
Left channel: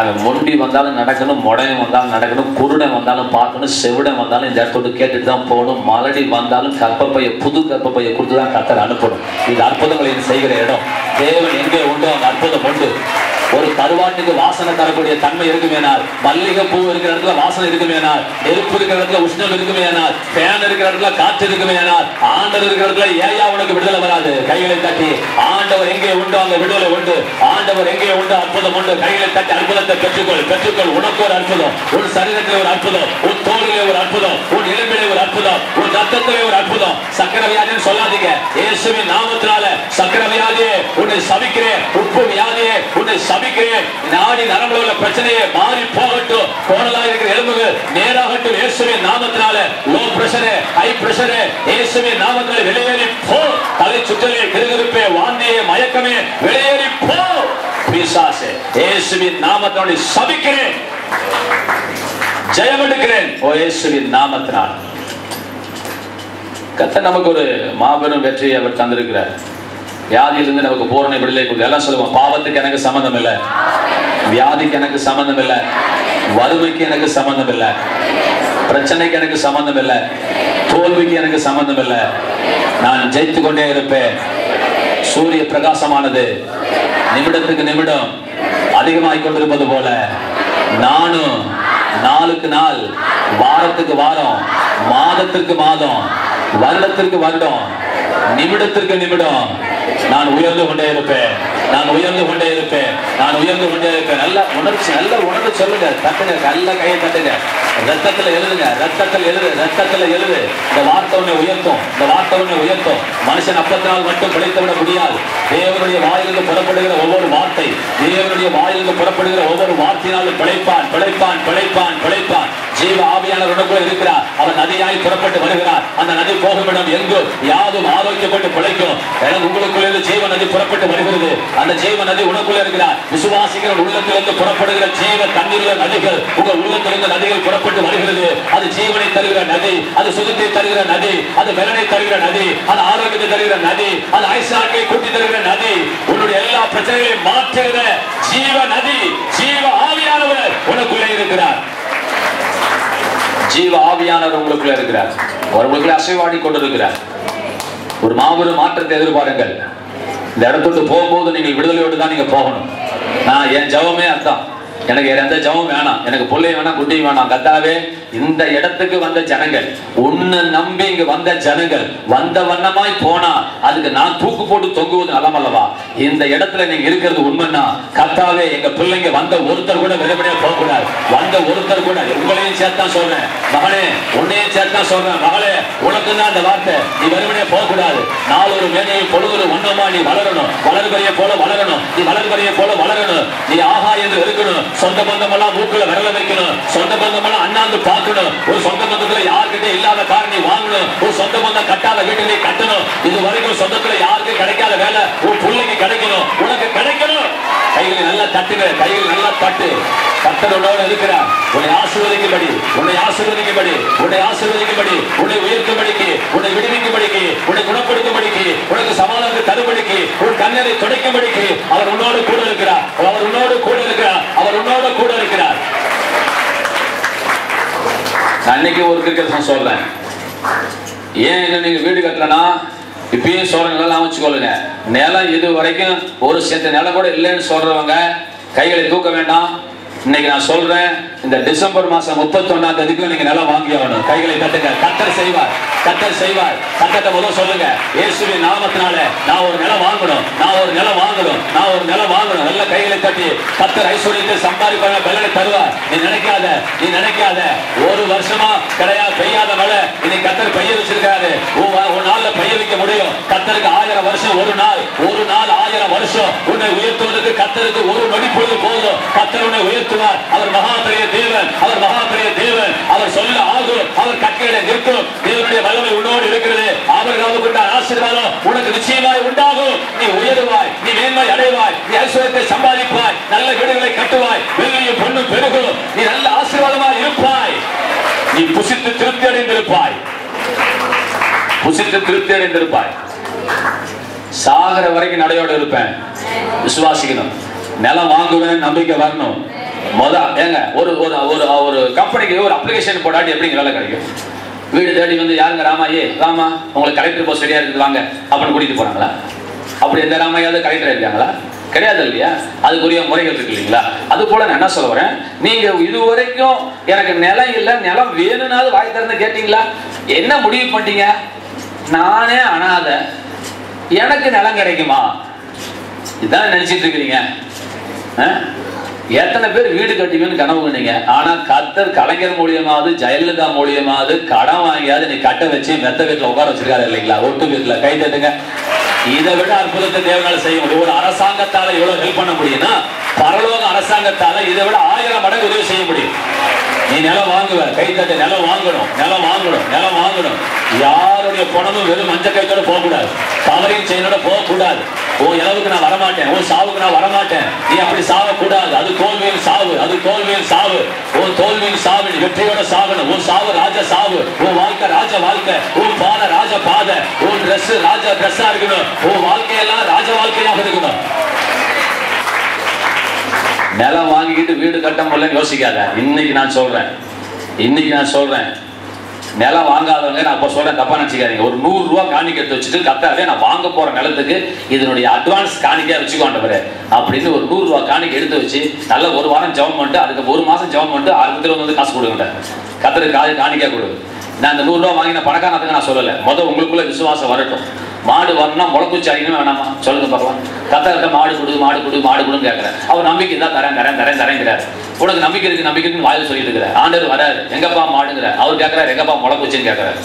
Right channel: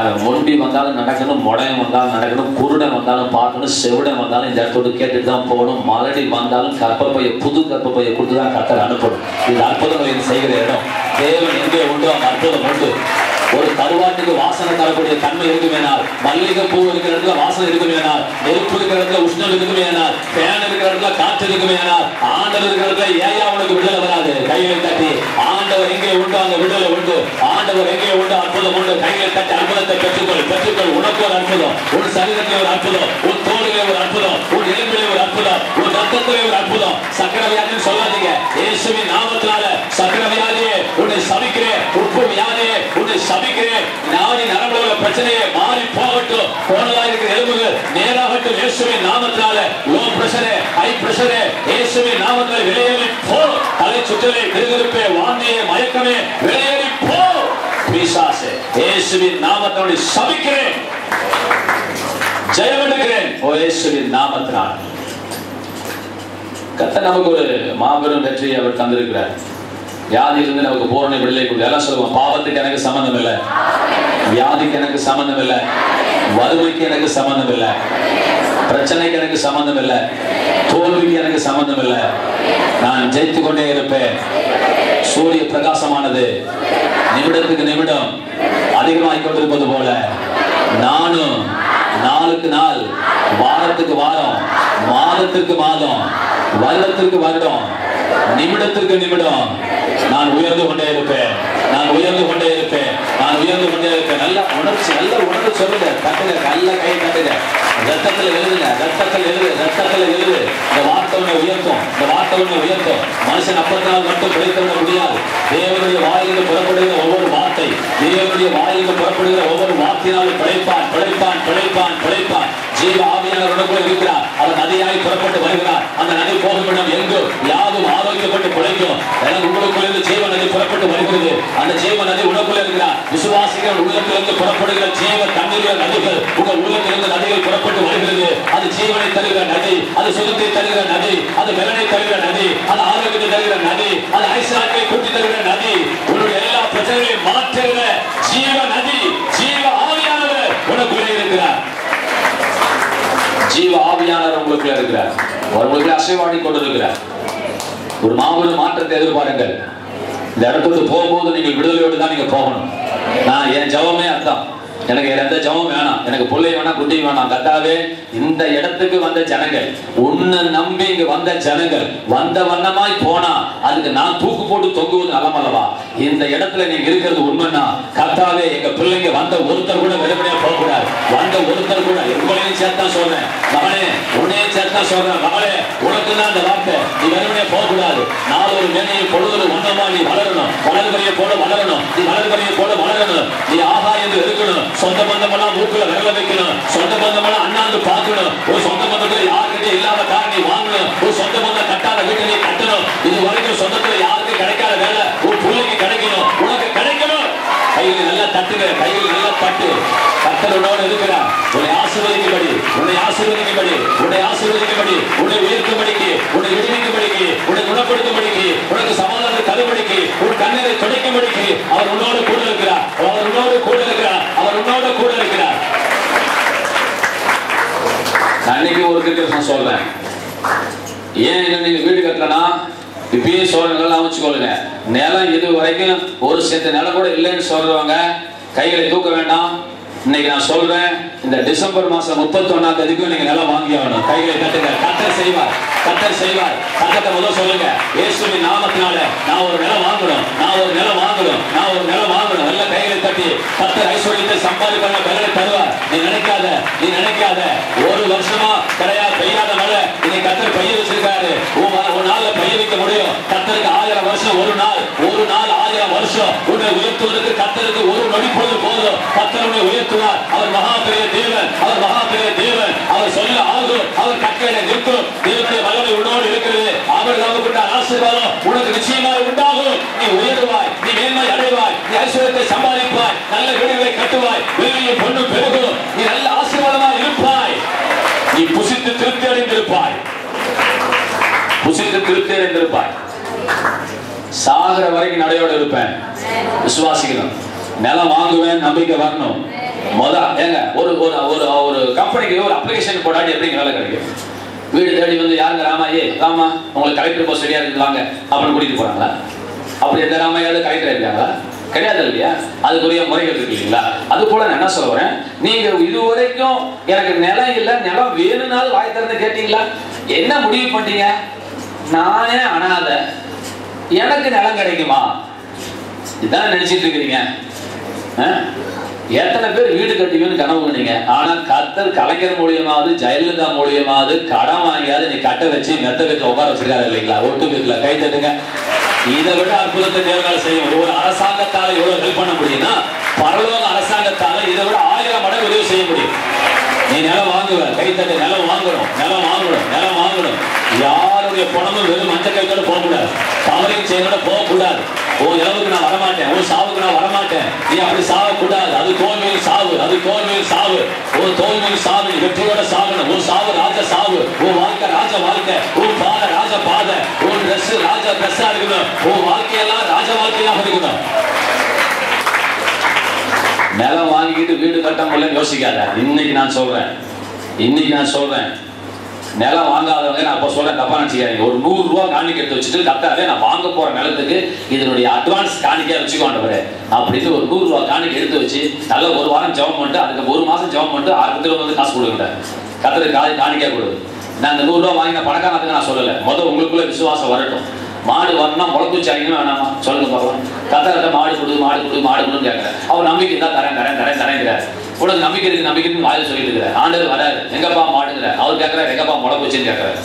அவன் மொண்டி வந்தாலும் நடக்கணும், முடையம் வந்தாலும் நடக்கணும், குருடன் வந்தாலும் பார்க்கணும், செவிடன் வந்தாலும் இந்த இடத்துல கேட்டுட்டு தான் போகணும். மலடி வந்தாலும் கற்பப்பையை, புது கற்பப்பையை கொடுத்துதான் கர்த்தர் அனுப்பணும். இது அற்புதங்களை செய்கிற இடம். தேவன் எங்கே உண்டோ அந்த அற்புதம் உண்டு. ஒரு கருவாட்டுக்கு வாசனை தரக்கூடிய தன்மை இருக்குமேனால், மல்லிகை பூ இருக்கிற இடத்துல வாசனை இருக்குமேனால், நெருப்பு இருக்கிற இடத்துல உஷ்ணம் இருக்குமேனால், ஃபேன் இருக்கிற இடத்துல காற்று இருக்குமேனால், ஆண்டவர் இருக்கிற இடத்துல ஏயா உனக்கு விடுதலை வராது? கைகளை தட்டி, ஆண்டவர் எங்கே உண்டோ அங்க விடுதலை உண்டு. ஆண்டவர் எங்கே உண்டோ அற்புதம் உண்டு. கைகளை தட்டி அற்புதத்தை பெற்றுக்கொள், பெற்றுக்கொள். உனக்கு ஒரு அற்புதம், உன் சரீரத்தில் ஒரு அற்புதம், உன் தோளிலே ஒரு அற்புதம், உன் எலும்பிலே ஒரு அற்புதம், உன் ரத்தத்திலே ஒரு அற்புதம். சக்கர வியாதின்னு சொல்லாதீங்க. இயேசுவின் நாமத்தினால சக்கர வியாதியே உன்னை சபிக்கிறேன், உப்பு வியாதியே உன்னை சபிக்கிறேன். நாடி நரம்புல பிரச்சனையே மாறி போகட்டும். கோணலா இருக்கிற எலும்புகள் நேராகட்டும். இயேசுவின் நாமத்தினால லோ பிரஷரே, ஹை பிரஷரே இயேசுவின் நாமத்தினால வெளியேறி போ. தலை சுற்றலே, கிருகிருப்பே, வாந்தியே, மயக்கமே வெளியேறி போ. பிசாசே இயேசுவின் நாமத்தினால சபிக்கிறேன், ஜெயம் எடுக்கிறேன். ஓ இயேசுவின் நாமத்தினால் கர்த்தர் நமக்கு ஒரு மாபெரும் வெற்றியை அவர் தந்திருக்கிறார். வியாதியிலிருந்து நமக்கு பூரண விடுதலை கொடுத்து. எல்லாம் சொல்லுவோம், பாவத்துக்கு எனக்கு சம்பந்தம் இல்லை, வியாதிக்கு எனக்கு சம்பந்தம் இல்லை, வறுமைக்கு எனக்கு சம்பந்தம் இல்லை, பிரச்சனைக்கு எனக்கு சம்பந்தம் இல்லை, தோல்விக்கு எனக்கு சம்பந்தம் இல்லை. நான் ஜெயித்து கொண்டே இருப்பேன். சூரிய பிரகாசமானது நிமிடத்துக்கு நிமிடம் அதிகமாகிக் கொண்டிருப்பது போல நானும் நாளுக்கு நாள், வாரத்துக்கு வாரம், மாதத்துக்கு மாதம், வருடத்திற்கு வருடம், நிமிடத்திற்கு நிமிடம் நான் உயர்ந்து கொண்டே இருப்பேன். நான் உயர்ந்து கொண்டே இருப்பேன். நான் உயர்ந்து கொண்டே இருப்பேன். நல்ல உணர்ச்சி, நல்ல உணர்ந்து சொல்லுங்க. தட்டுங்க, நல்ல கையை தட்டுங்க. ரத்தத்துல எழுதுங்க, ரத்தத்தில் எழுது, ரத்தத்துல எழுது. இந்த வார்த்தை உன்னை உயர்த்தும், இந்த வார்த்தை உன்னை உயர்த்தும். மனுஷன் அப்பத்தினால் மட்டும் கிடைத்து விட முடியாது. தேவனுடைய வாயிலிருந்து புறப்படுகிற ஒவ்வொரு வார்த்தை, தேவனுடைய வாயிலிருந்து புறப்படுகிற ஒவ்வொரு வார்த்தையினாலும் பிழைப்பான், பிழைப்பான், பிழைப்பான், பிழைப்பான். ஜீவ ஆவியானவர் உனக்குள்ள இருக்கிறார். அவர் நதியாய் புறப்பட்டு வருகிறார். அந்த நதி போகும் இடம் எங்கு யாவும் ஆரோக்கியப்பட்டு பிழைக்கும். உங்களுக்குள்ள ஜீவ நதி புறப்பட்டு வருகிறது. அந்த ஜீவ நதி உனக்குள்ள இருக்கிறார். விசுவாசிகள் உள்ளத்திலிருந்து புறப்படுகிற ஜீவ தண்ணீர் நதிகள் உங்கள் உள்ளத்திலிருந்து நதிகள் புறப்பட்டு வருகிறது. அது ஜீவனை தருகிற நதி, அது சுகத்தை தருகிற நதி, அது வெள்ளனை தருகிற நதி, அது ஆரோக்கியத்தை தருகிற நதி, அது ஐஸ்வர்யத்தை கூட்டி தருகிற நதி, உன்னுடைய எல்லா பிரச்சனைகளையும் மாற்றுகிற ஜீவ நதி, ஜீவ ஆவியானவர் உனக்குள்ளே இருக்கிறார். ஜீவ ஆவியானவர் உங்களுக்குள்ள இருக்கிறார். உங்களுக்குள்ள அசைவாடி கொண்டிருக்கிறார். ஒரு மாபெரும் மாற்றத்தை எதிர்பாருங்கள். இந்த இடத்துக்கு போகும்போது நீங்கள் விடுதலையோடு தான் நீங்க போகணும். நான் என் ஜெபமே அதான். எனக்கு எந்த ஜெபம் வேணாம், எனக்கு பிள்ளை வேணாம், குட்டி வேணாம். கர்த்தாவே, இந்த இடத்துக்கு வந்த ஜனங்கள், உன்னை நம்பி இங்க வந்த ஜனங்கள் வந்த வண்ணமாய் போனா அதுக்கு நான் தூக்கு போட்டு தொங்குவது நலமல்லவா? இந்த இடத்துல நீங்க இருக்கிறது உண்மைன்னா, கர்த்தாவே, எங்க பிள்ளைங்க வந்த ஒருத்தர் கூட வெளிப்படையா போகக்கூடாது. வந்த ஒருத்தர் கூட, உங்களையும் சேர்த்தான் சொல்றேன் மகனே, உன்னையும் சேர்த்தான் சொல்றேன் மகளே, உனக்கு தான் அந்த வார்த்தை. நீ வெறுமனே போகக்கூடாது. நாளொரு மேனையும் பொழுது ஒன்னமா நீ வளரணும். வளர்கரையை போல வளரணும். நீ வளர்கரையை போல வளரணும். நீ ஆகா என்று இருக்கணும். சொந்த பந்தமெல்லாம் மூக்குல விரல வைக்கணும். சொந்த பந்தமெல்லாம் அண்ணாந்து பார்க்கணும். ஒரு சொந்த பந்தத்துல யாருக்கிட்ட இல்லாத கார் நீ வாங்கணும். ஒரு சொந்த பந்தம் கட்டாத வீட்டிலே கட்டணும். இது வரைக்கும் சொந்தத்துல யாருக்கு கிடைக்காத வேலை உன் பிள்ளைக்கு கிடைக்கணும், உனக்கு கிடைக்கணும். கையில் நல்லா தட்டுங்க, கையில் நல்லா தட்டு. கர்த்தரோடு இருக்கிறார். உன்னை ஆசீர்வதிக்கும்படி, உன்னை ஆசீர்வதிக்கும்படி, உன்னை ஆசீர்வதிக்கும்படி, உன்னை உயர்த்தும்படிக்கு, உன்னை விடுவிக்கும்படிக்கு, உன்னை குணப்படுத்தும்படிக்கு, உனக்கு சமாதானத்தை தரும்படிக்கு, உன் கண்ணரை துடைக்கும்படிக்கு அவர் உன்னோடு கூட இருக்கிறார். அவர் உன்னோடு கூட இருக்கிறார். அவர் உன்னோடு கூட இருக்கிறார். அன்னைக்கு ஒரு கிரிக்கெட் சொல்றேன். ஏன் நீங்க வீடு கட்டலாம், இப்பயும் சொல்ற நிலம் வச்சுக்கொள்ளுங்க. நிலம் இது வரைக்கும் ஒரு சென்ட் நிலம் கூட இல்லைன்னு சொல்றவங்க கைகளை தூக்க வேண்டாம். இன்னைக்கு நான் சொல்றேன், இந்த டிசம்பர் மாசம் 31ஆம் தேதிக்கு நீங்க நிலம் வாங்கி ஆகணும். கைகளை தட்டுங்க. கர்த்தர் செய்வார், கர்த்தர் செய்வார். கர்த்தர்ட்ட முதல்ல சொல்லுங்க, இயேசுவின் நாமத்தினால நான் ஒரு நிலம் வாங்கணும், நான் ஒரு நிலம் வாங்கணும், நான் ஒரு நிலம் வாங்கணும். நல்ல கைகளை தட்டி கர்த்தர் ஐஸ்வர்யத்தை சம்பாதிப்பான பலனை தருவார். நீ நினைக்காத, நீ நினைக்காத. ஒரு வருஷமா பெய்யாத மழை இன்னைக்கு கர்த்தர் பெய்ய வச்சிருக்காரு. ஒரு நாள்ல பெய்ய வைக்க முடியும். கர்த்தருக்கு 1000 வருஷம் ஒரு நாள், ஒரு நாள் 1000 வருஷம். உன்னை உயர்த்துவதற்கு கர்த்தருக்கு ஒரு நொடி பொழுது போதும். கர்த்தர் உன்னை உயர்த்துவார். அவர் மகா பெரிய தேவன், அவர் மகா பெரிய தேவன். அவர் சொல்ல ஆகும், அவர் கட்டளை நிற்கும். தேவனுடைய வல்லமை உன்னோடு இருக்கிறது. அவர் நமக்கு ஆசீர்வாதம் உனக்கு நிச்சயமாய் உண்டாகும். நீ உயர்வாய், நீ மேன்மை அடைவாய், நீ ஐஸ்வர்யத்தை சம்பாதிப்பாய், நல்ல வீடுகளை கட்டுவாய், வெள்ளியும் பொண்ணும் பெருகும். நீ நல்ல ஆசீர்வாதமாய் இருப்பாய். நீ புசித்து திருப்தி அடைந்திருப்பாய், புசித்து திருப்தி அடைந்திருப்பாய். சாகர வரைக்கும் நடையோடு இருப்பேன். விசுவாசிக்கணும். நிலம் வாங்குவேன், நம்பிக்கை வரணும். ஏங்க ஒரு ஒரு கம்பெனிக்கு ஒரு அப்ளிகேஷன் போடாட்டி எப்படி வேலை கிடைக்கும்? வீடு தேடி வந்து யாருங்க ராமாயே, ராமா உங்களுக்கு கலெக்டர் போஸ்ட் சரியா இருக்குது வாங்க அப்படின்னு கூட்டிட்டு போறாங்களா? அப்படி எந்த ராமையாவது கலெக்டர் இருக்காங்களா? கிடையாது இல்லையா? அதுக்குரிய முறைகள் இருக்கு இல்லைங்களா? அது போல நான் என்ன சொல்ல வரேன், நீங்க இதுவரைக்கும் எனக்கு நிலம் இல்லை, நிலம் வேணும்னாலும் வாய் திறந்து கேட்டீங்களா? என்ன முடிவு பண்ணிட்டீங்க? நானே அனாதை, எனக்கு நிலம் கிடைக்குமா? இதான் நினைச்சிட்டு இருக்கிறீங்க. எத்தனை பேர் வீடு கட்டிங்கன்னு கனவு பண்ணீங்க. ஆனா கர்த்தர் கலைஞர் மூலியமாவது ஜெயலலிதா மூலியமாவது கடன் வாங்கியாவது நீ கட்ட வச்சு மெத்த கட்டில உட்கார வச்சிருக்காரு இல்லைங்களா? ஒட்டு வீட்டுல கை தட்டுங்க. இதை விட அற்புதத்தை தேவனால செய்ய முடியும். ஒரு அரசாங்கத்தால எவ்வளவு ஹெல்ப் பண்ண முடியும்னா, பரலோக அரசாங்கத்தால இதை விட 1000 மடங்கு உதவி செய்ய முடியும். நீ நிலம் வாங்குவ, கை தட்டு. நிலம் வாங்கணும், நிலம் வாங்கணும், நிலம் வாங்கணும். யாருடைய பணமும் வெறும் மஞ்சள் கையோட போகக்கூடாது, தவறையும் செய்யறோட போகக்கூடாது. உன் இளவுக்கு நான் வரமாட்டேன், உன் சாவுக்கு நான் வரமாட்டேன். நீ அப்படி சாவக்கூடாது. அது தோல்வியின் சாவு, அது தோல்வியின் சாவு. உன் தோல்வியின் சாவு நீ வெற்றியோட சாகணும். உன் சாவு ராஜ சாவு, உன் வாழ்க்கை ராஜ வாழ்க்கை, உன் பாதை ராஜ பாதை, உன் ட்ரெஸ் ராஜ ட்ரெஸ்ஸா இருக்கணும், உன் வாழ்க்கையெல்லாம் ராஜ வாழ்க்கையாக இருக்கணும். நிலம் வாங்கிட்டு வீடு கட்ட முடியலன்னு யோசிக்காத. இன்னைக்கு நான் சொல்றேன், நிலம் வாங்காதவங்க, நான் அப்ப சொல்றேன், தப்பா நினைச்சுக்காதீங்க. ஒரு 100 ரூபா காணிக்கை எடுத்து வச்சுட்டு கர்த்தாவே நான் வாங்க போற நிலத்துக்கு இதனுடைய அட்வான்ஸ் காணிக்கையா வச்சுக்கோண்டவரு அப்படின்னு ஒரு 100 ரூபா காணிக்கை எடுத்து வச்சு நல்ல ஒரு வாரம் ஜெபம் பண்ணிட்டு, அதுக்கு ஒரு மாசம் ஜெபம் பண்ணிட்டு, அடுத்த வந்து காசு கொடுங்க. கர்த்தருக்கு காணிக்கை கொடு. நான் அந்த 100 ரூபா வாங்கின பணக்காரத்துக்கு நான் சொல்லல. முதல் உங்களுக்குள்ள விசுவாசம் வரட்டும். மாடு வரணும், முளக்குச்சி ஆகினா வேணாமா சொல்லுங்க பார்க்கலாம். கர்த்தர்கிட்ட மாடு கொடு, மாடு கொடு, மாடு கொடுன்னு கேட்கிறேன். அவர் நம்பிக்கை தான் தரேங்கிறார். உனக்கு நம்பிக்கை இருக்குன்னு வாயில் சொல்லிட்டு இருக்கிறார். ஆண்டவர் வராரு, எங்கப்பா மாடுங்கிற. அவர் கேட்கிறார், எங்கப்பா முளக்குச்சின்னு கேட்கிறாரு.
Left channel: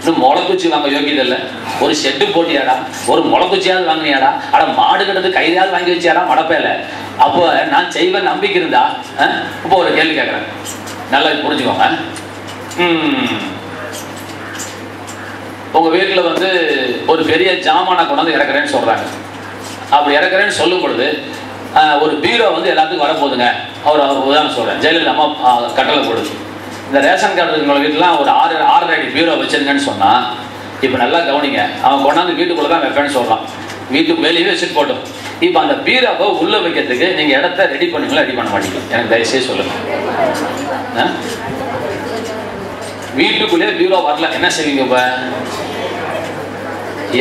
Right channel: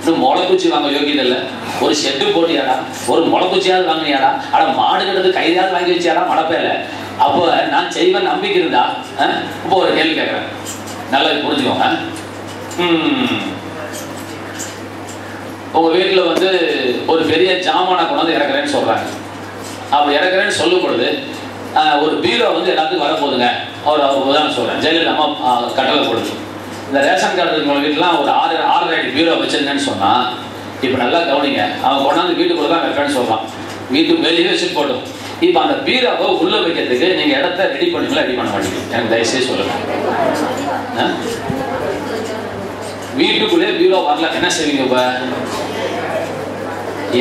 இன்னும் முளக்குச்சி வாங்க யோகியது இல்லை. ஒரு ஷெட்டு போட்டியாடா, ஒரு முளக்குச்சியாவது வாங்கினியாடா, ஆனா மாடு கிடந்து கையாவது வாங்கி வச்சியாடா மடப்பையில. அப்போ நான் செய்வேன் நம்பிக்கை இருந்தா. இப்போ ஒரு கேள்வி கேட்கிறேன், நல்லா புரிஞ்சுக்கோங்க. உங்க வீட்டுல வந்து ஒரு பெரிய ஜாமானை கொண்டாந்து இறக்குறேன்னு சொல்றாங்க. அப்படி இறக்குறேன்னு சொல்லும் பொழுது ஒரு பீரோ வந்து எல்லாத்துக்கும் வரப்போகுதுங்க. அவர் உதாரணம் சொல்றேன், ஜெயலலிதா அம்மா கட்டளை போடுது, இந்த ரேஷன் கார்டு வீட்டுலாம் ஒரு 6.5 அடி பீரோ வச்சிருங்கன்னு சொன்னா, இப்ப நல்லா கவனிங்க, அவன் கொண்டாந்து வீட்டுக்குள்ள தான் வைப்பேன்னு சொல்றான். வீட்டுக்கு வெளியே வச்சுட்டு போட்டோம். இப்ப அந்த பீரோவை உள்ள வைக்கிறதுக்கு நீங்க இடத்த ரெடி பண்ணுங்களா, ரெடி பண்ண மாட்டீங்க? எனக்கு தயவுசெய்து சொல்லுங்க. வீட்டுக்குள்ளே பீரோ வரல, என்ன செய்வீங்க? இப்ப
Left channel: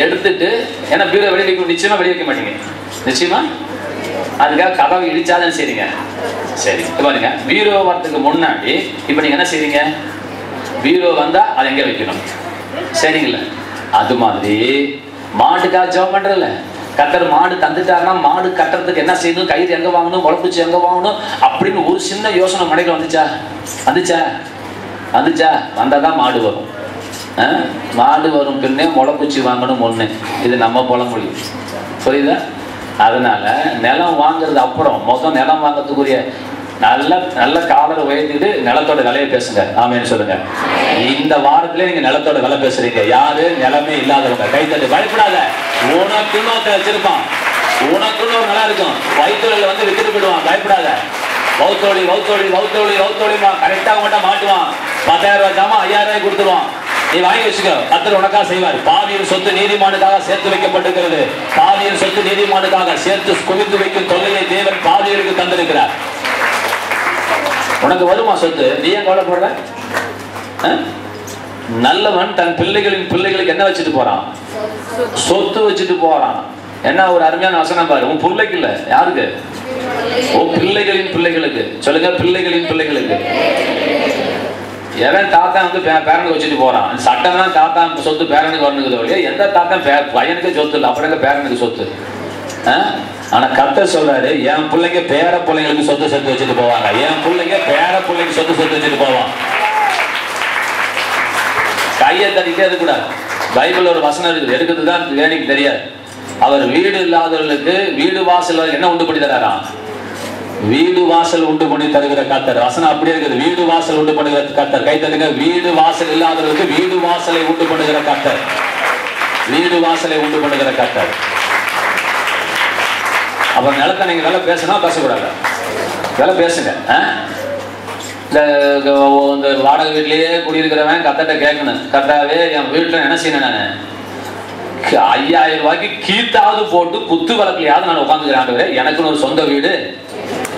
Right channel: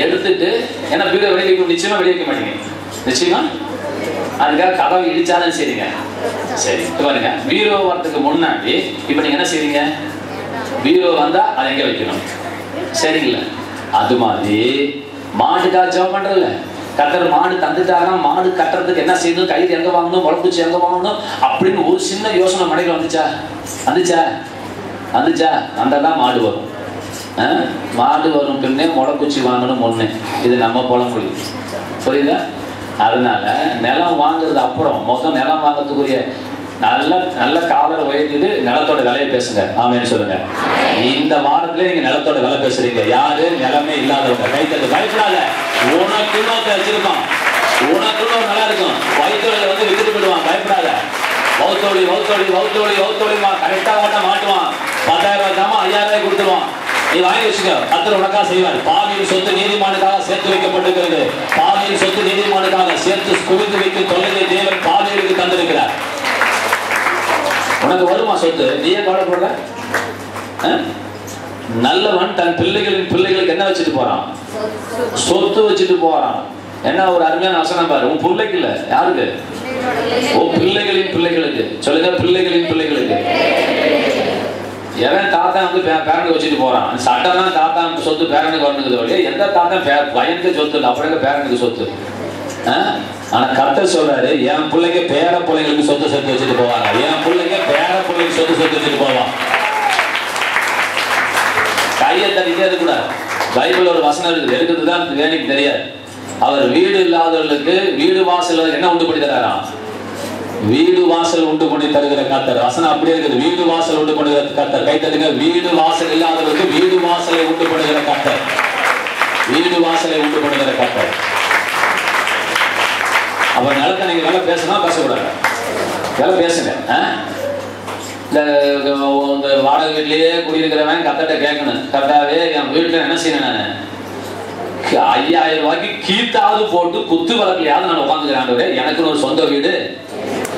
எடுத்துட்டு, ஏன்னா பீரோ வெளியே நிச்சயமா வெளியே வைக்க மாட்டீங்க. நிச்சயமா அதுக்காக கதவை இடிச்சாதான் செய்றீங்க. சரி பாருங்க, பீரோ வரதுக்கு முன்னாடி இப்ப நீங்க என்ன செய்வீங்க? பீரோ வந்தா அதை எங்க வைக்கணும், சரிங்களா? அது மாதிரி மாட்டுக்காக ஜெபம் பண்றல, கத்தர் மாடு தந்துட்டாருன்னா மாடு கட்டுறதுக்கு என்ன செய்யணும், கயிறு எங்க வாங்கணும், முளைப்பிச்சு எங்க வாங்கணும் அப்படின்னு ஒரு சின்ன யோசனை மனைகள் வந்துச்சா வந்தாதான் மாடு வரும். மாடு வரும் பின்னே முளைப்பிச்சு வாங்கணும் ஒண்ணு. இது நம்ம பழமொழி, புரியுதா? அதனால நிலம் வாங்குறது அப்புறம் மொத்தம் நிலம் வாங்குறதுக்குரிய நல்ல காவலை உயர்த்திட்டு நிலத்தோட விலையை பேசுங்க. ஆமேன்னு சொல்லுங்க. இந்த வாரத்திலே நீங்க நிலத்தோட விலை பேசுறீங்க. யாரு? நிலமே இல்லாதவங்க. கைத்தட்டு. பயப்படாத. உனக்குன்னு ஒருத்தர் வச்சிருப்பான், உனக்குன்னு ஒரு நிலம் இருக்கும். வயிற்றுல வந்து வித்துட்டு போயிடுவான். பயப்படாத. வௌத்தோடி கரெக்டாக மட்டும் மாட்டுவான். 10,000 ரூபாய் தாமா 5,000 கொடுத்துருவான். நீ வாங்கி வச்சுக்க. கர்த்தர் உனக்காக செய்வார். பாவியின் சொத்து நீதிமானுக்காக சேர்த்து வைக்கப்பட்டிருக்கிறது. பாவியின் சொத்து நீதிமானுக்காக சேர்த்து குவித்து வைக்கும் தொழிலை தேவன் பாவியருக்கு தந்திருக்கிறார். உனக்கு வருமா சொத்து? நீ ஏன் கவலைப்படுற? நல்லவன் தன் பிள்ளைகளுக்கு என்ன வச்சுட்டு போறான்? சொத்து வச்சுட்டு போறான். என்ன ஒரு அருமையான வசனம் பாரு. உன் பிள்ளைக்கு இல்ல, யாருக்கு? உன் பிள்ளைகளின் பிள்ளைகளுக்கு. சொல்லுங்க, பிள்ளைகளின் பிள்ளைகளுக்கு. எவன் தாத்தா வந்து பேரனுக்கு வச்சுட்டு போறான். சட்டம் தான் தாத்தா சொத்து பேரனுக்கு வரணுக்குது. எந்த தாத்தா பையனுக்கு சொத்து இல்லை, அப்புறம் பேரனுக்கு சொத்து. ஆனா கர்த்தர் சொல்றாரு, என் பிள்ளைங்க பேர பிள்ளைங்களுக்கு சொத்து சேர்த்து வச்சுட்டு போவாங்க. என் பிள்ளைங்க பேர பிள்ளைங்க சொத்து சேர்த்து வச்சுட்டு போவான். கையை தட்டிட்டே இருக்கக்கூடாது. பைபிள் ஒரு வசனம் இருக்குது, எடுக்கிறதுதான் வேலைக்கு தெரியாது. அவர் வீடு இல்லாதவர்களுக்கு வீடு வாசல் என்ன உண்டு பண்ணி தராராம்? வீடு வாசல் உண்டு பண்ணி தருகிற கர்த்தர். வசனம் அப்படியே இருக்குது. வீடு வாசல் உண்டு பண்ணுகிற கர்த்தர். கை தருங்க. வீடு வாசல் இல்லாதவர்களுக்கு வீடு வாசலை உண்டு பண்ணுகிற கர்த்தர். வீடு வாசலை உண்டு பண்ணுகிற கர்த்தர். அப்ப நிலத்தை நீங்க வேலை பேசணும், பேசக்கூடாது. வேலை பேசுங்க. இந்த வாடகை வீட்லயே குடியிருக்கிறவன் கத்தட்ட கேட்கணும், கர்த்தாவே என் வீட்டுல என்ன செய்யணும், நான் 5,000 ரூபாய்க்கு கீத்தாவது போட்டு குத்து வழக்கிலையாவது நான் உட்காந்துக்கிறேன், எனக்குன்னு ஒரு சொந்த வீடு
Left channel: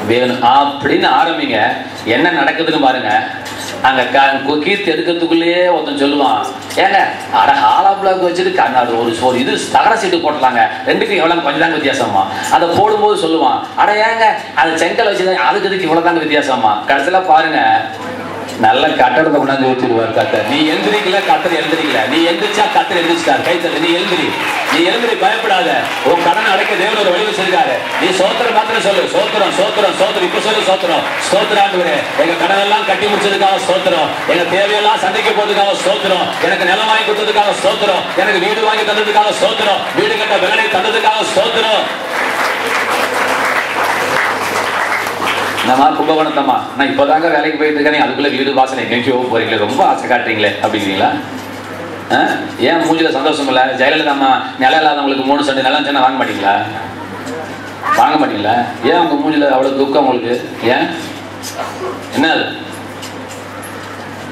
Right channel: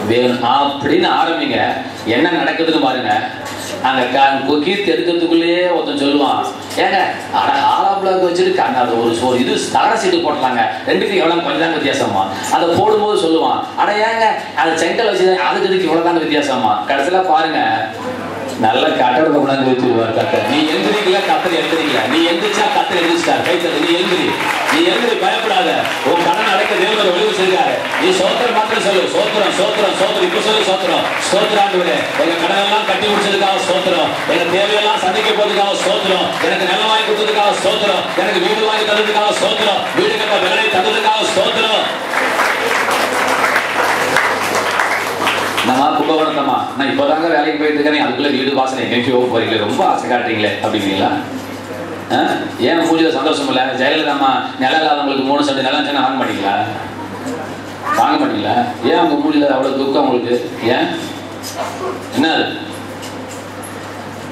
வேணும் அப்படின்னு ஆரம்பிங்க. என்ன நடக்குதுன்னு பாருங்க. அங்க கீர்த்தி எடுக்கிறதுக்குள்ளேயே ஒருத்தன் சொல்லுவான், ஏங்க ஆலா பிளாக் வச்சுட்டு அது ஒரு இது தகர சீட்டு போட்டலாங்க, ரெண்டுக்கு எவ்வளவு கொஞ்சம் தாங்க வித்தியாசமா. அதை போடும்போது சொல்லுவான், அட ஏங்க அது செங்கல் வச்சு அதுக்கு இதுக்கு இவ்வளவுதாங்க வித்தியாசமா. கடைசியில பாருங்க, நல்ல கட்டடத்தை கொண்டாந்து வச்சுருவார் கத்தர். நீ எழுந்திரிக்கல, கத்தர் எழுந்திரிக்கல. நீ எழுந்திரிச்சா கத்தர் எழுந்திரிச்சிட்டார். கைத்தல். நீ எழுந்திரி, பயப்படாத. உன் கடன் அடைக்க தேவன் ஒரு வழிவு செய்தாரு. நீ சோத்திரம் மாத்திரம் சொல்லு. சோத்திரம் இப்ப சொல்லு. சோத்திராண்டுவரே, எங்க கடன் எல்லாம் கட்டி முடிச்சதுக்காக சோத்திரம், எங்க தேவையெல்லாம் சந்திக்க போறதுக்காக சோத்திரம், எனக்கு நிலம் வாங்கி கொடுத்ததுக்காக சோத்திரம், எனக்கு வீடு வாங்கி தந்ததுக்காக சோத்திரம், வீடு கட்ட வேலை தந்ததுக்காக சோத்திரம். நான் கும்பகோணத்தம்மா, நான் இப்போதாங்க வேலைக்கு போயிட்டு இருக்கேன், அதுக்குள்ள வீடு வாசனை எங்கேயோ போறீங்களே, ரொம்ப ஆசை காட்டுறீங்களே அப்படிங்களா? ஏன் மூஞ்சில சந்தோஷம் இல்லை? ஜெயலலிதா அம்மா நிலம் இல்லாதவங்களுக்கு 3 சென்ட் நிலம் சொன்னா வாங்க மாட்டீங்களா? ஏன் உங்க மூஞ்சில அவ்வளவு துக்கம் உங்களுக்கு? ஏன் என்ன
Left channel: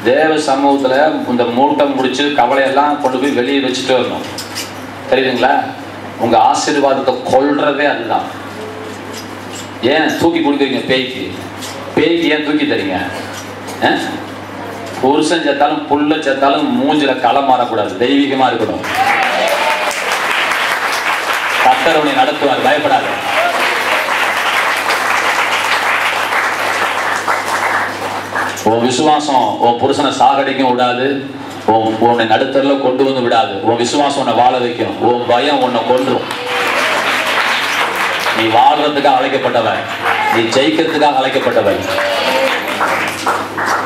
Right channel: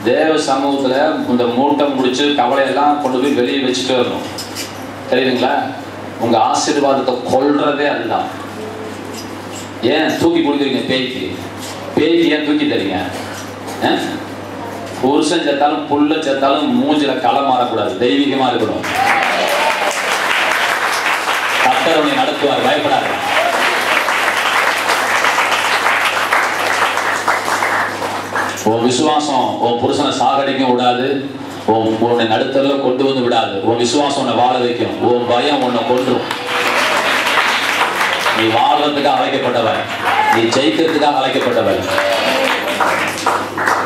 தேவ சமூகத்துல இந்த மூட்டம் முடிச்சு கவலையெல்லாம் கொண்டு போய் வெளியே வச்சுட்டு வரணும், தெரியுதுங்களா? உங்க ஆசீர்வாதத்தை கொள்றதே அதுதான். ஏன் தூக்கி கொடுக்குறீங்க பேய்க்கு ஏன் தூக்கி தரீங்க? புருஷன் செத்தாலும் புள்ள செத்தாலும் மூஞ்சில களம் மாறக்கூடாது, தெய்வீகமா இருக்கணும். கர்த்தர் உன்னை நடத்துவார், பயப்படாத. உன் விசுவாசம் உன் புருஷனை சாகடிக்கும் விடாது, உன்னை நடுத்தரல கொண்டு வந்து விடாது. உன் விசுவாசம் உன்னை வாழ வைக்கும், உன் பயம் உன்னை கொன்றும். நீ வாழ்வதற்காக அழைக்கப்பட்டவன், நீ ஜெயிக்கிறதுக்காக அழைக்கப்பட்டவன்.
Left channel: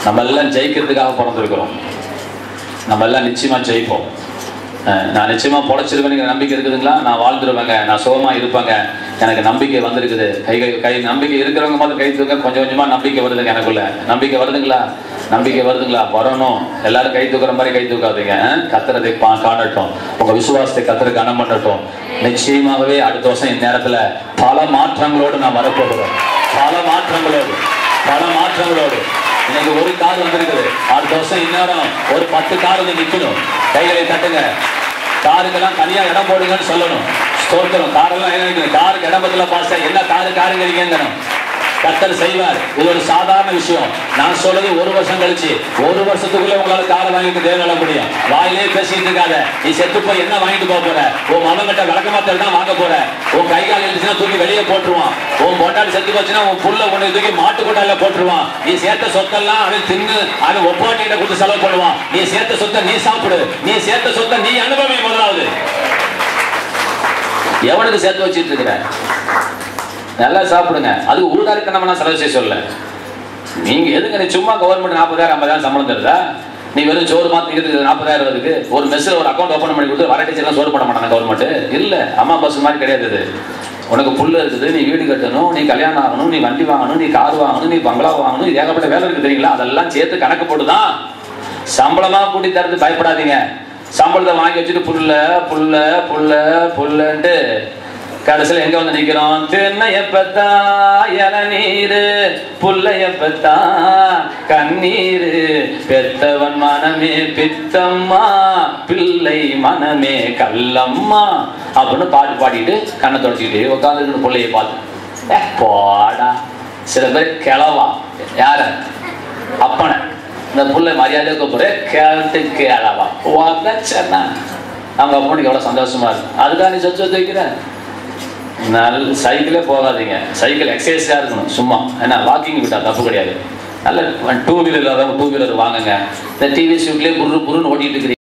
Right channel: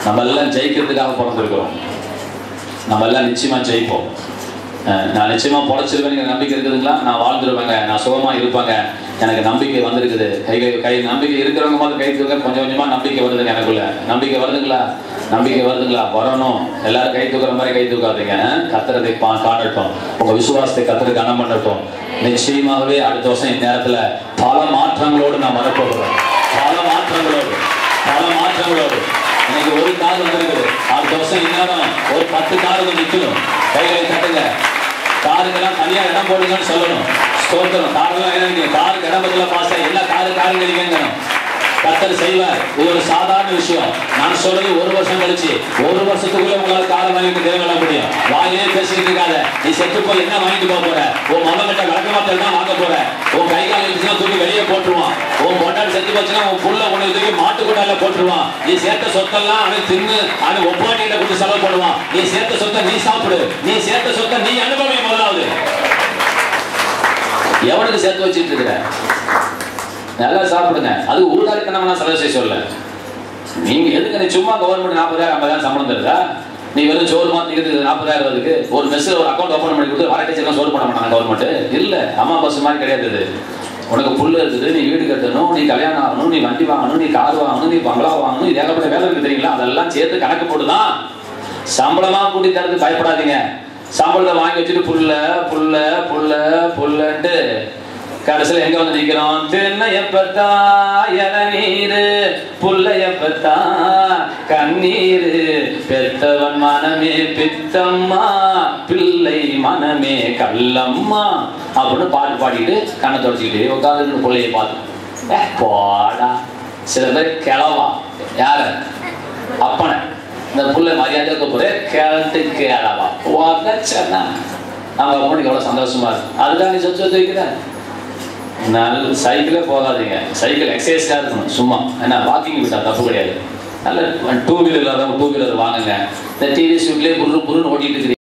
நம்ம எல்லாம் ஜெயிக்கிறதுக்காக பிறந்திருக்கிறோம். நம்ம எல்லாம் நிச்சயமா ஜெயிப்போம். நான் நிச்சயமா பொழைச்சிருவேன் நம்பிக்கை இருக்குதுங்களா? நான் வாழ்ந்துருவேங்க, நான் சுகமா இருப்பேங்க, எனக்கு நம்பிக்கை வந்திருக்குது. கை நம்பிக்கை இருக்கிறவங்க மாதிரி கை தூக்க கொஞ்சம் கொஞ்சமா நம்பிக்கை வருதுங்க எனக்குள்ள. நம்பிக்கை வருதுங்களா? வரணும். எல்லாரும் கை தூக்குற மாதிரி கை தூக்காதீங்க. கத்திரத்தை காணட்டும், உங்க விசுவாசத்தை கத்திர கனம் பண்ணட்டும். நிச்சயமாகவே அடுத்த வருஷம் இந்நேரத்துல பல மாற்றங்களோடு நான் வரப்போகிறேன். பல மாற்றங்களோடு எனக்கு ஒரு கார் வந்திருக்குது. அடுத்த வருஷம் இந்நேரம் ஒரு 10 கார் வந்து நிற்கணும். கைகளை தட்டுங்க. காருக்கெல்லாம் தனியா இடம் போடுங்கன்னு சொல்லணும். ஸ்தோத்திரம். காரெல்லாம் என்ன, காருக்கு இடம் பத்தில பாச எல்லா காருங்க இருக்கணும். கர்த்தர் செய்வார். இது ஒரு சாதாரண விஷயம். நான் சொல்றது 1 வருஷம் கழிச்சு, 1 வருஷத்துக்குள்ள உங்களால காரை வாங்கிட்டு தேவையில்ல முடியும். வாயிலே பேசிட்டு இருக்காத. நீ செத்து போய் என்ன வாங்கிட்டு போக போற? உன் மகன்கிட்ட விளக்கமாத்தல் தான் வாங்க போற. உன் கை கால் இருந்துச்சுன்னா தூக்கி வெளியே போட்டுருவான். உன் பொண்டாடி செத்து போச்சுன்னா உன் புள்ள கொண்டு தூக்கி மாட்டு கொண்டால போட்டுருவான். நீ சேர்த்த சொத்தெல்லாம் அவன் தின்னு அவன் ஒப்பாட்டிகிட்ட கொடுத்து செலவு பண்ணுவான். நீ சேர்த்த சொத்தை நீ சாப்பிடு. நீ சேர்த்த சொத்தை நீ அனுபவி. முதலாவது எவனுக்கு சேர்த்து வச்சுட்டு இருக்கிற? நல்லா சாப்பிடுங்க. அது ஊடாரித்தனமான செலவு செய்ய சொல்ல. நீங்க எதுக்கு நீ சும்மா கவர்மெண்ட் 40,000 50,000 சம்பளம் தருதா? நீ வெறும் சோறு மாத்திக்கிறது 40,000 வருது. ஒரு மெஸ்ஸில் ஒரு அக்கௌண்ட் ஓப்பன் பண்ணி கொடுத்து வர டீச்சர்லாம் சோறு பண்ண மாட்டாங்க கவர்மெண்ட். இல்லை, அம்மா பஸ் மாதிரி கிடையாது. உனக்கு புல் இருக்குது, நீ வீடு கட்டணும், நீ கல்யாணம் ஆகணும், நீ வண்டி வாங்கணும், நீ கார் வாங்கணும், நீ பங்களா வாங்கணும், ஏகப்பட்ட வேலை இருக்கு தெரியுங்களா? அதெல்லாம் சேர்த்து கணக்கு போட்டுதான் சம்பளமாக கூட்டி தரது. பயப்படாதீங்க. சம்பளத்தை வாங்கி வச்சுட்டு புல்ல புல்ல புல்ல புல்லன்ட்டு கடைசியில் எங்க வந்து நிக்கிறோம்? தென்னையப்பத்தா இளநீரு, புல்லையப்பத்தா கண்ணீரு, பெத்தவன் மனமே பித்தம்மா, பிள்ளை மனமே கல்லம்மா அப்படின்னு பாட்டு பாடிட்டு கண்ணை தொடச்சிக்கிட்டு உட்காந்து பிள்ளைய பார்த்து போடா. சில பேர் கிளவா யார அப்பனை இந்த புள்ளை மரியாதை கூப்பிடுற கேட்டு கேளவா சொன்னா அவங்க அப்பனுக்கு எவ்வளவு சந்தோஷமா இருக்கும். அதுக்காக நீ சொத்து வச்சு வைக்கிற. நல்ல சைக்கிளே போகாதீங்க. சைக்கிள் எக்ஸசைஸாக இருக்கணும். சும்மா ஏன்னா வாக்கிங் விட்டா தப்பு கிடையாது. நல்ல 2 வீலர் 2 வீலர் வாங்குங்க. இந்த டிவி வீட்லேயே புருன்னு ஓட்டிட்டு இருக்கிறீங்க.